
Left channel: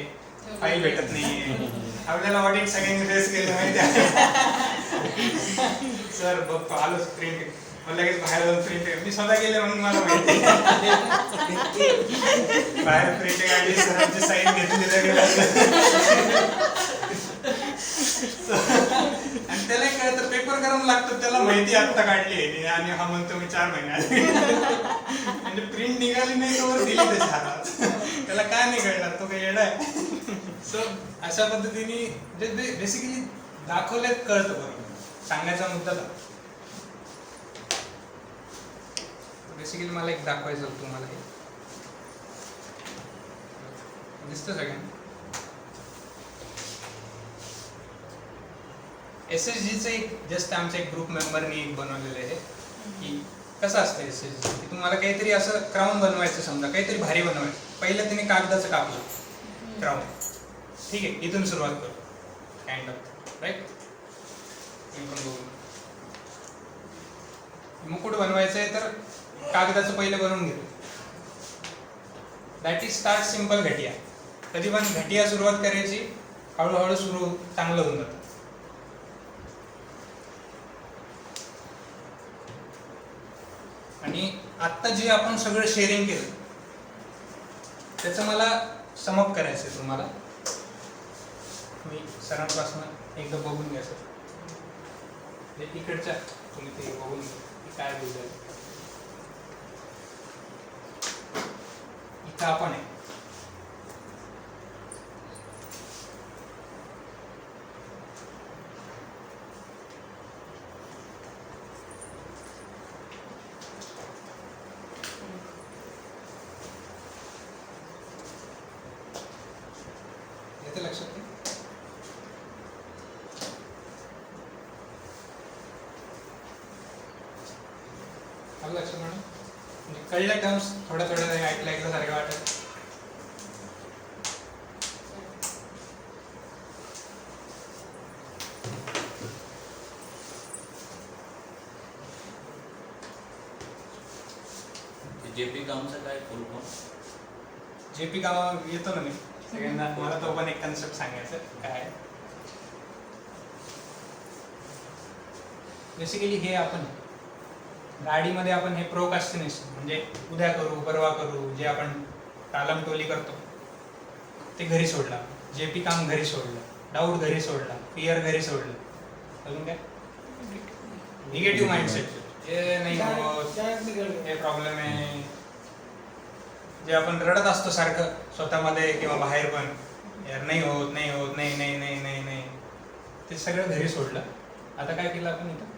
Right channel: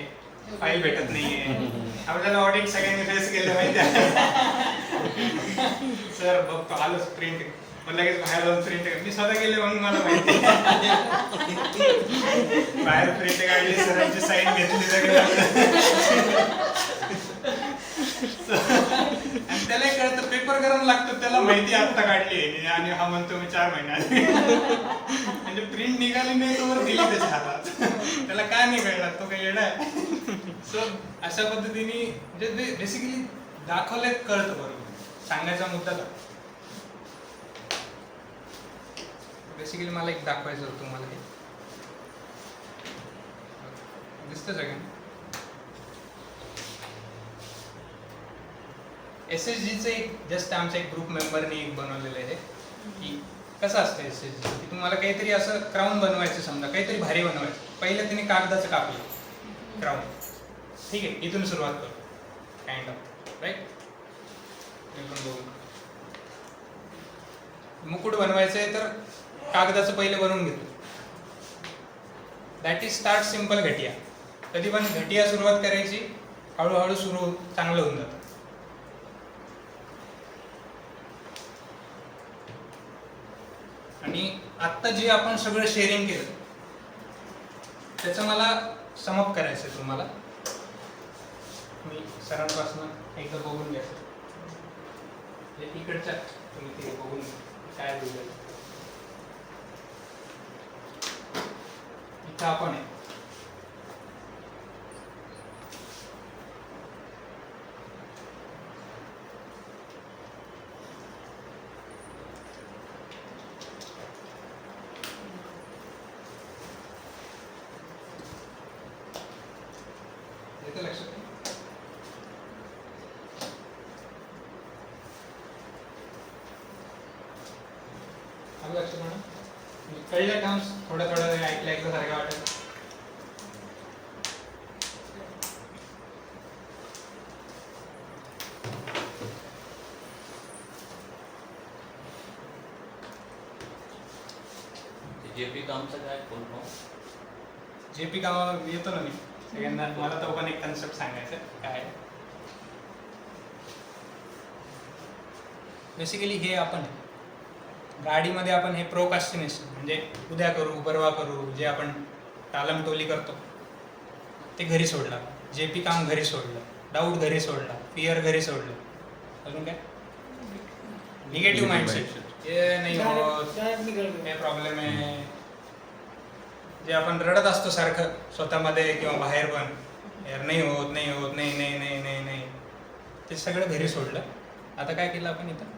फाईल भेटत नाहीये, आपल्याला ऑडिट सगळ्यांनी फेस केले माहिती आहे. सर बघतो आलोच प्रिंट, मग लगेच बाहेर जाऊन प्रिंट, मी स्वतः गेले मग मला माहिती. बाहेर प्रिंट काढली, सरांची साईन घेतली लगेच. आणि त्यालाही कळतं पेपर गरम लागतो, त्याला माहिती आत्ता काढली आणि हा म्हणतो मी 4 महिन्यात. म्हणजे प्रिंट निघाली नाही तोवर दिली त्याच्या हातात, त्याला काय नाही कळणार, तो काही येडा आहे. सो अशा पद्धतीने बेसिकली दाखवले कळतं बरोबर, सांगायचा मुद्दा का. बेसिकली मला एक दाखवायचं होतं तुम्हाला, हे दिसतं सगळ्यांना. SSGचं एक जस्ट आमच्या एक ग्रुप मेंबरनी एक बनवलेलं आहे की कसं असतं SSG की तुम्हाला काहीतरी असं क्राऊन बनवायचं, समजा काहीतरी भारी बनवायचं. पहिलं तिने कागदाचं कापलं क्राऊन, ठीक आहे, इथून सुरुवात करू काइंड ऑफ राईट. मी पण बघू, मुकुट बनवायचं आहे तर कागदाचं पहिलं बनवून घेतो. That is start simple. घटिया कधी पण घटिया सुरुवात करायची, हळूहळू सुरू चांगलं होऊन जातं. आणि आत्ता जे आपण सगळं शेअरिंग केलं त्याचं मला समअप करायचं आहे तुम्हाला. मी सरांपासून एकदा बघून घ्या सर, हे इकडच्या तुम्ही ते बघून काय बोलले. इथं आपण आहे येते लक्षात. आलं लक्षात म्हणून कळल्या टर्म्स थोड्या ऐकलं सारखं वाटत. JP कामचं काय फुल फॉर्म? JP कामा येतो ना मी सगळ्यांना, मला तो पण एक कन्सेप्ट सांगायचा काय. बेसिकली हे आपण गाडीमध्ये आपण हे प्रोकास्टिनेशन म्हणजे उद्या करू परवा करू जे आपण टालमटोली करतो ते घरी सोडला. JP काम घरी सोडलं, डाऊट घरी सोडला, फिअर घरी सोडलं. अजून काय निगेटिव्ह माइंडसेट, हे नाही होत, हे प्रॉब्लेम आहे, जे आपण रडत असतो सारखं स्वतःमध्ये किंवा बाहेर पण, यार नाही होत नाही होत नाही नाही नाही नाही नाही, ते सगळं घरी सोडलं. आता काय केलं आपण इथं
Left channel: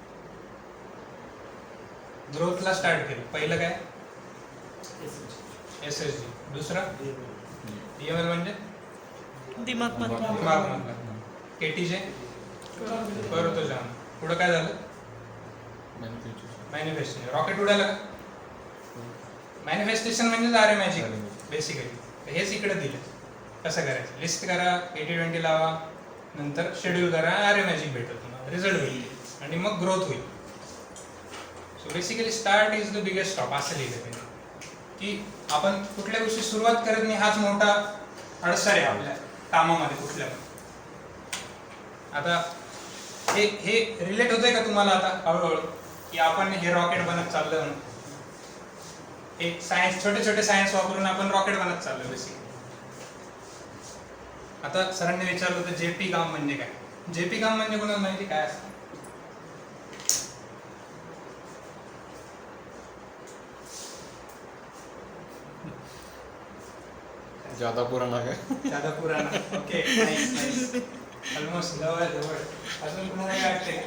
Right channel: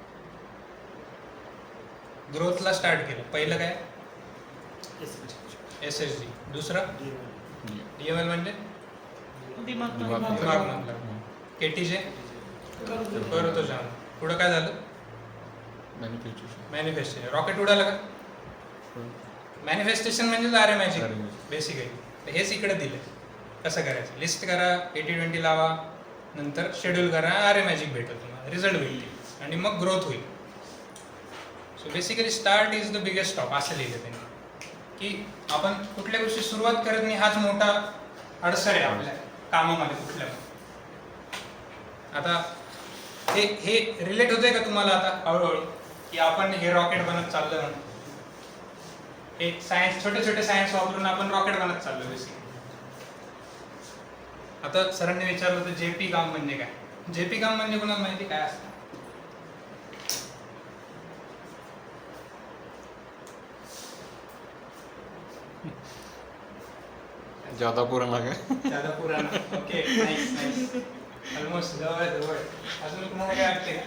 ग्रोथला स्टार्ट केलं. पहिलं काय SSG, दुसरं DML म्हणजे दिमाग मधला, ATJ करतो जाऊन. पुढं काय झालं मॅनिफेस्टेशन. रॉकेट उडालं का? मॅनिफेस्टेशन म्हणजे आर मॅजिक बेसिकली. हेच इकडे दिलं कसं करायचं. लिस्ट करा, 80-20 लावा, नंतर शेड्यूल करा, आर मॅजिक भेटेल तुम्हाला, रिझल्ट होईल आणि मग ग्रोथ होईल. So basically start is the biggest stop असं लिहिलं त्यांनी की आपण कुठल्या गोष्टी सुरुवात करत नाही हाच मोठा अडसर आहे आपल्या कामामध्ये कुठल्या. आता हे रिलेट होतंय का तुम्हाला आता हळूहळू की आपण हे रॉकेट बनत चाललं म्हणून. एक सायन्स, छोटे छोटे सायन्स वापरून आपण रॉकेट बनत चाललो बेसिकली. आता सरांनी विचारलं होतं JP काम म्हणजे काय. JP काम म्हणजे कोणाला माहिती काय असतं? ज्यादा पुराणा काय? ज्यादा पुराणा. Okay, nice nice. ऑलमोस्ट जवळ जवळ. अजून तुम्हाला काय वाटते का?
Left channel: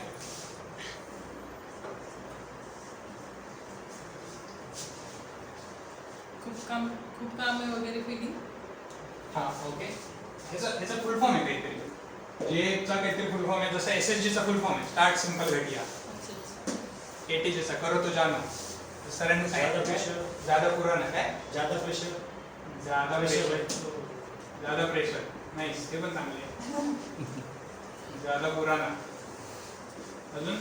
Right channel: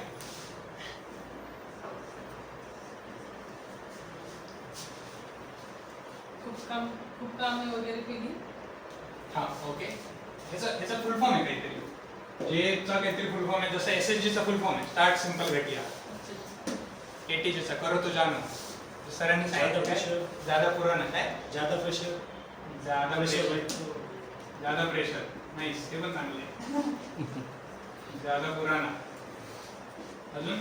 खूप कामे वगैरे केली. हा ओके. ह्याचा फुल फॉर्म आहे काहीतरी, जेचा काहीतरी फुल फॉर्म आहे, जसं SSG चा फुल फॉर्म आहे स्टार्ट सिंपल घटिया. ATG चा करो तो जानो, सरांनी सांगितलं काय? ज्यादा पुराणा काय? ज्यादा प्रेशर ज्यादा प्रेशर नाईस, ते पण चांगले आहे. ज्यादा पुराणा. अजून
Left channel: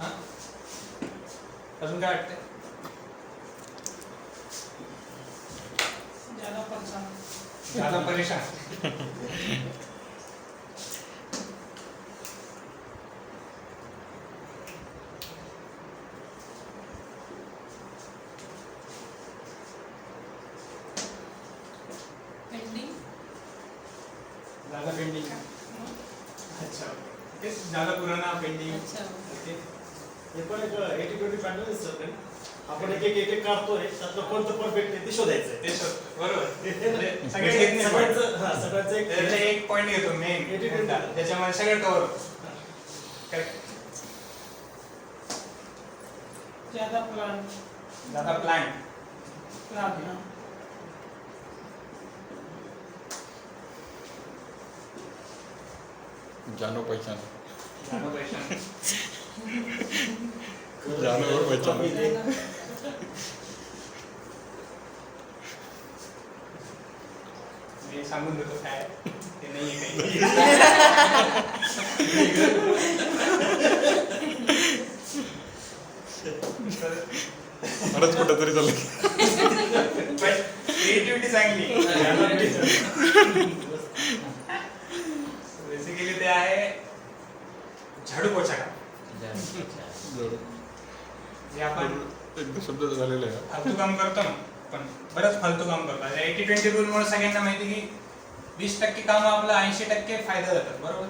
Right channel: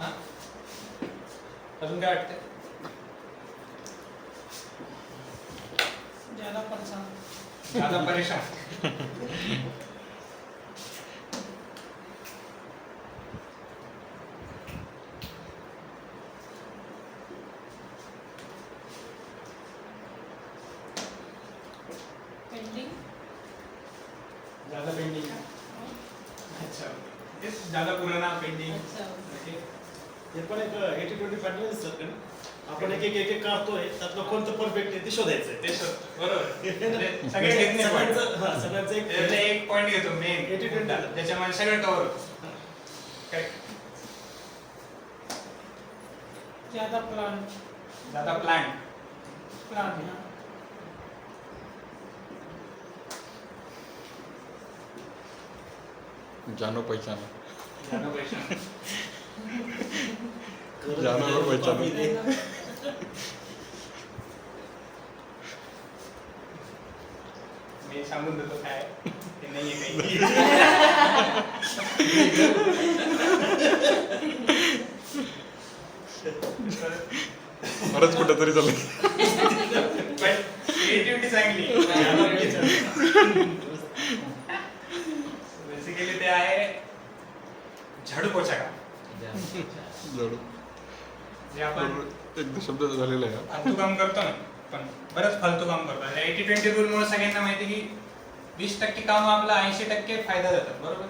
हा अजून काय वाटतंय? ज्यादा परेशान. पेंडिंग. ज्यादा पेंडिंग. अच्छा तेच ज्यादा पुराणा पेंडिंग. अच्छा. ओके. हे पण एक 80-20 पॅटर्न असतात का? आपण एक काढतोय, त्यातलं कोणतं परफेक्ट आहे ते शोधायचं आहे. ते शोध बरोबर. म्हणजे सगळे घेत नाही point. सगळ्यांचं त्यातलं एक पॉईंट घेतो मेन, 80-20. त्याच्यामध्ये सगळं कव्हर होतं. करेक्ट. ज्यादा प्लान ज्यादा प्लॅन. प्लान हाँ. जानो पहचानो. ज्यादा परेशान. जानो और पहचानो. मी सांगून देतो काय ते नाहीये काही. बरंच कुठं तरी चाललं. पण क्रिएटिव्हिटी चांगली. बेसिकली ते आहे झाडू पोछा काम. जे आपण एक शब्द झालेला आहे. फालतू काम करतो ना, पण बरंच फालतू काम करतो. 80-20 रूल मुळे सगळ्यांना माहिती की 20% काम आपलं 80% फायदा देतात. बरोबर.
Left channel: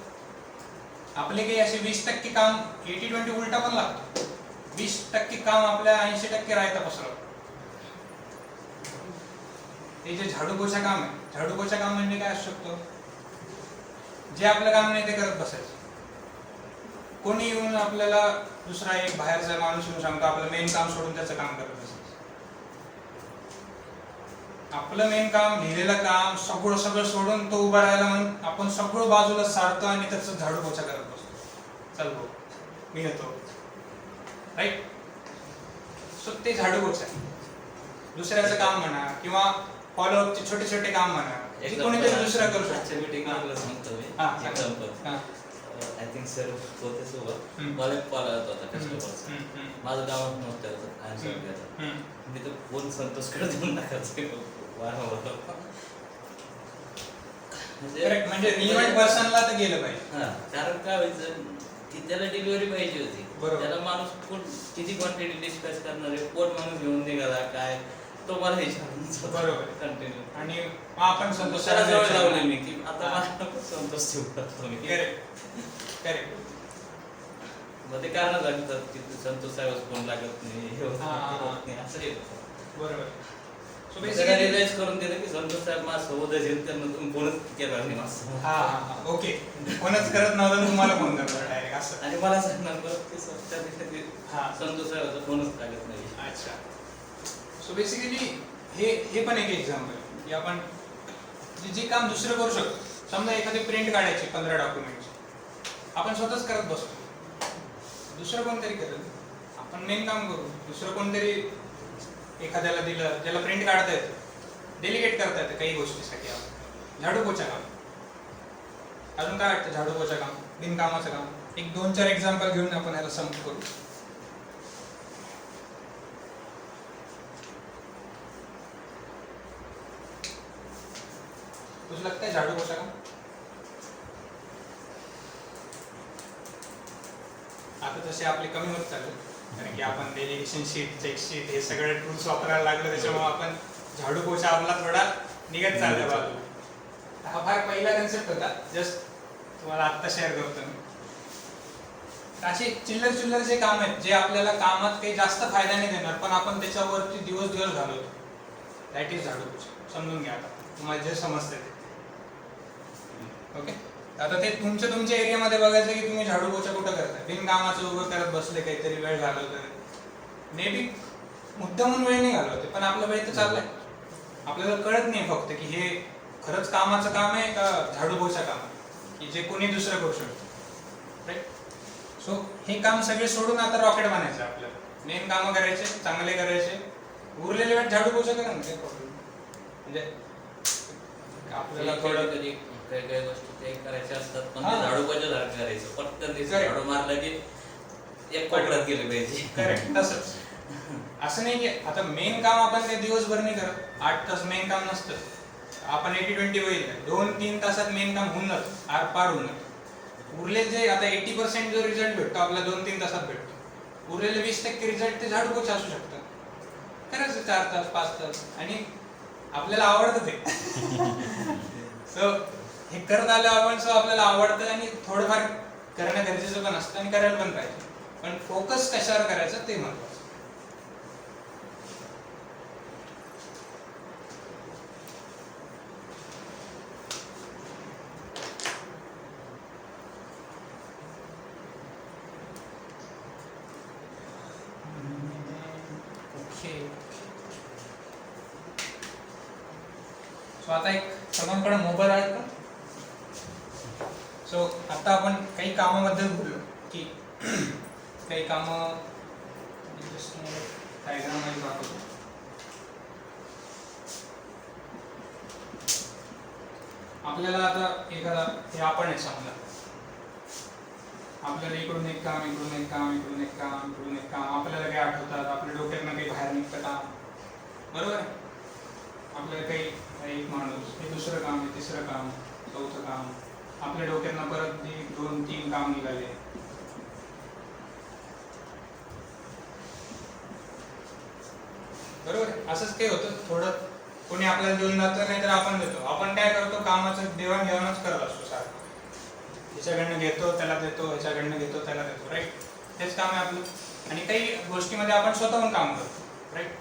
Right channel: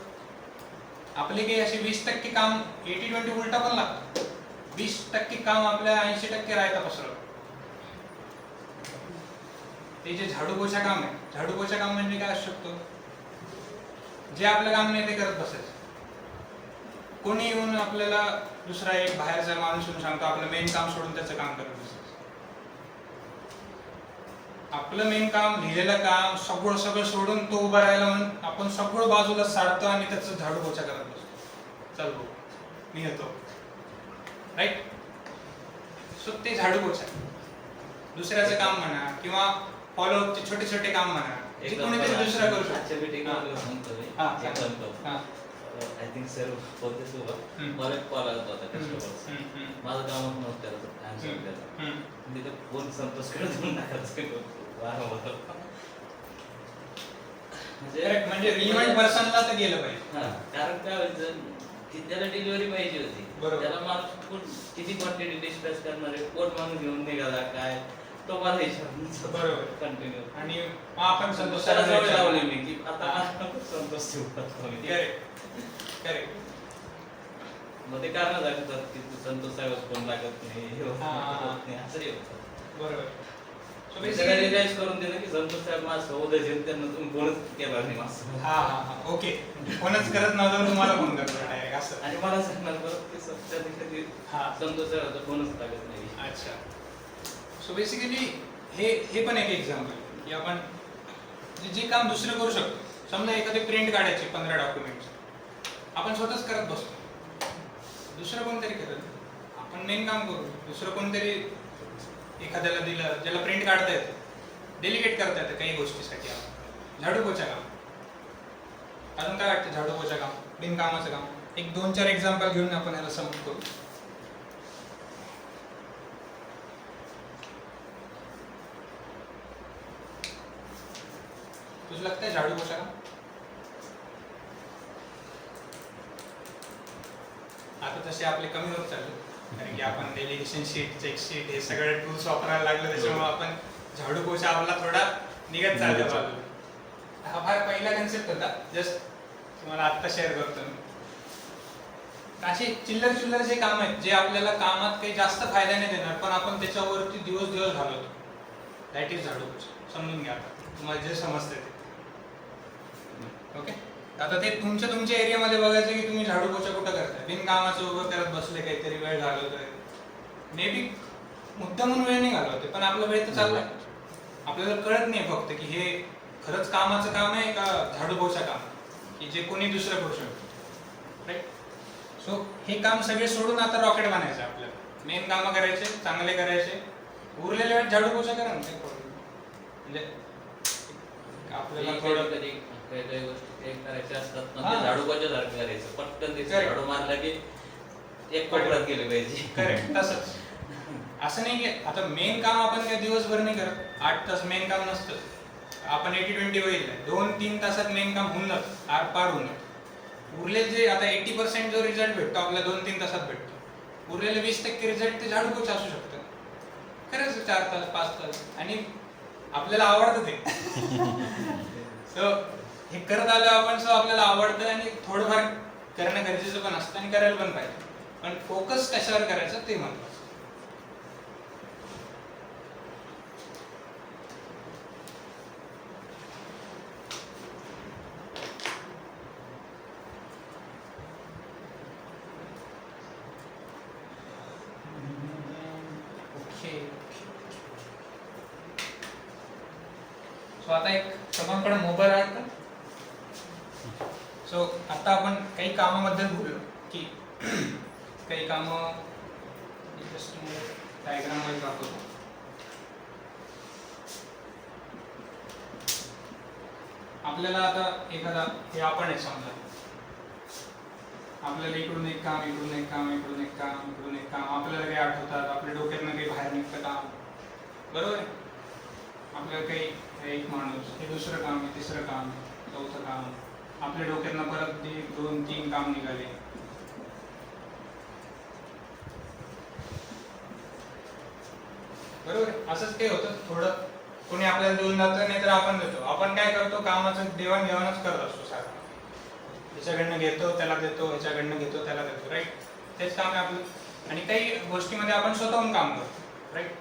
आपले काही असे 20% काम 80-20 उलटा पण लागतं. 20% काम आपल्या 80% राहतं पसरत. ते जे झाडू पोछा काम आहे, झाडू पोछा काम म्हणजे काय असू शकतो? जे आपलं काम नाही ते करत बसायचं. कोणी येऊन आपल्याला दुसरा एक बाहेरचा माणूस येऊन सांगतो आपलं मेन काम सोडून त्याचं काम करत बसायचं. आपलं मेन काम, लिहिलेलं काम सगळं सोडून तो उभा राहायला म्हणून आपण सगळं बाजूला सारतो आणि त्याचं झाडू पोछा करत बसतो. चल भाऊ मी येतो. राईट. सो ते झाडू पोछा. दुसऱ्याचं काम म्हणा किंवा फॉलोअपचे छोटे छोटे काम म्हणा, जे कोणीतरी दुसरं करू शकतो. आय थिंक सर होते सोबत मला एक कॉल आला होता कस्टमरचा. माझं काम नव्हतं आन्सर द्यायचं. तिथं फोन संतोषकडे देऊन टाकायचं वारंवार. म्हणजे रिलेव्हंट पर्सनला तर गेलं पाहिजे. हा, कारण काय व्हायचं की त्याला डिलिव्हरी पाहिजे होती. बरोबर. त्याला माणूस किती क्वांटिटी डिस्पॅच करणार आहे, कोण माणूस घेऊन निघाला काय, तो मला विचारायचा. बरोबर. कंटिन्यू. आणि आपण संतोष त्याला सरांना जवळ लावले विचारलं. मी की आता मला नको संतोष ठेवू. करेक्ट. मग ते कारण सांगतात की संतोष साहेब फोन लागत नाही, हे होत नाही, असं येतं. बरोबर. सो त्याला रिअलाइज करून दिलं की संतोष साहेब माझा सोबत असेल त्यांना तुम्ही फोनच केला नाही माझं. हा ओके. फोनच करत नव्हता तुम्हाला फोन करतो डायरेक्ट असं. आणि मला सांगणार परत ते कधी संतोष साहेबाचा फोनच लागत नाही. अच्छा. सो बेसिकली हे पण एक एक्झाम्पल की आपण जे काम दुसरं करू शकतो. समजा एखादी प्रिंट काढायची 15 डॉक्युमेंटची, आपण स्वतःच करत बसतो. दुसरं कोणतरी करत, आपण मेन काम करू. दुसरं कोणतरी एखाद्याला दिलं ज्याला प्रिंट काढता येतं, डेलिगेट करता येतं काही गोष्टीसाठी. आपण झाडू पोछा काम. अजून काय वाटतं झाडू पोछा काम, बिनकामाचं काम? एक 2-4 एक्झाम्पल घेऊन आपण याला समजून करू. तुझं लगता है झाडू पोछा काम? आता तसे आपले कमी होत चालले, कारण की आपण डेलिगेशन शीट, चेक शीट हे सगळे टूल्स वापरायला लागले. त्याच्यामुळे आपण झाडू पोछा आपला थोडा निघत चालला बाजूला. हा फार पहिला कन्सेप्ट होता, जस्ट तुम्हाला आत्ता शेअर करतो मी. असे चिल्लर जे काम आहेत जे आपल्याला कामात काही जास्त फायदा नाही देणार, पण आपण त्याच्यावरती दिवस घालवतो, दॅट इज झाडू पोछा. समजून घ्या आता, तुम्हाला जे समजतं ते. ओके. आता ते तुमच्या एरियामध्ये बघायचं की तुम्ही झाडू पोछा कुठं करताय, बिनकामाचं उभं करत बसले, काहीतरी वेळ घालवतोय. मे बी मुद्दामून वेळ नाही घालवते, पण आपला वेळ तर चाललाय. आपल्याला कळत नाही फक्त की हे खरंच कामाचं काम आहे का झाडू पोछा काम, की जे कोणी दुसरं करू शकतो. राईट. सो हे काम सगळे सोडून आता रॉकेट बनायचं आपल्याला. मेन कामं करायचे, चांगले करायचे, उरलेल्या वेळेत झाडू पोछा करा ना, काही प्रॉब्लेम. म्हणजे आपल्याला थोडं कधी काही काही गोष्टी ते करायच्या असतात, पण हा. ते झाडू सारखं करायचं. पटकन ते Correct. झाडू मारलं की एक कोपऱ्यात गेले पाहिजे. करेक्ट. तसंच असं नाही की आता मेन काम आपण काही दिवसभर नाही करत, 8 तास मेन काम नसतं. आपण 80-20 बघितलंय, 2-3 तासात मेन काम होऊन जातं, पार होऊन जातं. उरले जे आता 80% जो रिझल्ट भेटतो आपला 2-3 तासात भेटतो, उरलेले 20% रिझल्ट ते झाडू पोछा असू शकतं. करायचं 4 तास 5 तास, आणि आपल्याला आवडतं ते. सो हे करत आलो आपण, सो आपल्याला आवडतं आणि थोडंफार करणं गरजेचं पण असतं आणि करायला पण पाहिजे. पण फोकस कशावर करायचं ते महत्वाचं. सो आता एक सर्वांकडे मोबाईल आहे का? सो आता आपण काही कामाबद्दल बोललो की काही कामं जस्ट डायग्राम मध्ये दाखवतो. आपल्याला आता एखादा हे आपण आहे समजा, आपल्याला इकडून एक काम, इकडून एक काम, इकडून एक काम, इकडून एक काम, आपल्याला काही आठवतात, आपल्या डोक्यातनं काही बाहेर निघतं काम, बरोबर आहे. आपल्याला काही एक माणूस, हे दुसरं काम आहे, तिसरं काम, चौथं काम, आपल्या डोक्यातनं परत 2-3 काम निघाले. बरोबर आहे. असंच ते होतं. थोडं कोणी आपल्याला देऊन जातं, नाही तर आपण देतो. आपण काय करतो, कामाचं देवाणघेवाणच करत असतो सारखं. ह्याच्याकडनं घेतो त्याला देतो, ह्याच्याकडनं घेतो त्याला देतो. राईट. तेच काम आहे आपलं. आणि काही गोष्टीमध्ये आपण स्वतःहून काम करतो. राईट.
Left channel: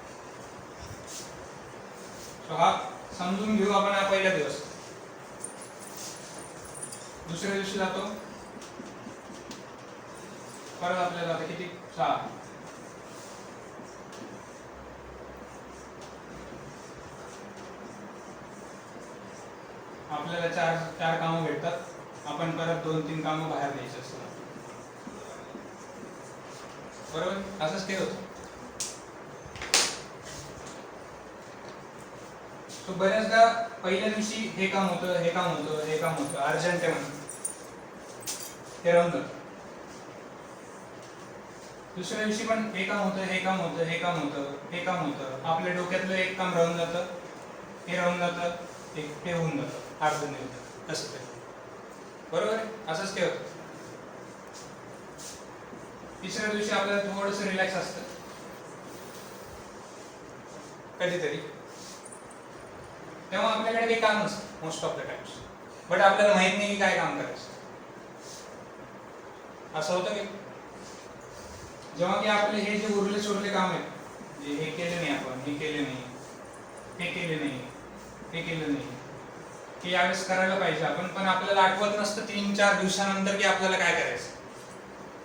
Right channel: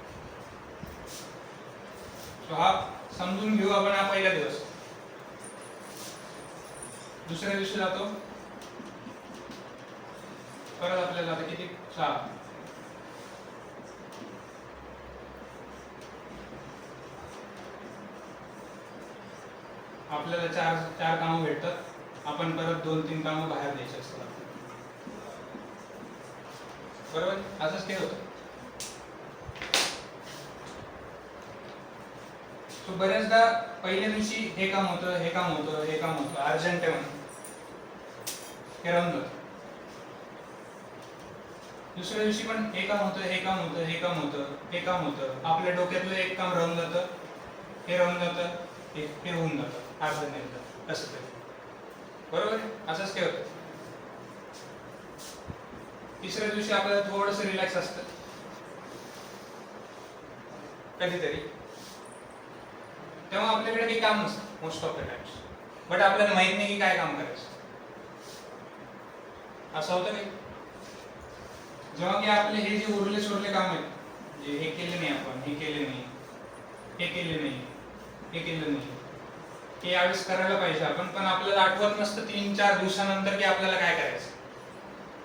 सो हा समजून घेऊ आपण. हा पहिला दिवस. दुसऱ्या दिवशी जातो, परत आपल्याला आता किती 6. आपल्याला 4 कामं भेटतात. आपण परत 2-3 कामं बाहेर द्यायची असतात. बरोबर. असंच काही होतं. तो बऱ्याचदा पहिल्या दिवशी हे काम होतं, हे काम होतं, हे काम होतं, अर्जंट आहे म्हणून हे राहून जातं. दुसऱ्या दिवशी पण हे काम होतं, हे काम होतं, हे काम होतं, हे काम होतं. आपल्या डोक्यातलं एक काम राहून जातं, हे राहून जातं, हे होऊन जातं, अर्धं नाही जातं, कसं तरी. बरोबर आहे. असंच काही होतं. तिसऱ्या दिवशी आपल्याला थोडंसं रिलॅक्स असतं कधीतरी, तेव्हा आपल्याकडे काही काम नसतं most of the times. But आपल्याला माहित नाही की काय काम करायचं. असं होतं की जेव्हा की आपले हे जे उरले सुरले काम आहेत, जे हे केले नाही आपण, हे केले नाही, हे केले नाही, हे केलं नाही, हे यावेळेस करायला पाहिजे आपण, पण आपल्याला आठवत नसतं 3-4 दिवसानंतर की आपल्याला काय करायचं.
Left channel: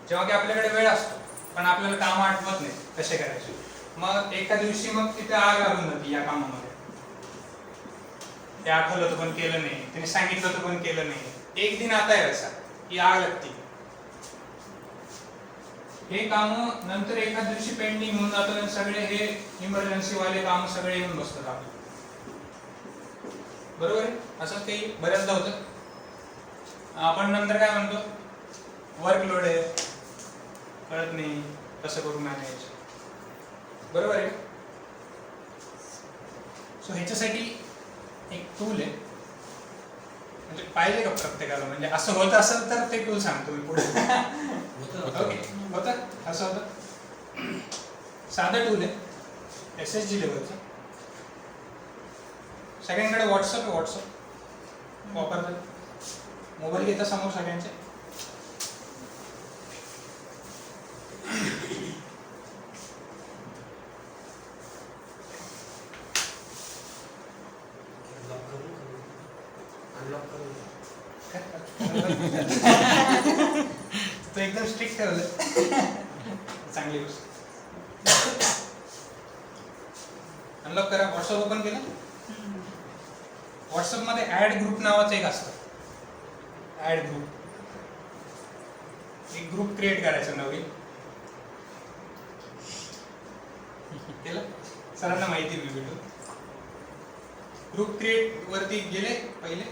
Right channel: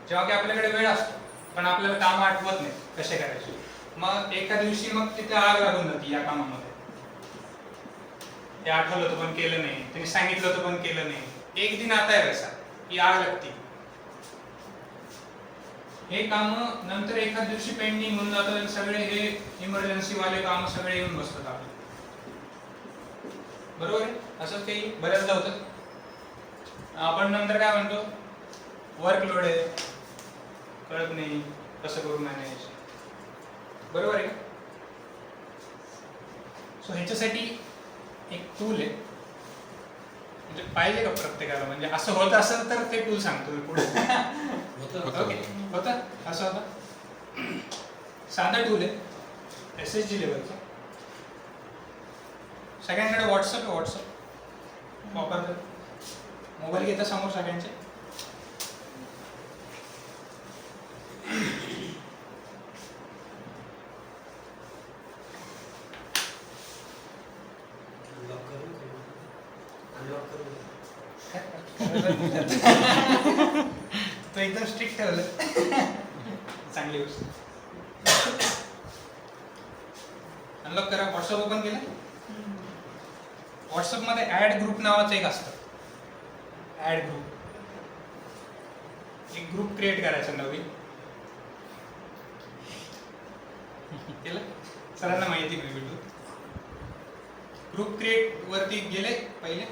जेव्हा की आपल्याकडे वेळ असतो पण आपल्याला काम आठवत नाही कसे करायचे. मग एका दिवशी मग तिथे आग लागून जाते या कामामध्ये. हे आठवलं होतं पण केलं नाही, त्यांनी सांगितलं होतं पण केलं नाही. एक दिन आता आहे वैसा की आग लागते. हे काम नंतर एखाद दिवशी पेंडिंग होऊन जातं. सगळे हे इमर्जन्सी वाले काम सगळे येऊन बसतात आपले. बरोबर आहे. असंच काही बऱ्याचदा होतं. आपण नंतर काय म्हणतो, वर्कलोड आहे, कळत नाही कसं करू मॅनेज. बरोबर आहे का. सो ह्याच्यासाठी एक टूल आहे, म्हणजे पाहिजे का प्रत्येकाला, म्हणजे असं होत असेल तर ते टूल सांगतो मी पुढे. ओके. होतं असं होतं. साधं टूल आहे SSG लेवलचं. सगळ्यांकडे व्हॉट्सअप आहे. व्हॉट्सअप वापरतात. मोबाईल घेता समोर सगळ्यांचे. एकदम स्ट्रिक्ट ठेवलं. चांगली गोष्ट. अनलॉक करा. व्हॉट्सअप ओपन केलं. व्हॉट्सअपमध्ये ॲड ग्रुप नावाचं एक असतं. Add group. एक ग्रुप क्रिएट करायचा नवीन. केलं? सरांना माहिती मी भेटू. ग्रुप क्रिएट वरती गेले पहिले.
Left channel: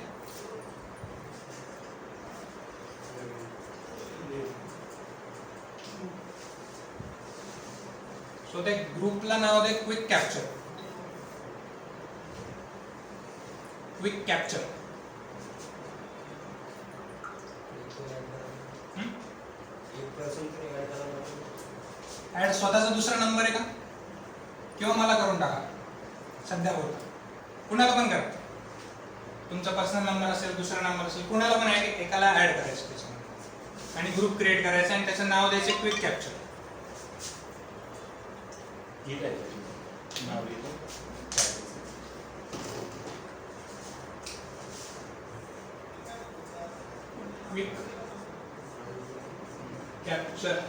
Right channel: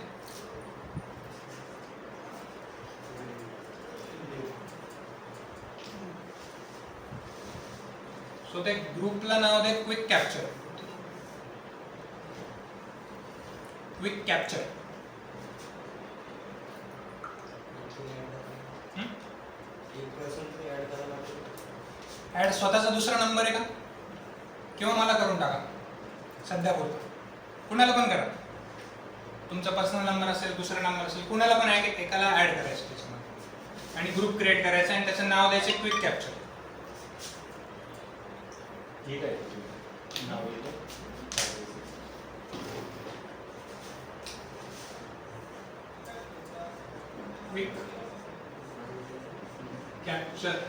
सो त्या ग्रुपला नाव दे quick capture. Quick capture. Add स्वतःचा दुसरा नंबर आहे का किंवा मला करून टाका सध्या बोलतो. कुणाला पण करा. तुमचा पर्सनल नंबर असेल, दुसरा नंबर असेल, कुणाला पण एकाला ऍड करायचं त्याच्यामध्ये आणि ग्रुप क्रिएट करायचा आणि त्याचं नाव द्यायचं क्विक कॅप्चर. ठीक आहे. नाव येतं. Quick capture.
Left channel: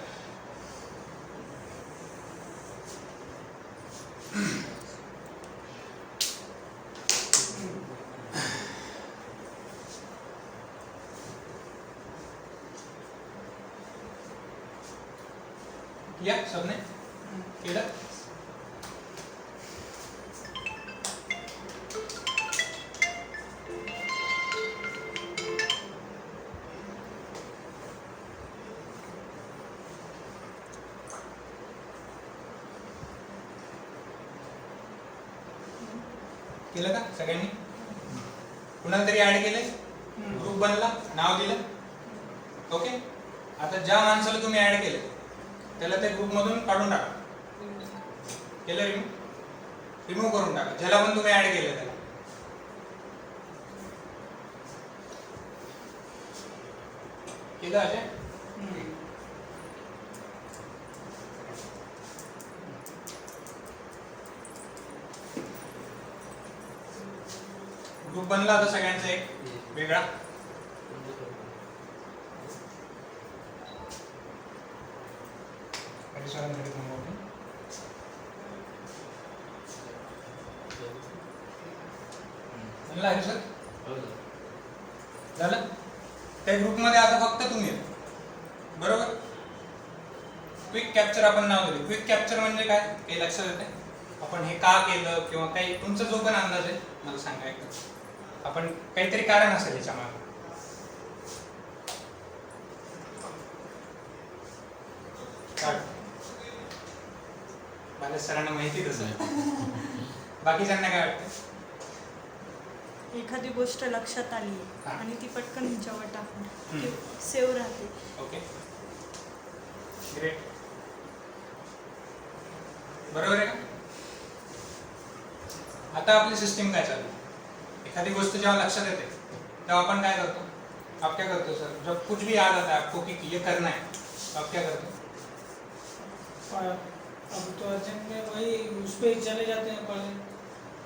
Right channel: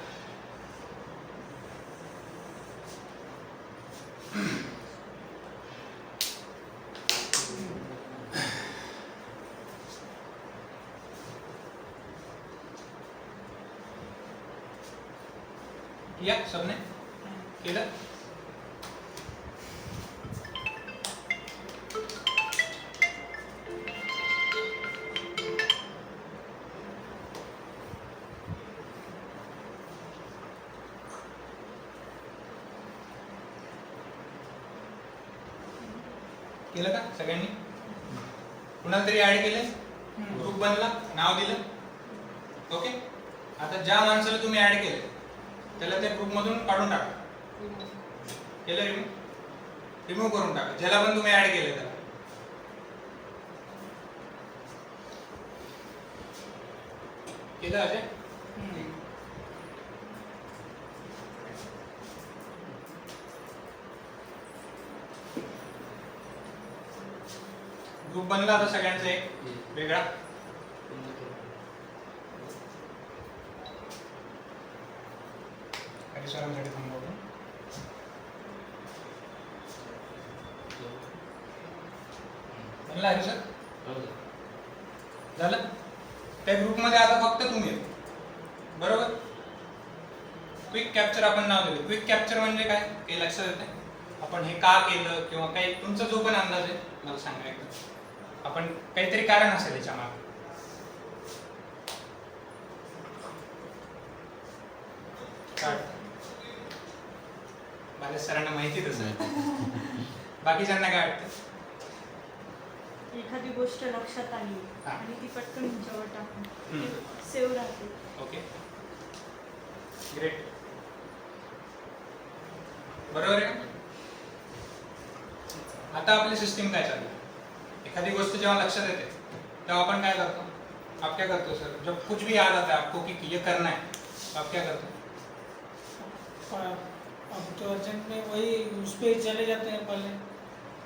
किया सबने? केलं? केलं का सगळ्यांनी? कुणाला तरी ऍड केलंय, ग्रुप बनला, नाव दिलं. ओके. आता ज्या माणसाला तुम्ही ऍड केलंय त्याला त्या ग्रुप मधून काढून टाका. केलं? रिमूव्ह करून टाका. ज्याला पण तुम्ही ऍड केलंय त्याला. केलं अजय? ग्रुप बनला आता सगळ्यांचा एक वेगळा. बनला हरी सर? झालं? त्या ग्रुपमध्ये आता फक्त तुम्ही बरोबर. क्विक कॅप्चर आपण नाव दिलं. क्विक कॅप्चर म्हणजे काय काही लक्षात येते? आपण हे का केलं किंवा काही तुमचा जो पण अंदाज आहे मला सांगा एकदा. आपण काहीतरी कारण असेल याच्या मागे. माझ्या सरांना माहिती तसं. बाकीच्यांना काय वाटतं? एखादी गोष्ट लक्षात आली आणि ती पटकन ह्याच्यावर टाकून सेव्ह राहते. Okay, great. बरोबर आहे का? आता आपली सिस्टीम काय चालू? एखादी गोष्ट जेव्हा लक्षात येते तेव्हा आपण काय करतो? आप क्या करते हो सर? जब कुछ भी याद आता है आपको कि ये करना है तो आप क्या करते हो? अब तो अर्जेंट में वही उस पे चले जाते हैं पहले.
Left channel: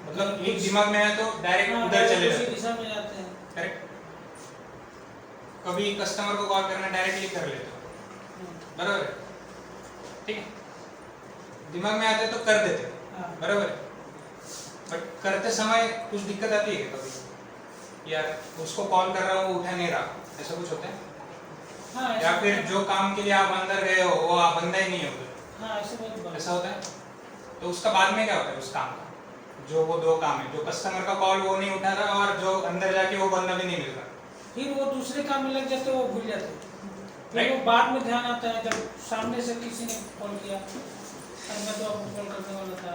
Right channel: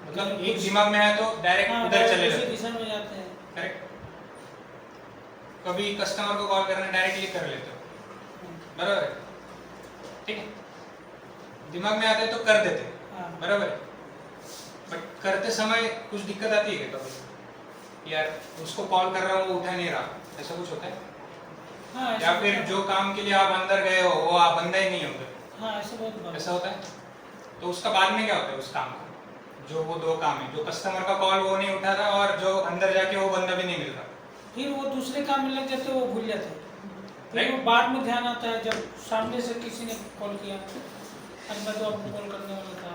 मतलब एक दिमाग में आया तो डायरेक्ट उधर चले जाते हैं. दिशा में जाते हैं. करेक्ट. कभी कस्टमर को कॉल करना डायरेक्टली कर लेते हो, बराबर है? ठीक है. दिमाग में आता है तो कर देते, बराबर है. बट करते समय कुछ दिक्कत आती है क्या कभी? यार उसको कॉल कर रहा हूँ वो उठा नहीं रहा, ऐसा कुछ होता है? हाँ, या फिर जो काम के लिए आप अंदर गए हो वो आप बंदा ही नहीं है उधर, हाँ, ऐसा होता है? तो उसका बाद में क्या होता है उस काम का? जो वो दो काम है, जो कस्टमर का कॉल वो नहीं उठा रहा और जो अंदर जाके वो बंदा भी नहीं मिल रहा, फिर वो दूसरे काम में लग जाते, वो भूल जाते हैं. फिर वो बाद में ध्यान आता है जब सामने से किसी ने कॉल किया, अंदर तो आपको कॉल करने वाला था,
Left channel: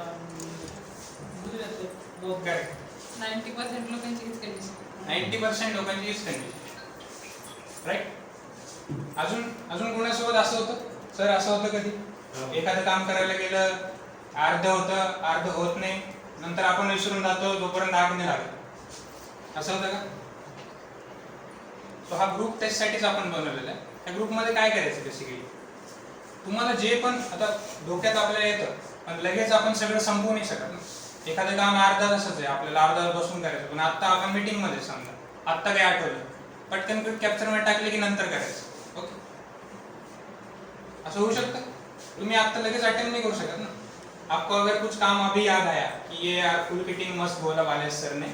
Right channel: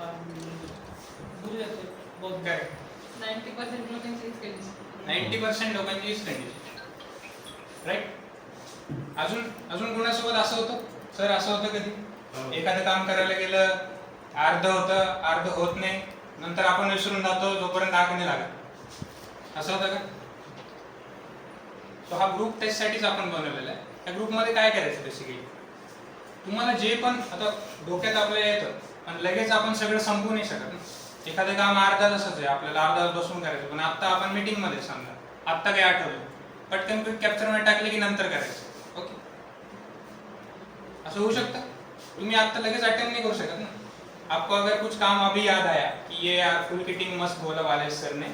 भूल जाते. बहुत करेक्ट. 90% लोकांची हीच कंडिशन. 90% लोकांची हीच कंडिशन, राईट. अजून कोणासोबत असं होतं सर? असं होतं कधी एखादं काम करायला गेलं, अर्ध होतं, अर्ध होत नाही, नंतर आपण विसरून जातो जोपर्यंत आग नाही लागत, असं होतं का? तो हा ग्रुप त्याच्यासाठीच आपण बनवलेला आहे. त्या ग्रुपमध्ये काय करायचं बेसिकली, तुम्हाला जे पण आता डोक्यात आपल्याला येतं, पण लगेच आपण सगळं संपवू नाही शकत ना. एखादं काम अर्धा तासच आहे, आपल्याला अर्धा तास बसून करायचं, पण आत्ता आपण मीटिंग मध्ये समजा आत्ता काय आठवलं, पटकन क्विक कॅप्चर मध्ये टाकले की नंतर करायचं. ओके. असं होऊ शकतं? तुम्ही आता लगेच अटेम्प्ट नहीं करू शकत ना. आपको अगर कुछ काम अभी याद आया कि ये यार फुल किटिंग मस्त बोला वालेस सर ने,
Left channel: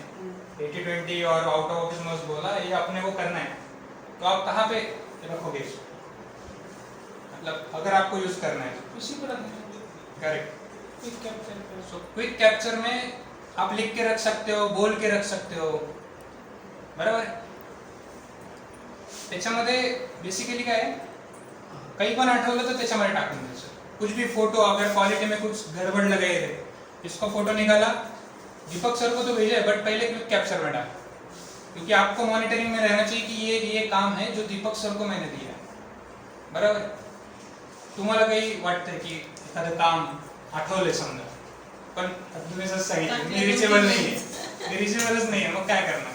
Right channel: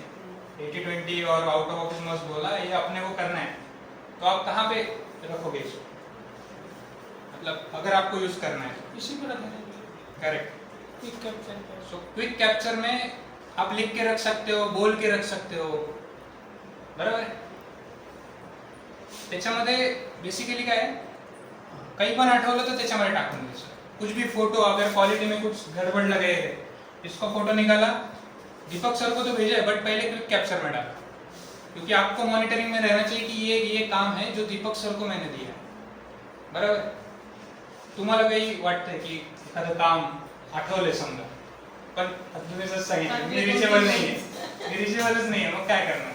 80-20 और आउट ऑफ ऑफिस मस्त बोला, ये अपने को करना है, तो आप कहाँ पे रखोगे इसको? मतलब अगर आपको यूज करना है तो इसी पर correct. Quick capture so quick capture में आप लिख के रख सकते हो, बोल के रख सकते हो, बरोबर आहे. त्याच्यामध्ये बेसिकली काय आहे, काही पण आठवलं तर त्याच्यामध्ये टाकून द्यायचं. कुछ भी फोटो, अगर क्वालिटी में कुछ गड़बड़ लगे है, इसका फोटो निकाला, दीपक सर को तो भेजा है, बट पहले क्विक कैप्चर में डाला, क्योंकि आपको मॉनिटरिंग में रहना चाहिए कि ये काम है जो दीपक सर को मैंने दिया है, बरोबर. तुम्हाला काही वाटतंय की एखादं काम आठवलंय समजा, पण तुम्ही जसं सांगितलं मी रिचेबल नाहीये, मी रिचेबलच नाहीये, मग काय करणार?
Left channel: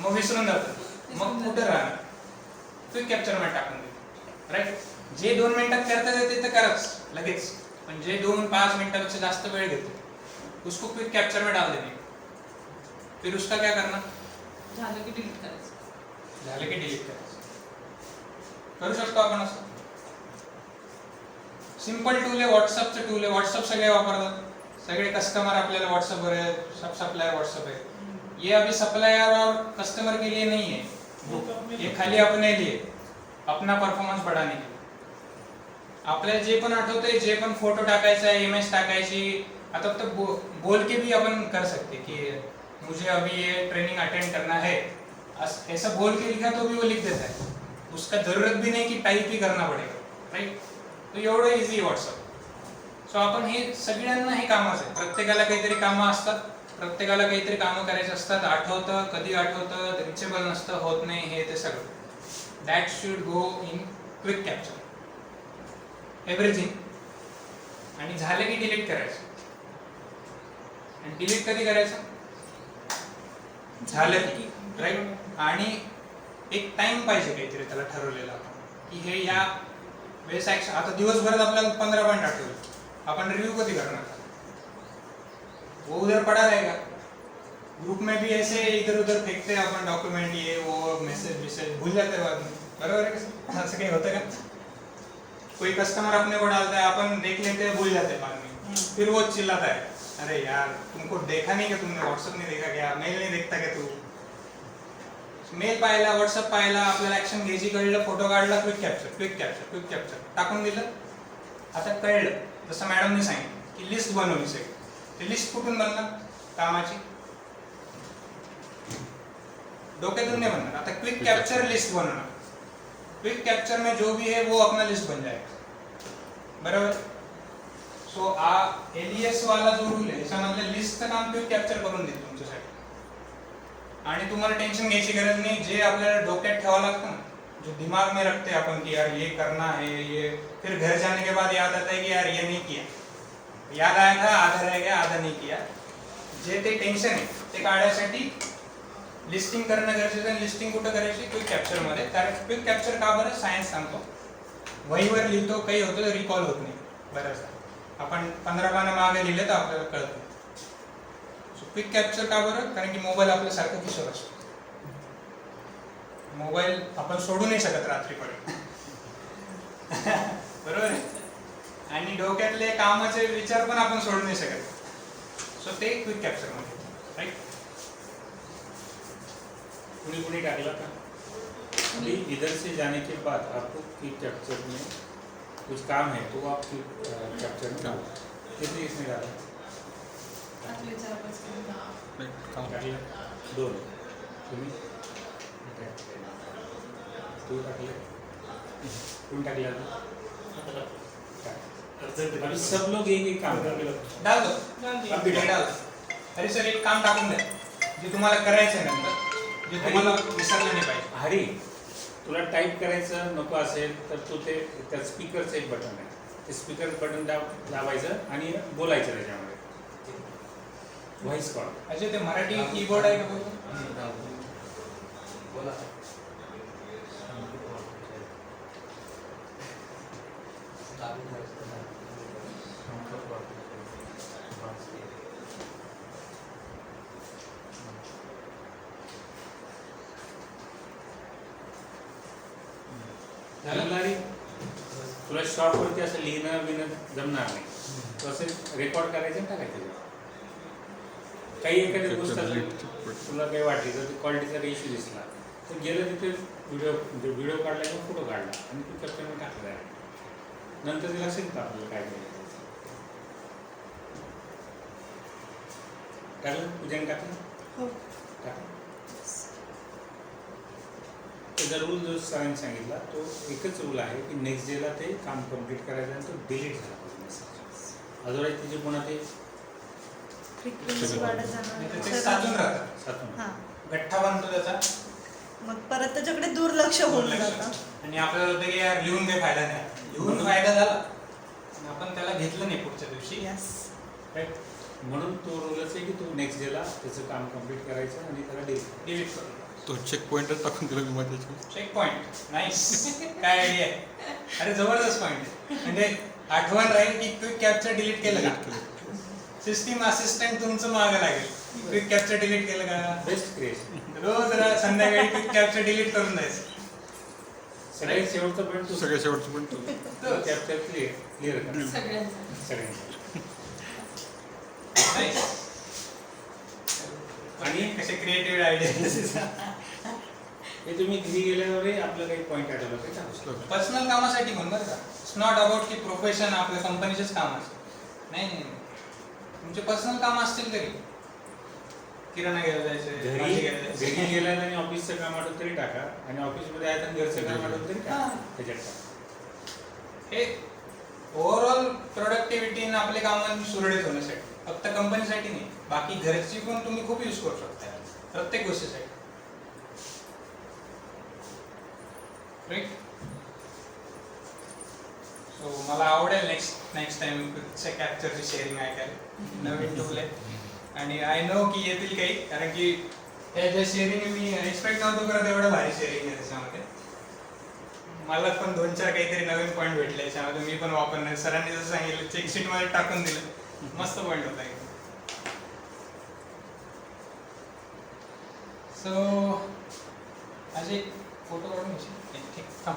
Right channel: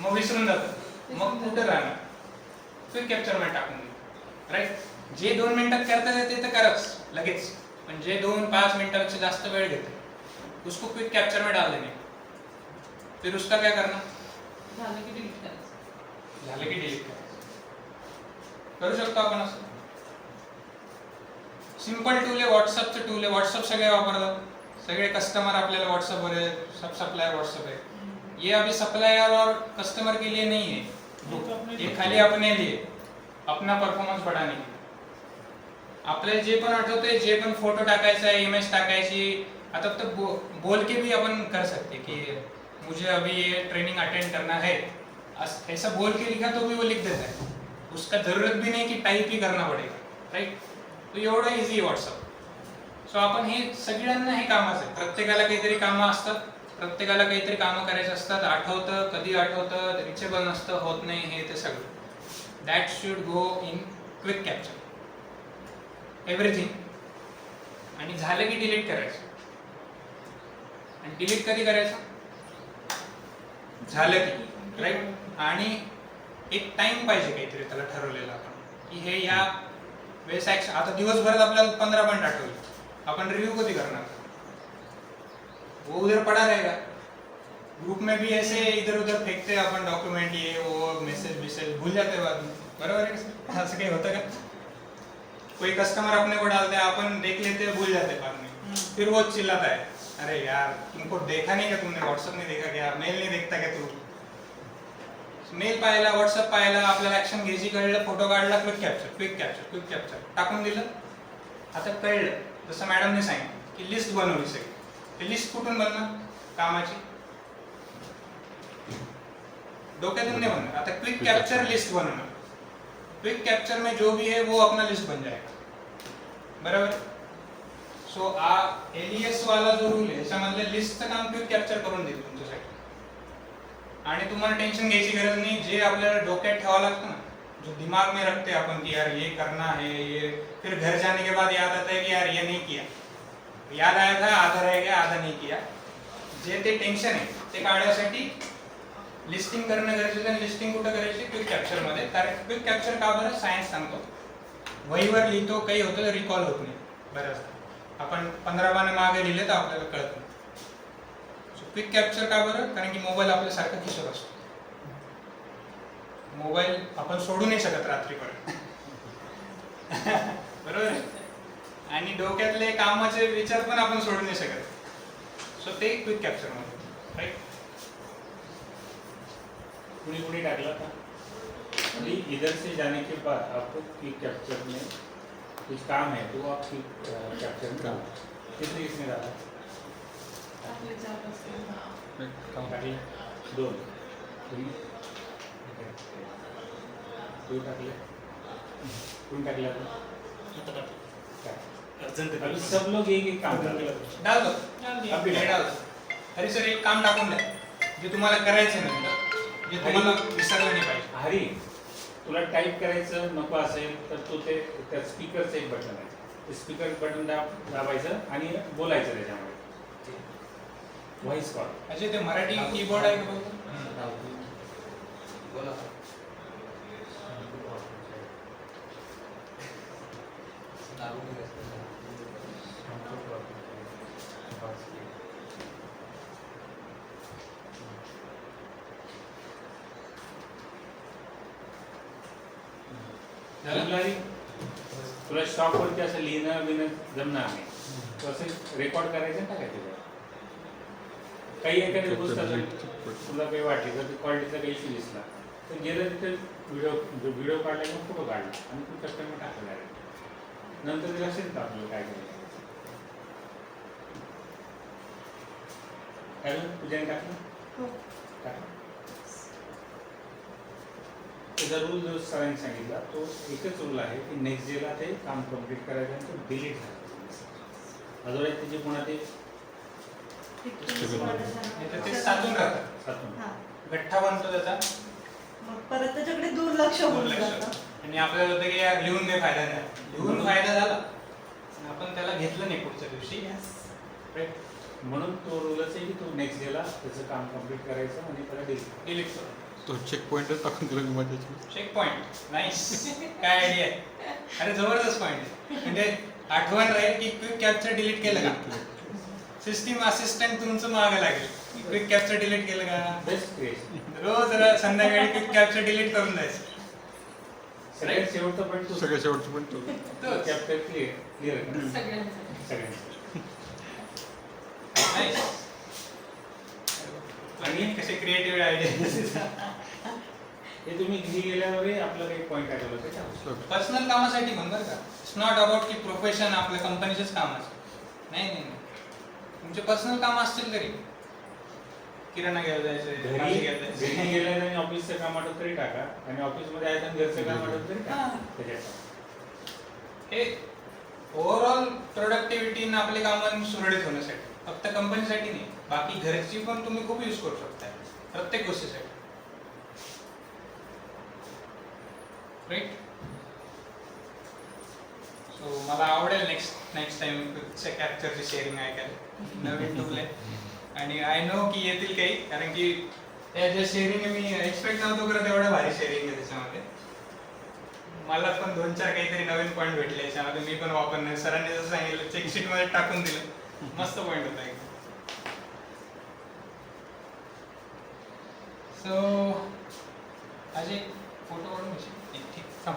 मग विसरून जातो, मग कुठं राहणार? क्विक कॅप्चर मध्ये टाकून दे, राईट. जे 2 मिनिटात करता येते ते करच लगेच, पण जे 2-5 मिनिटापेक्षा जास्त वेळ घेते उसको क्विक कैप्चर में डाल देने का. फिर उसका क्या करना? झालं की डिलीट करायचं. झालं की डिलीट करायचं. करू शकतो आपण असं. सिंपल टूल आहे, व्हॉट्सअपचं टूल आहे. व्हॉट्सअप सगळे वापरतात, सगळे कस्टमर आपल्याला व्हाट्सएप है, सब सप्लायर व्हाट्सएप है. ये अभी सप्लायर और कस्टमर के लिए नहीं है, ये खाली अपने लिए, अपना परफॉर्मन्स बढ़ाने के लिए. आपल्याला जे पण आठवतंय, जे पण फोटो टाकायचा आहे, इमेज टाकायची, आता तो बोल के भी अपन कर सकते कि मुझे अभी ये ट्रेनिंग अटेंड करना है, ऐसा बोल के लिखा तो भी वो लिख देता है. उसका जरूरत भी नहीं कि टाइप ही करना पड़ेगा, राइट. तो एवढं इझी आहे व्हॉट्सअप. सो आपण हे सगळ्यांना हे कामाचं आहे. प्रत्येकाला काहीतरी कामं असतात, प्रत्येकाला काहीतरी कामं करायची असतात. आठवतं, कधी आठवतं, रिचेबल नसतं, होत नाही, हे ते सगळं. That should go in quick capture everything. आणि झालं की डिलीट करायचं. आणि डिलीट कधी करायचं? झालं की, राईट. आणि एक टाइम पाहिजे काहीतरी त्याला ठरवलेला आपण, की हे या वेळेस ऍक्शन. आता दिवसभरात आपल्याला 15 पॉईंट आठवले, अपन रिव्यू कभी करना, वो उधर पड़ा रहेगा. ग्रुप में भी ऐसे इधर उधर फेंकते हैं अपन डॉक्यूमेंट, ये वो मैसेज भूल जाते हैं बाद में, बराबर है का? ऐसे कहीं होता है? कोई कस्टमर अपने को डालता है, अपन देख लेते हैं, भूल जाते हैं बाद में. फिर वो चिल्लाता है, अरे यार तुमको देखा नहीं क्या, तुमने व्हाट्सएप नहीं देखा क्या, मेल नहीं देखता क्या तू? मेल पाहिला, व्हॉट्सअप पाहिला, आपल्याला ऍक्शन घ्यायची, कळलं, फोटो काढला, क्विक कॅप्चर टाकून दिलं. आता कळलं, जसं मॅडमने सांगितलं की लिस्ट बनवली सगळी. ते लिस्ट कुठून बनणार? कामाची डोक्यातून नहीं बनना. आता क्विक कैप्चर लिस्ट बनना. क्विक कैप्चर में जो भी है वो अपना लिस्ट बन जाएगा, बराबर. सो एलियस वाला जो रूल आहे त्याच्यामधले लिस्टचं काम क्विक कॅप्चर करून देईल तुमच्यासाठी. आणि तुम्हाला टेन्शन घ्यायची गरज नहीं. जे आपल्याला डोक्यात ठेवावं लागतं ना, जो दिमाग में रखते हैं अपन कि यार ये करना है, ये फिर घर जाने के बाद याद आता है कि यार ये नहीं किया, याद आया था, आधा रह गया, आधा नहीं किया. जे ते टेन्शन आहे ते काढण्यासाठी लिस्टिंग करणं गरजेचं आहे. लिस्टिंग कुठं करायची? क्विक कॅप्चर मध्ये. कारण क्विक कॅप्चर का बरं? सायन्स सांगतो. वहीवर लिहितो, काही होतं तर रिकॉल होत नाही बऱ्याचदा. आपण 15 पानं मागे लिहिले तर आपल्याला कळत नाही. सो क्विक कॅप्चर का बरं? कारण की मोबाईल आपल्यासारखा खिशात असतो. मोबाईल आपण सोडू नाही शकत रात्रीपर्यंत, बरोबर आहे. आणि डोक्यातले कामाचे विचार पण आपण सोडू नाही शकत. सो ते क्विक कॅप्चर मध्ये, राईट. कुणी टाकला था अभी इधर से जाने के बाद आपको क्विक कैप्चर में कुछ काम है तो आप क्विक कैप्चर में डालो. कितने इसमें डाला? आपले 4-5 किलो. काम टाकले 2. तुम्ही तू टाकले, कोण टाकले? अभी सब लोग एक काम कर रहे हैं. डाल दो, डाल. अरे सर एक काम टाकून द्या जे तुम्हाला करायचंय नंतर, जे तुम्हाला विसरलं नाही पाहिजे. हरी, तुला टाईप करायचं नको असेल तर तू ते त्या स्पीकरचं एक बटन आहे, ते स्पीकर बटन दाबायचं आणि बोलायचं त्याच्यामध्ये, व्हॉइस कॉल. अजय ते मराठी कीबोर्ड आहे का बघू? बोला. झालं? तुला स्टॉकवरती असं लिहिणं बिणं जमणार नाही. तू असं रेकॉर्ड करायचं आणि टाकायचं. काही एखाद्या पुस्तकात तुला काही वाटली तर क्वालिटीचा काही इश्यू दिसला तर गेलं तिथे व्हिडिओ काढला किंवा फोटो काढला आणि तू कस्टमर टाकला आहे. नंतर ते लक्षात येतं आपल्याला काय करायचं. टाकलं पूजाने टाकलं हो. टाकलं. त्याचा रूल जो सरांनी सांगितला तो एकच रूल आहे की नेक्स्ट डेला ते काम कम्प्लीट करायचं आणि तो डिलीट झाला. अदरवाईज त्याचे पुन्हा ते फ्रिक्वेन्सी वाढत त्याचे जाणार. साचून राहतात, सातून हां. गठ्ठा बनतो त्याचा, मग परत त्याच्याकडे दुर्लक्ष होऊन दुर्लक्ष. जातं. आणि आपल्याला होतं की यार लिहून काही फायदा नाही, लिहून फायदा झाला पण आपण त्याला घेतलं नाही पुढच्या दिवशी. Yes. राईट, म्हणून तो रूलच आहे की तो नेक्स्ट डेला त्याचं काम कम्प्लीट करायचं आणि त्याला डिलीट. डिलीट करू. तो चेक पॉईंटच टाकून दिला मी माझ्याची. Check point nice. काय आयडिया आहे, अरे जबरदस्त पॉइंट आहे. म्हणजे आठवण राहील की क्विक कॅप्चर डिलीट केलं का, सिस्टीम असिस्टंट तुमचं मागं लागेल. क्विक कॅप्चर डिलीट केलं का, बेस्ट क्रिएशन. रोज संध्याकाळी क्विक कॅप्चर डिलीट करून जायचं. सगळ्यात शेवटचा पॉईंट तू सगळ्या शेवटचं पण तो. कॅप्चर क्लिअर कर सगळ्यांचं. सगळ्यांचं. नाईस. आणि कसे क्रिएटिव्ह आयडिया. हे तुम्ही घरी गेल्यावरही आपलं काही पॉईंट आढळलं काही टाकू शकतो. पर्सनल कामासाठी म्हण बरं का. इट्स नॉट अबाउट की प्रोफेशन आपल्या कंपनीचेच काम असतं. नाही नाही नाही, तुमचे पर्सनल काम असतील तरी किराणा घ्यायला जायचं, भाजी घ्यायला घरी जायचं. गेल्याने ऑफिसचं काम आठवलं तरी टाका आणि ऑफिसमध्ये आहे तर घरचं काम आठवलं तरी टाका. त्याच्यात टाका. हे ओव्हरऑल प्रोडक्टिव्हिटी आणि आपले कामं सुरळीत होण्यासाठी, फक्त कंपनीसाठी नाही, बाकी घरची पण तुम्ही खूप यूज करू शकता प्रत्येक गोष्टीसाठी. राईट. सो मला आवडेल नेक्स्ट टाइम कॅप्चरची शेअरिंग ऐकायला. नवीन टूल आहे आणि आय नो की येतील काही, कारण की त्या ज्या शेअरिंग मी एक्सपेक्ट नव्हतो करत एवढं भारी शेअरिंग आहे त्याच्यामध्ये. मला पण 2-4 काहीतरी नवीन पॉईंट भेटले याच्यामध्ये, मी पण वापरणार. सरांनी जसं सांगितलं चेक शीट मध्ये टाकून दिलं, मस्त पॉईंट होता एकदम. सो आज एक फोटो काढून घ्यायची. ठीक, थांब.